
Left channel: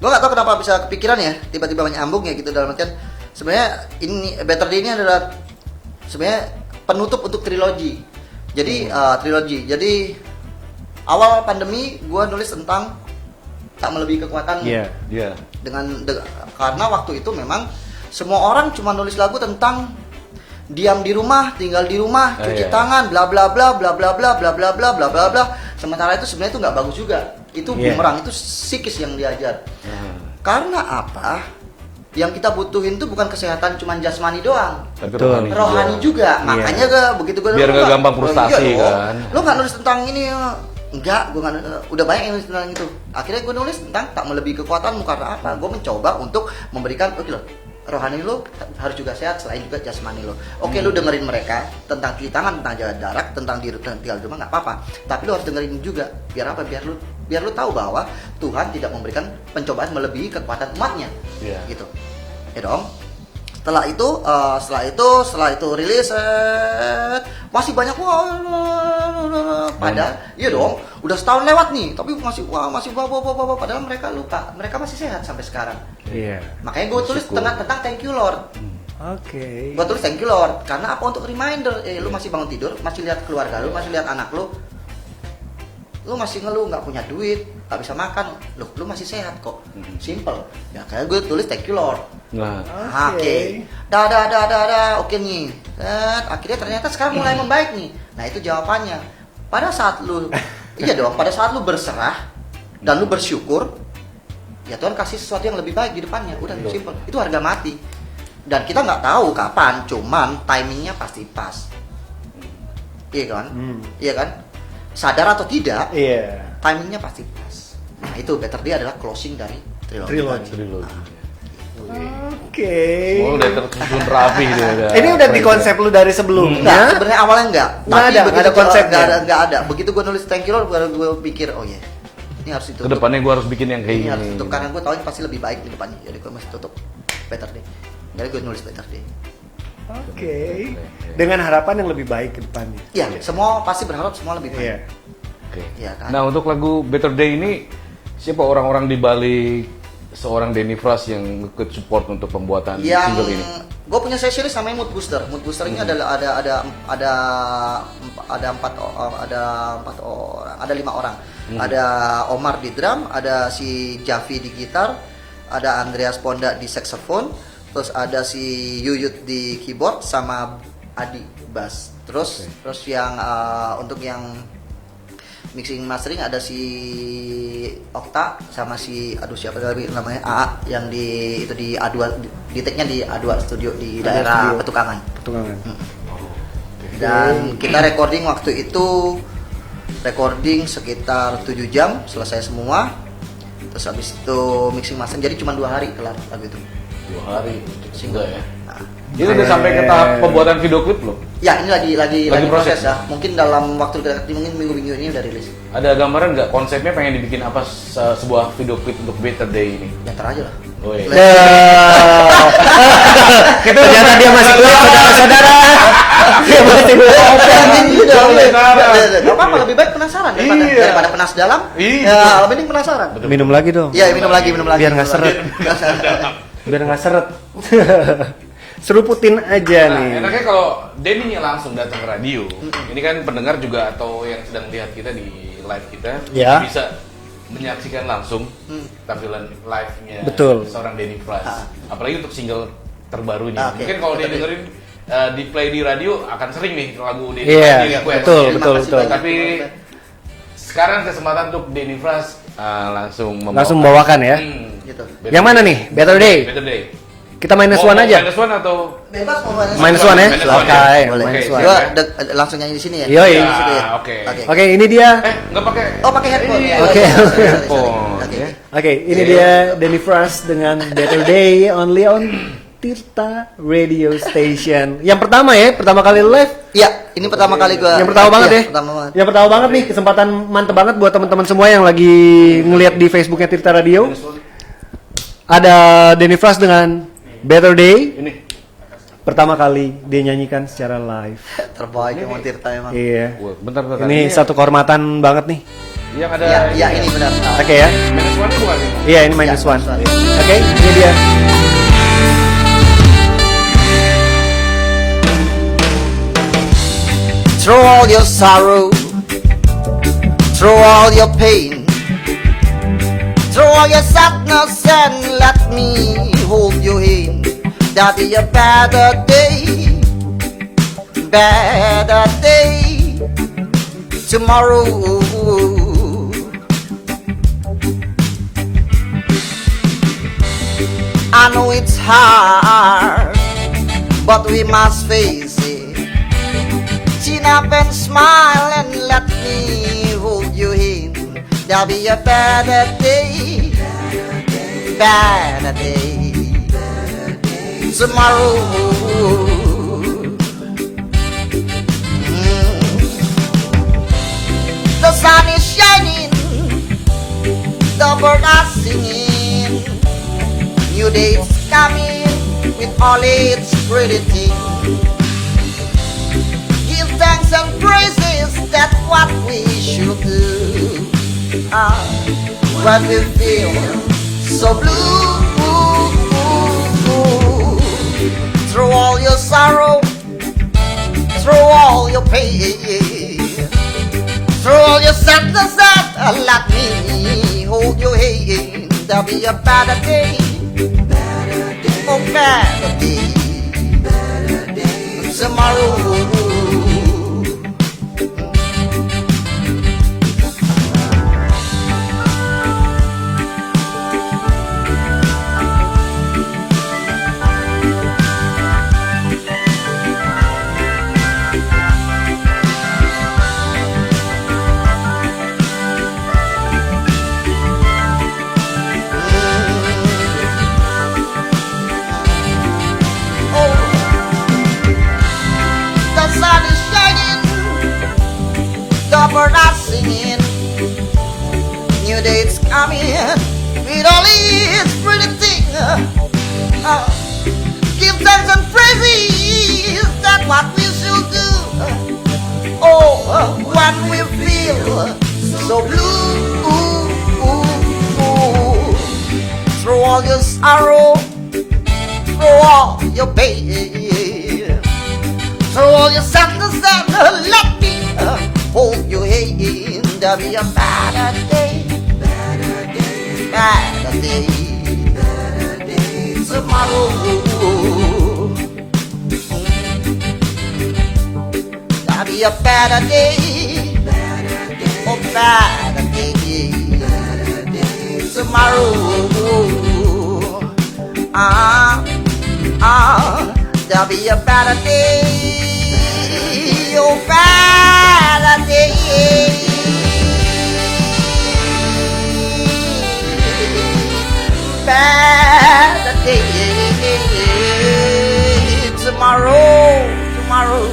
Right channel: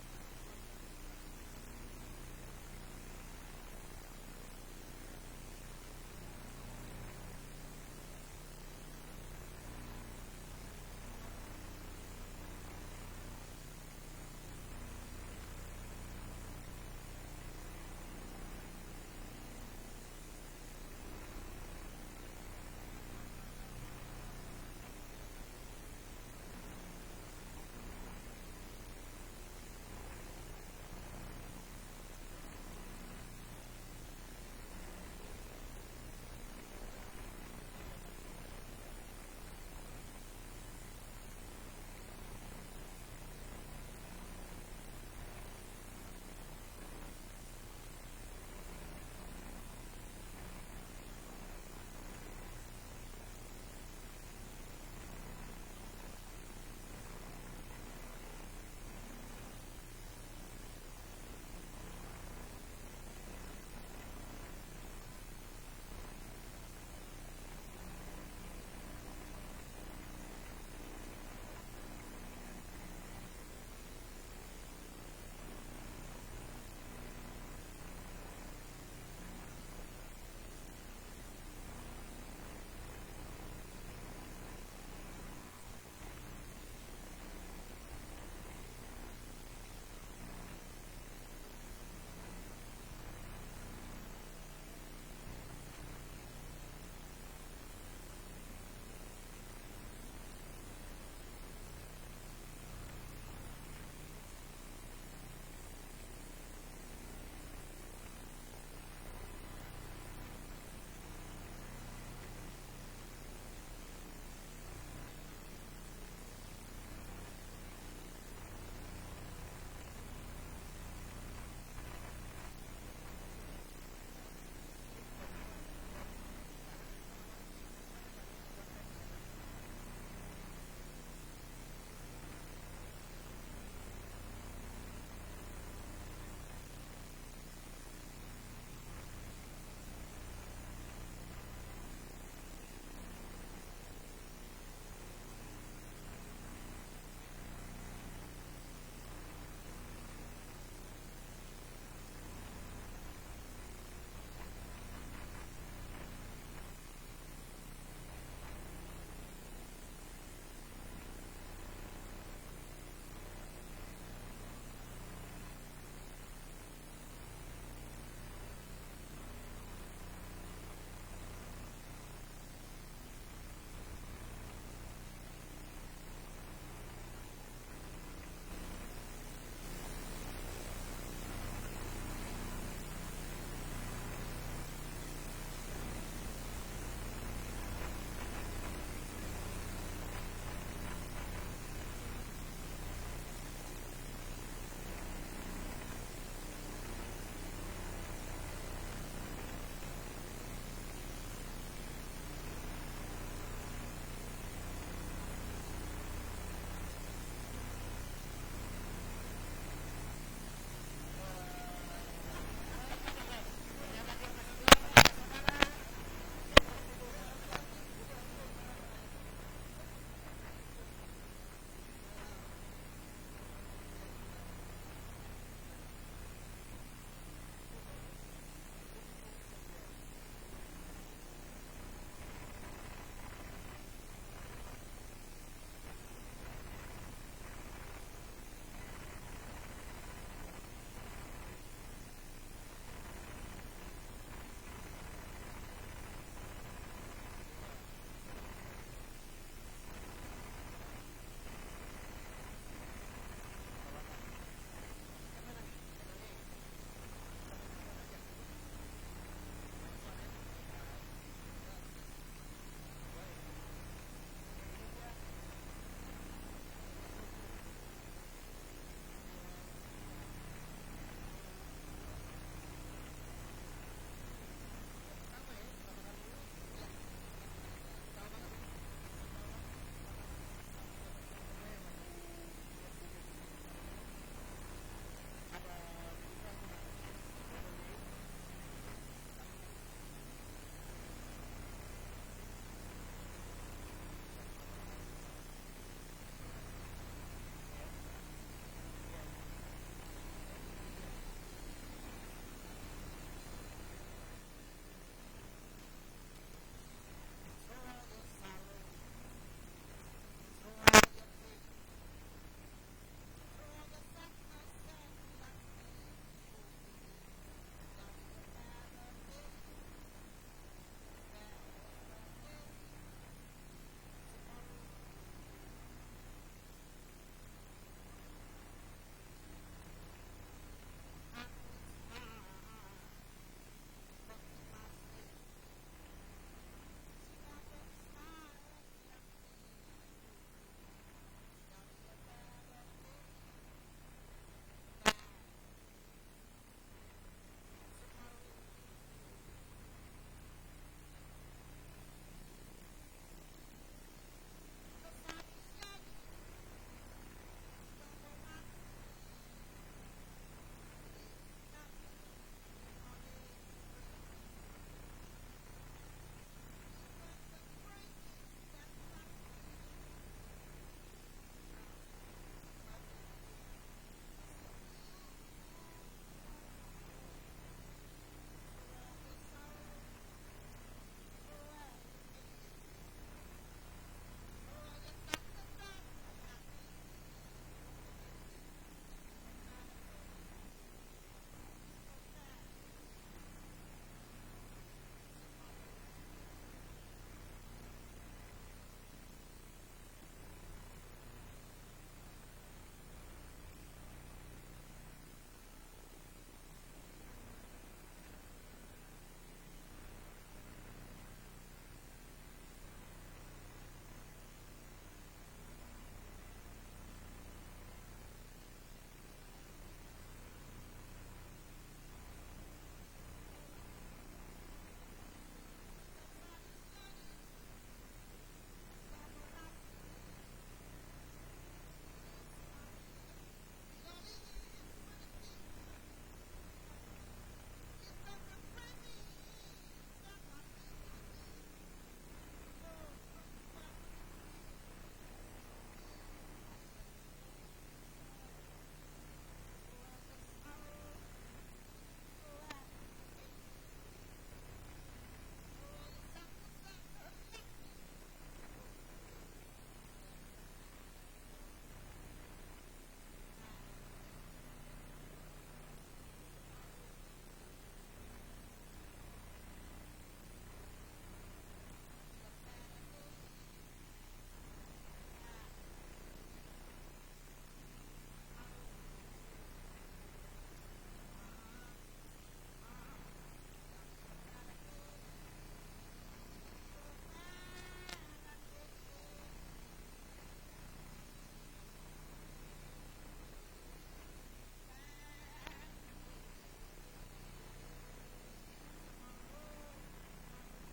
gue nggak tahu kenapa bisa kepikiran ya, tiba-tiba nyambung ya gitu, dalam artian sebenarnya ini Better Day ini adalah sebenarnya penutup untuk trilogi. Jadi trilogi. Jadi awal pandemi gue nulis tentang tak melebihi kekuatan. Iya. Iya. Karena waktu itu memang semua orang cuma nulis lagu tentang diam di rumah, tinggal di rumah, cuci iya. tangan, bla bla bla bla bla bla bla bla bla bla bla bla. Sementara itu sebenarnya itu nggak bagus juga. Itu Iya. bumerang, itu psikis yang diajar. Karena apa? Yang kita butuhin tuh bukan kesehatan cuma jasmani doang, Tapi Betul. rohani juga. Iya. Makanya begitu gue Biar nggak gampang frustasi kan. Lo nggak nulis tentang ini? Enggak, gue udah banyak yang nulis tentang itu. Akhirnya gue nulis tentang tak melebihi kekuatanmu. Karena apa? Gue mencoba untuk memberikan, oke loh, rohani lo harus juga sehat selain juga jasmani lo. Oke, lo dengerin mereka tentang cuci tangan, tentang jaga jarak, tentang diri tinggal di rumah nggak apa-apa. Tapi lo harus dengerin juga. Biar apa? Biar lo tahu bahwa Tuhan tidak memberikan pencobaan melebihi kekuatan umatnya. Iya. Gitu. Ya dong. Setelah itu rilis, masih banyak padahal iya dong, udah setahun lewat nih, tapi masih padahal mereka lupa, mereka masih sehat sampai sekarang. Iya. Makanya gue tulis tentang thank you Lord. Oke. Gue tulis thank you Lord karena apa? Untuk reminder, lu masih bangun tidur, masih lihat keluarga lu, masih lihat anak lu masih ngeluh nggak punya duit, nggak bisa makan, loh lu masih sehat kok, simple. Ya kayak gue tulis thank you Lord. Nah, Oke, oke nih. Akhirnya ternyata sekarang mulai membaik nih. Nah itu jawabannya. Pada saat lu, iya dong. Pada saat lu berserah dan lu bersyukur, ya Tuhan kasih sesuatu yang lebih baik di depannya. Udah simple. Itu harga mati. Dan kita nggak tahu kapan, cuman timingnya pasti pas. Iya kan? Iya kan? Sadar atau tidak, Iya. timingnya pasti pas. Nah itu Better Day adalah closing dari trilogi. Oke. oh, udah tersusun rapi gitu ya. Ini udah di konsep lu dari sebelumnya. Enggak, sebenarnya awalnya enggak. Nggak ada, nggak ada konsepnya. Enggak ada. Begitu gue nulis thank you Lord, baru gue pikir, oh iya, ini harus ditutup. Kedepannya gue harus bikin yang kayak Ini gini. harus tutup karena gue tahu ini pasti lebih baik di depannya. Jadi gue masih tutup Better Day. Jadi gue nulis Better Day. Oke. Dengan harapan yang lebih baik ke depannya. Iya, semua pasti berharap semua lebih baik. Iya. Oke. Iya kan? Nah, untuk lagu Better Day ini siapa orang-orang di balik seorang Denny Fras yang ikut support untuk pembuatan Yang single ini? gue punya series namanya Mood Booster. Mood Booster ini adalah ada 5 orang. Ada Omar di drum, ada si Javi di gitar, ada Andreas Ponda di saxophone, terus ada si Yuyut di keyboard sama Adi bass. Terus yang untuk yang mixing mastering ada si Okta sama si siapa lagi namanya AA yang di A2 di take-nya di A2 studio di daerah Petukangan. Dan kita recording waktu itu sekitar 7 jam selesai semua. Terus habis itu mixing mastering jadi cuma 2 hari kelar lagu itu. 2 hari Single ya. Nah, Ini udah sampai ke tahap pembuatan video klip belum? ya ini lagi proses proses ya. Mungkin dalam waktu dekat mungkin minggu-minggu ini udah rilis. Ada gambaran nggak konsepnya pengen dibikin apa sebuah video klip untuk Better Day ini? Ya ntar aja lah. Oh, iya. Ternyata dia masih kuat, saudara-saudara. Dia masih kuat. Gak apa-apa, lebih baik penasaran daripada penas dalam. Ya, lebih baik penasaran. Minum lagi dong. Iya, minum lagi. Biar nggak seret. Biar nggak seret. Seruputin aja Nah, nih. enaknya kalau Denny-nya langsung datang ke radio. Ini kan pendengar juga atau yang sedang lihat kita di live kita Ya. bisa menyaksikan langsung tampilan live-nya Betul. seorang Denny Fras. Ah. Apalagi untuk single terbarunya. Oke. Mungkin kalau dia Betul. dengerin di play di radio akan sering nih lagu Denny Iya, Fras di request. betul, Terima betul, kasih betul. banyak. Tapi sekarang kesempatan untuk Denny Fras langsung membawakan ya. Gitu. Better Yang mana Day. nih? Better Day. Better Day. Kita minus Mau one aja. Minus one atau Bebas mau Minus one ya. Minus one, Oke, ya. Boleh. minus Oke, one. Gua langsung nyanyi di sini ya. Yoi. Di situ ya? Oke. Oke, ini dia. Nggak pakai. Oh, pakai headphone. Iya, Oke. Sorry. Headphone, Oke. ya. Oke, ini dia Denny Fras dengan Better Day only on Tirta Radio Station. Yang pertama ya, pertama kali live. Iya, ini pertama kali gua. Yang pertama banget Iya, ya. Pertama banget. Yang pertama banget nih, kesempatan mantep banget buat teman-teman semua yang lagi ngelihat di Facebooknya Tirta Radio. Ada Denny Fras dengan Better Day. Ini. Pertama kali dia nyanyikan secara live. Terbaik emang Tirta emang. Iya. Wah, bentar. Ini satu kehormatan banget nih. Yang ada. Iya, ini benar. Oke ya. Minus one bukan ini? Iya, ini minus Ya, one. minus one. Oke, ini dia. Through all your sorrow, through all your pain, through all your sadness, and let me hold your hand. That'll be a better day, better day tomorrow. I know it's hard, but we must face it. Chin up and smile and let me hold your hand. There'll be a better day, better day tomorrow. The sun is shining, the birds are singing. New day is coming with all its pretty things. Give thanks and praises, that's what we should do. When we feel so blue, through all your sorrow, through all your pain, through all your sadness, let me hold your hand. There'll be a better day. Oh, better day. Tomorrow. The sun is shining, the birds are singing. New day is coming with all its pretty thing. Give thanks and praises, that's what we should do. Oh, when we feel so blue, through all your sorrow, through all your pain, through all your sadness, and let me hold your hand. There'll be a better day, better day, tomorrow. There'll be a better day, oh better day, tomorrow. There'll be a better day, oh better day, better day, tomorrow, tomorrow.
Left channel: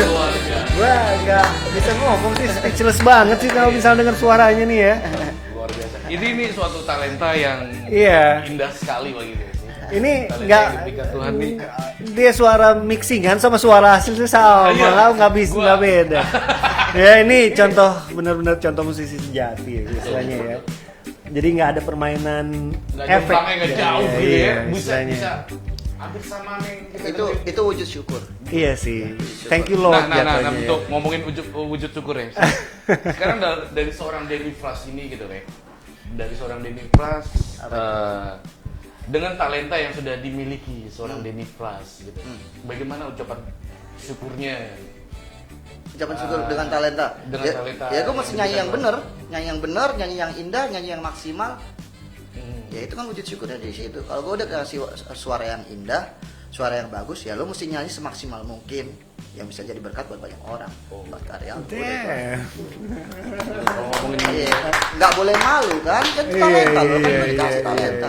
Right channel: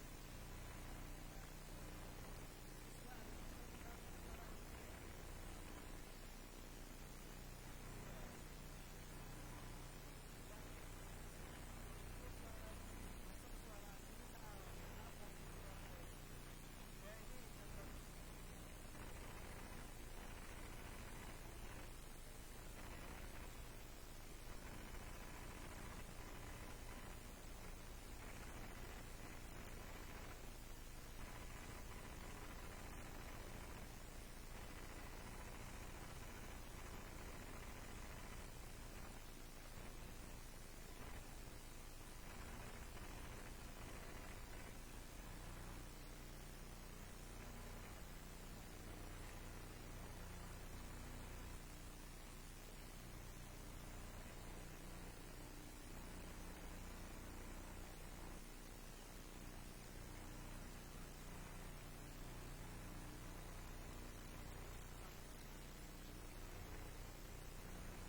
Luar biasa. Gua agak bisa ngomong sih, speechless banget sih kalau misalnya dengar suaranya nih ya. Luar biasa. Ini suatu talenta yang Iya. indah sekali bagi gue. Ini Talenta nggak, yang diberikan Tuhan nih. dia suara mixingan sama suara hasil itu sama, Iya. kalau nggak bisa Gua- nggak beda. Ya ini contoh benar-benar contoh musisi sejati ya, istilahnya ya. Jadi nggak ada permainan Nggak efek. jauh, nggak jauh Iya, gitu iya, ya. Bisa istilahnya. bisa hampir sama nih. kita dengerin. Itu wujud syukur. Iya sih. Thank you Lord Nah, jatuhnya ya. untuk ngomongin wujud syukur ya. Sekarang dari seorang Denny Fras ini gitu ya. Dari seorang Denny Fras dengan talenta yang sudah dimiliki seorang Denny Fras gitu. Bagaimana ucapan syukurnya? Ucapan syukur dengan talenta. Dengan Ya, talenta ya gue mesti yang nyanyi yang diberikan bener, nyanyi yang bener, nyanyi yang indah, nyanyi yang maksimal. Hmm. Ya itu kan wujud syukurnya di situ. Kalau gue udah kasih suara yang indah, suara yang bagus, ya lo mesti nyanyi semaksimal mungkin yang bisa jadi berkat buat banyak orang. Buat karya. Damn. Kalau ngomongin Iya, nggak boleh malu kan? Kan itu talenta lo kan dikasih talenta.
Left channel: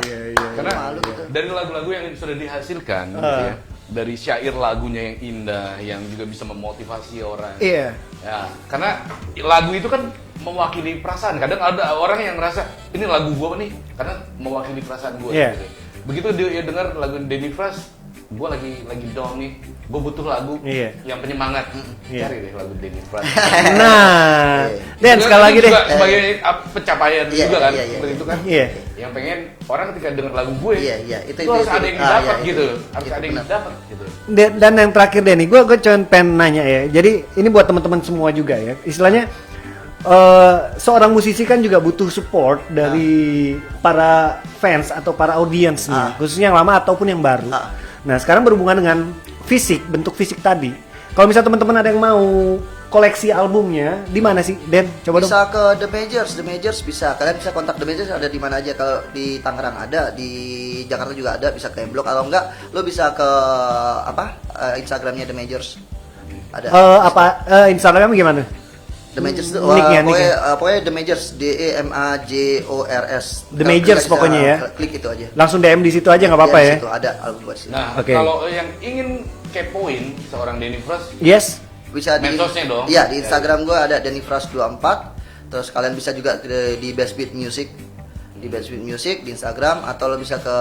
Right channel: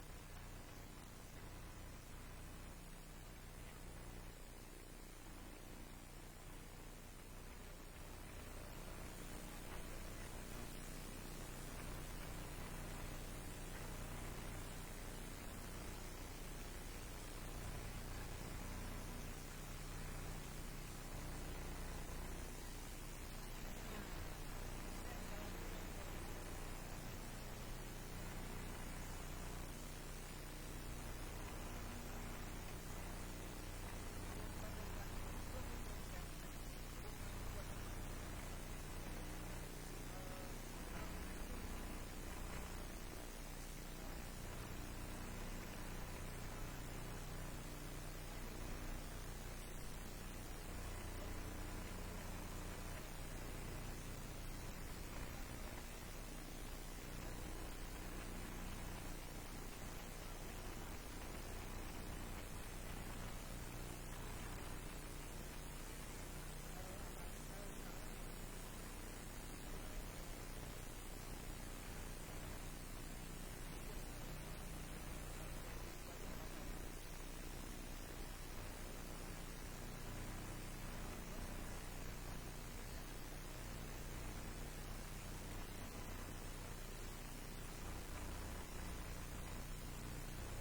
karena Malu gitu. dari lagu-lagu yang sudah dihasilkan gitu ya. Dari syair lagunya yang indah yang juga bisa memotivasi orang. Iya. Ya, karena lagu itu kan mewakili perasaan. Kadang ada orang yang ngerasa ini lagu gua nih karena mewakili perasaan gua. Iya. Gitu. Begitu dia dengar lagu Denny Fras, gua lagi down nih, gua butuh lagu Iya. yang penyemangat. Iya. Cari deh lagu Denny Fras. Nah, Dan Itu sekali lagi deh. juga sebagai pencapaian Iya, juga kan, iya, iya, seperti iya. itu kan. Iya. Yang pengen orang ketika dengar lagu gue, Iya, itu harus ada yang didapat iya, gitu, iya. harus Itu ada yang benar. didapat gitu. Dan yang terakhir Denny, gue cuma pengen nanya ya. Jadi ini buat teman-teman semua juga ya. Istilahnya seorang musisi kan juga butuh support dari para fans atau para audiens nih, khususnya yang lama ataupun yang baru. Nah sekarang berhubungan dengan fisik, bentuk fisik tadi. Kalau misalnya teman-teman ada yang mau koleksi albumnya, di mana sih, Den? Coba dong. Bisa ke The Majors bisa. Kalian bisa kontak The Majors ada di mana aja. Kalau di Tangerang ada, di Jakarta juga ada, bisa ke M-Block. Kalau enggak, lo bisa ke Instagramnya The Majors. Ada. Instagramnya gimana? The Majors itu Nicknya. pokoknya The Majors, DEMAJORS. The Majors pokoknya ya. Klik itu aja. Langsung DM di situ aja nggak apa-apa Di ya. situ ada album buat situ. Nah, Oke. kalau yang ingin kepoin seorang Denny Fras, Yes. Bisa di Medsosnya dong. Iya, di Instagram gue ada dennyfras24. Terus kalian bisa juga di Best Beat Music. Di Best Beat Music di Instagram atau lo bisa ke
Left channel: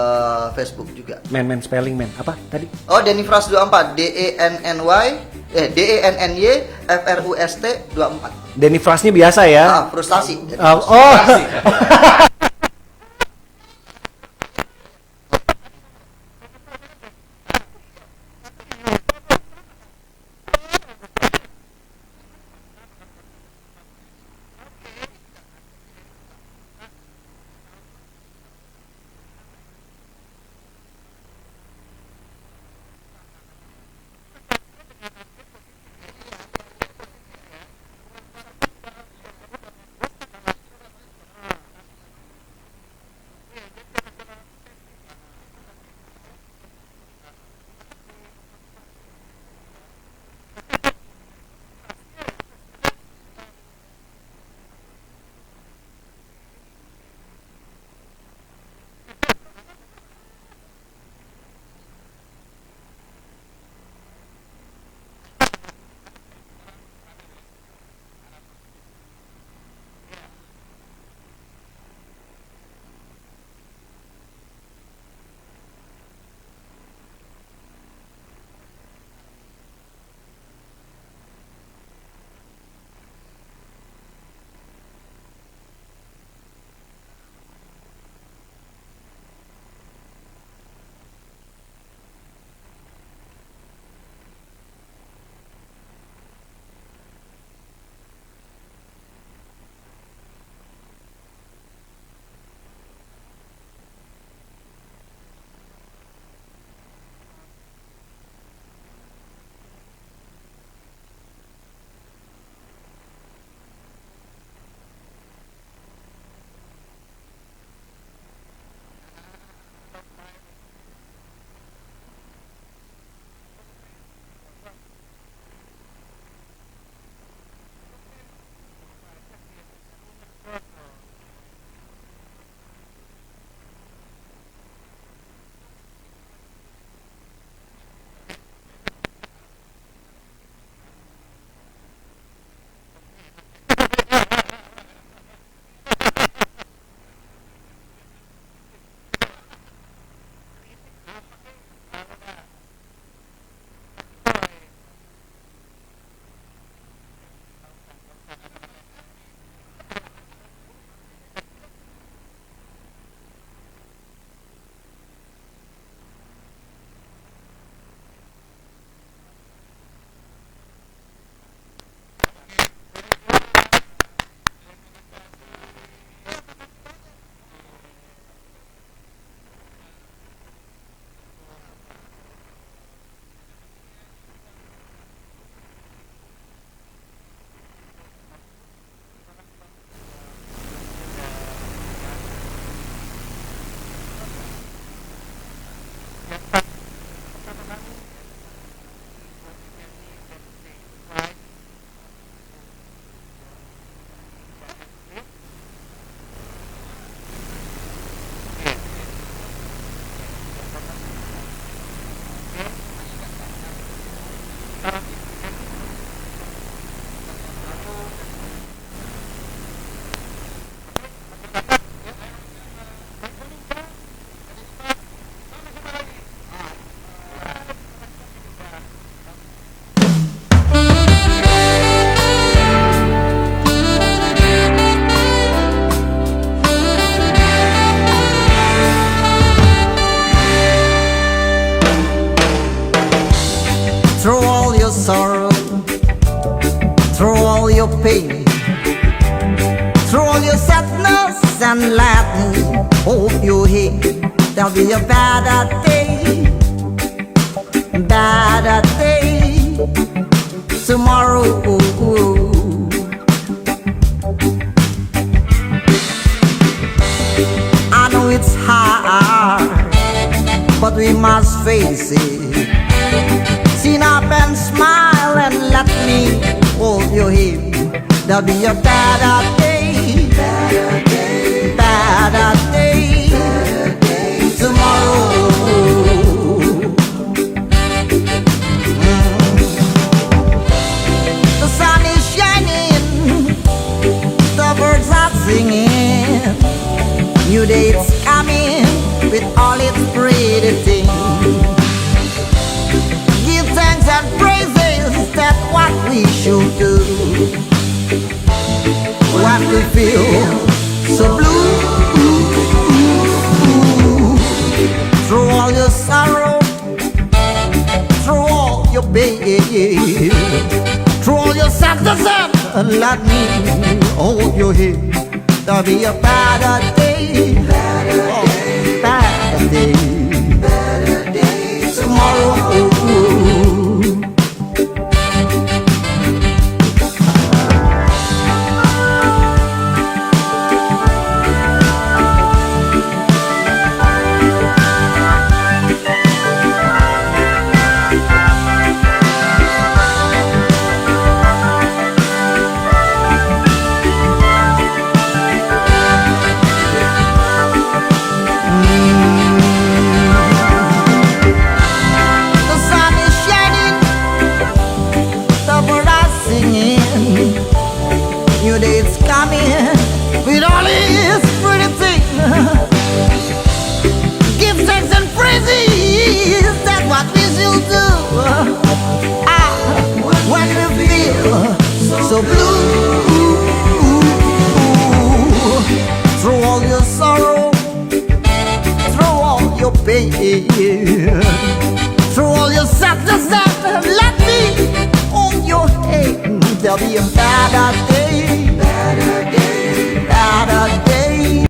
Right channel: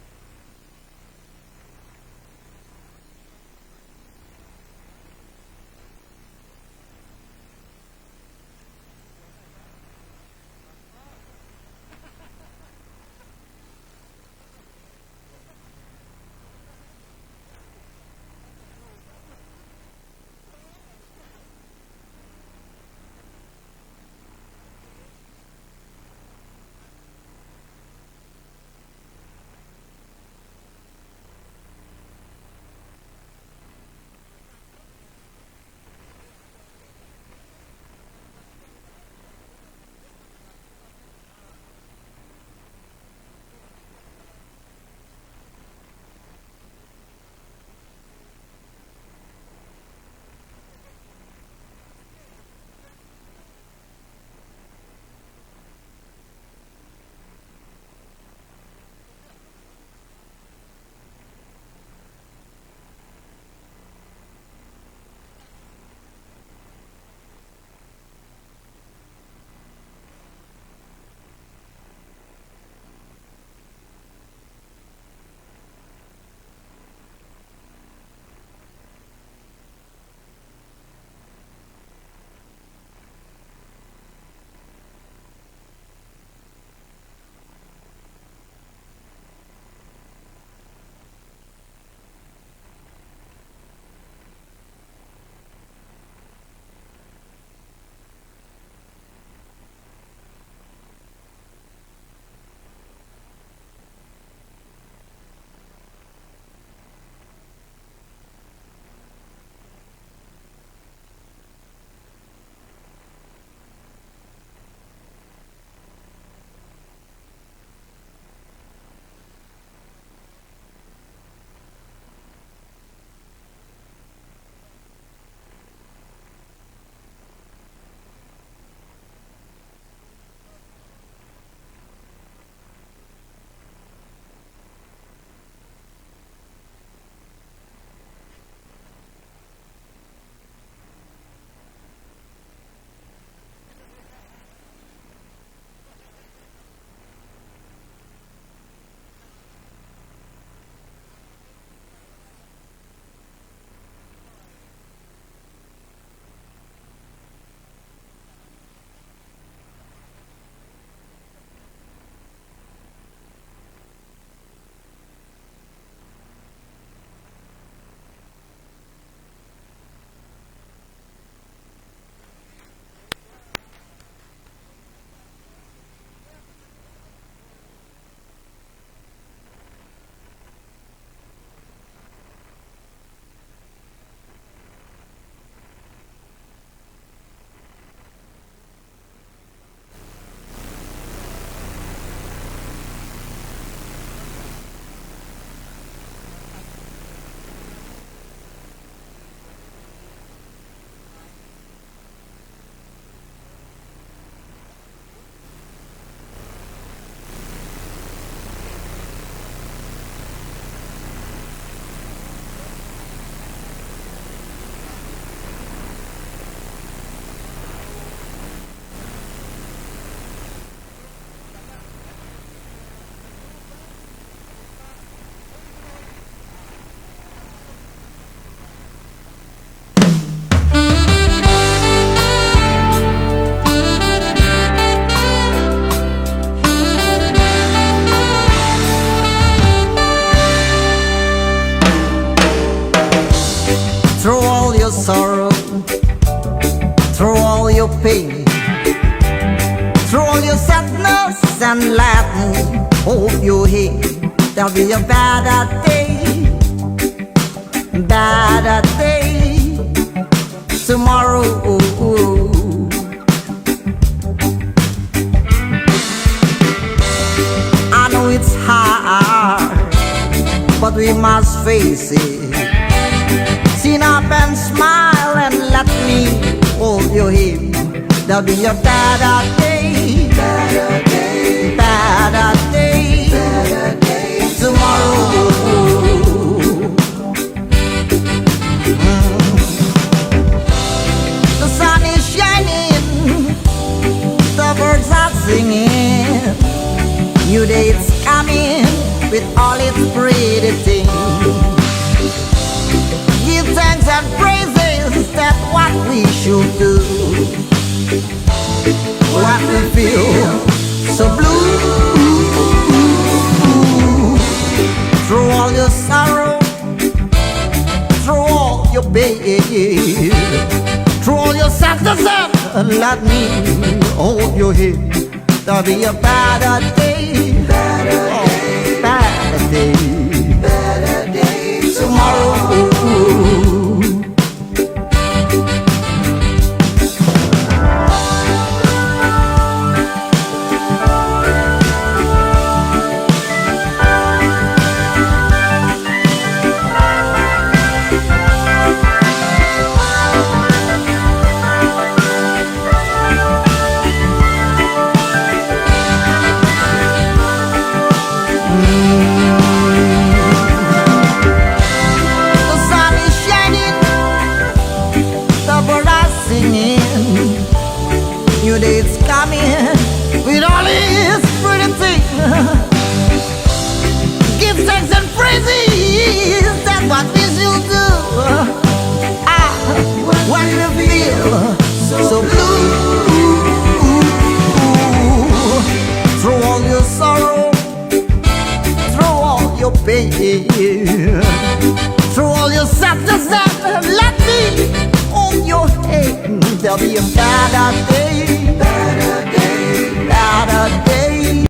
Facebook juga. Men spelling men. Apa tadi? Oh, dennyfras24, DENNYFRUST24. Denny Frasnya biasa ya. Frustasi. Oh. Frasi. through all your pain, through all your sadness, and let me hold your hand. There'll be a better day, tomorrow. I know it's hard, but we must face it. Sit up and smile and let me hold your hand. There'll be a better day, tomorrow. The sun is shining, the birds are singing. New day it's coming with all its pretty things. Give thanks and praises, that's what we should do. What we feel so blue, through all your sorrow, through all your pain, through all your sadness, and let me hold your hand. There'll be a better day, better day, tomorrow. The sun is shining, the birds are singing. New day is coming with all its pretty things. Give thanks and praises, that's what we should do. When we feel so blue, through all your sorrow, through all your pain, through all your sadness, let me hold your hand. There'll be a better day.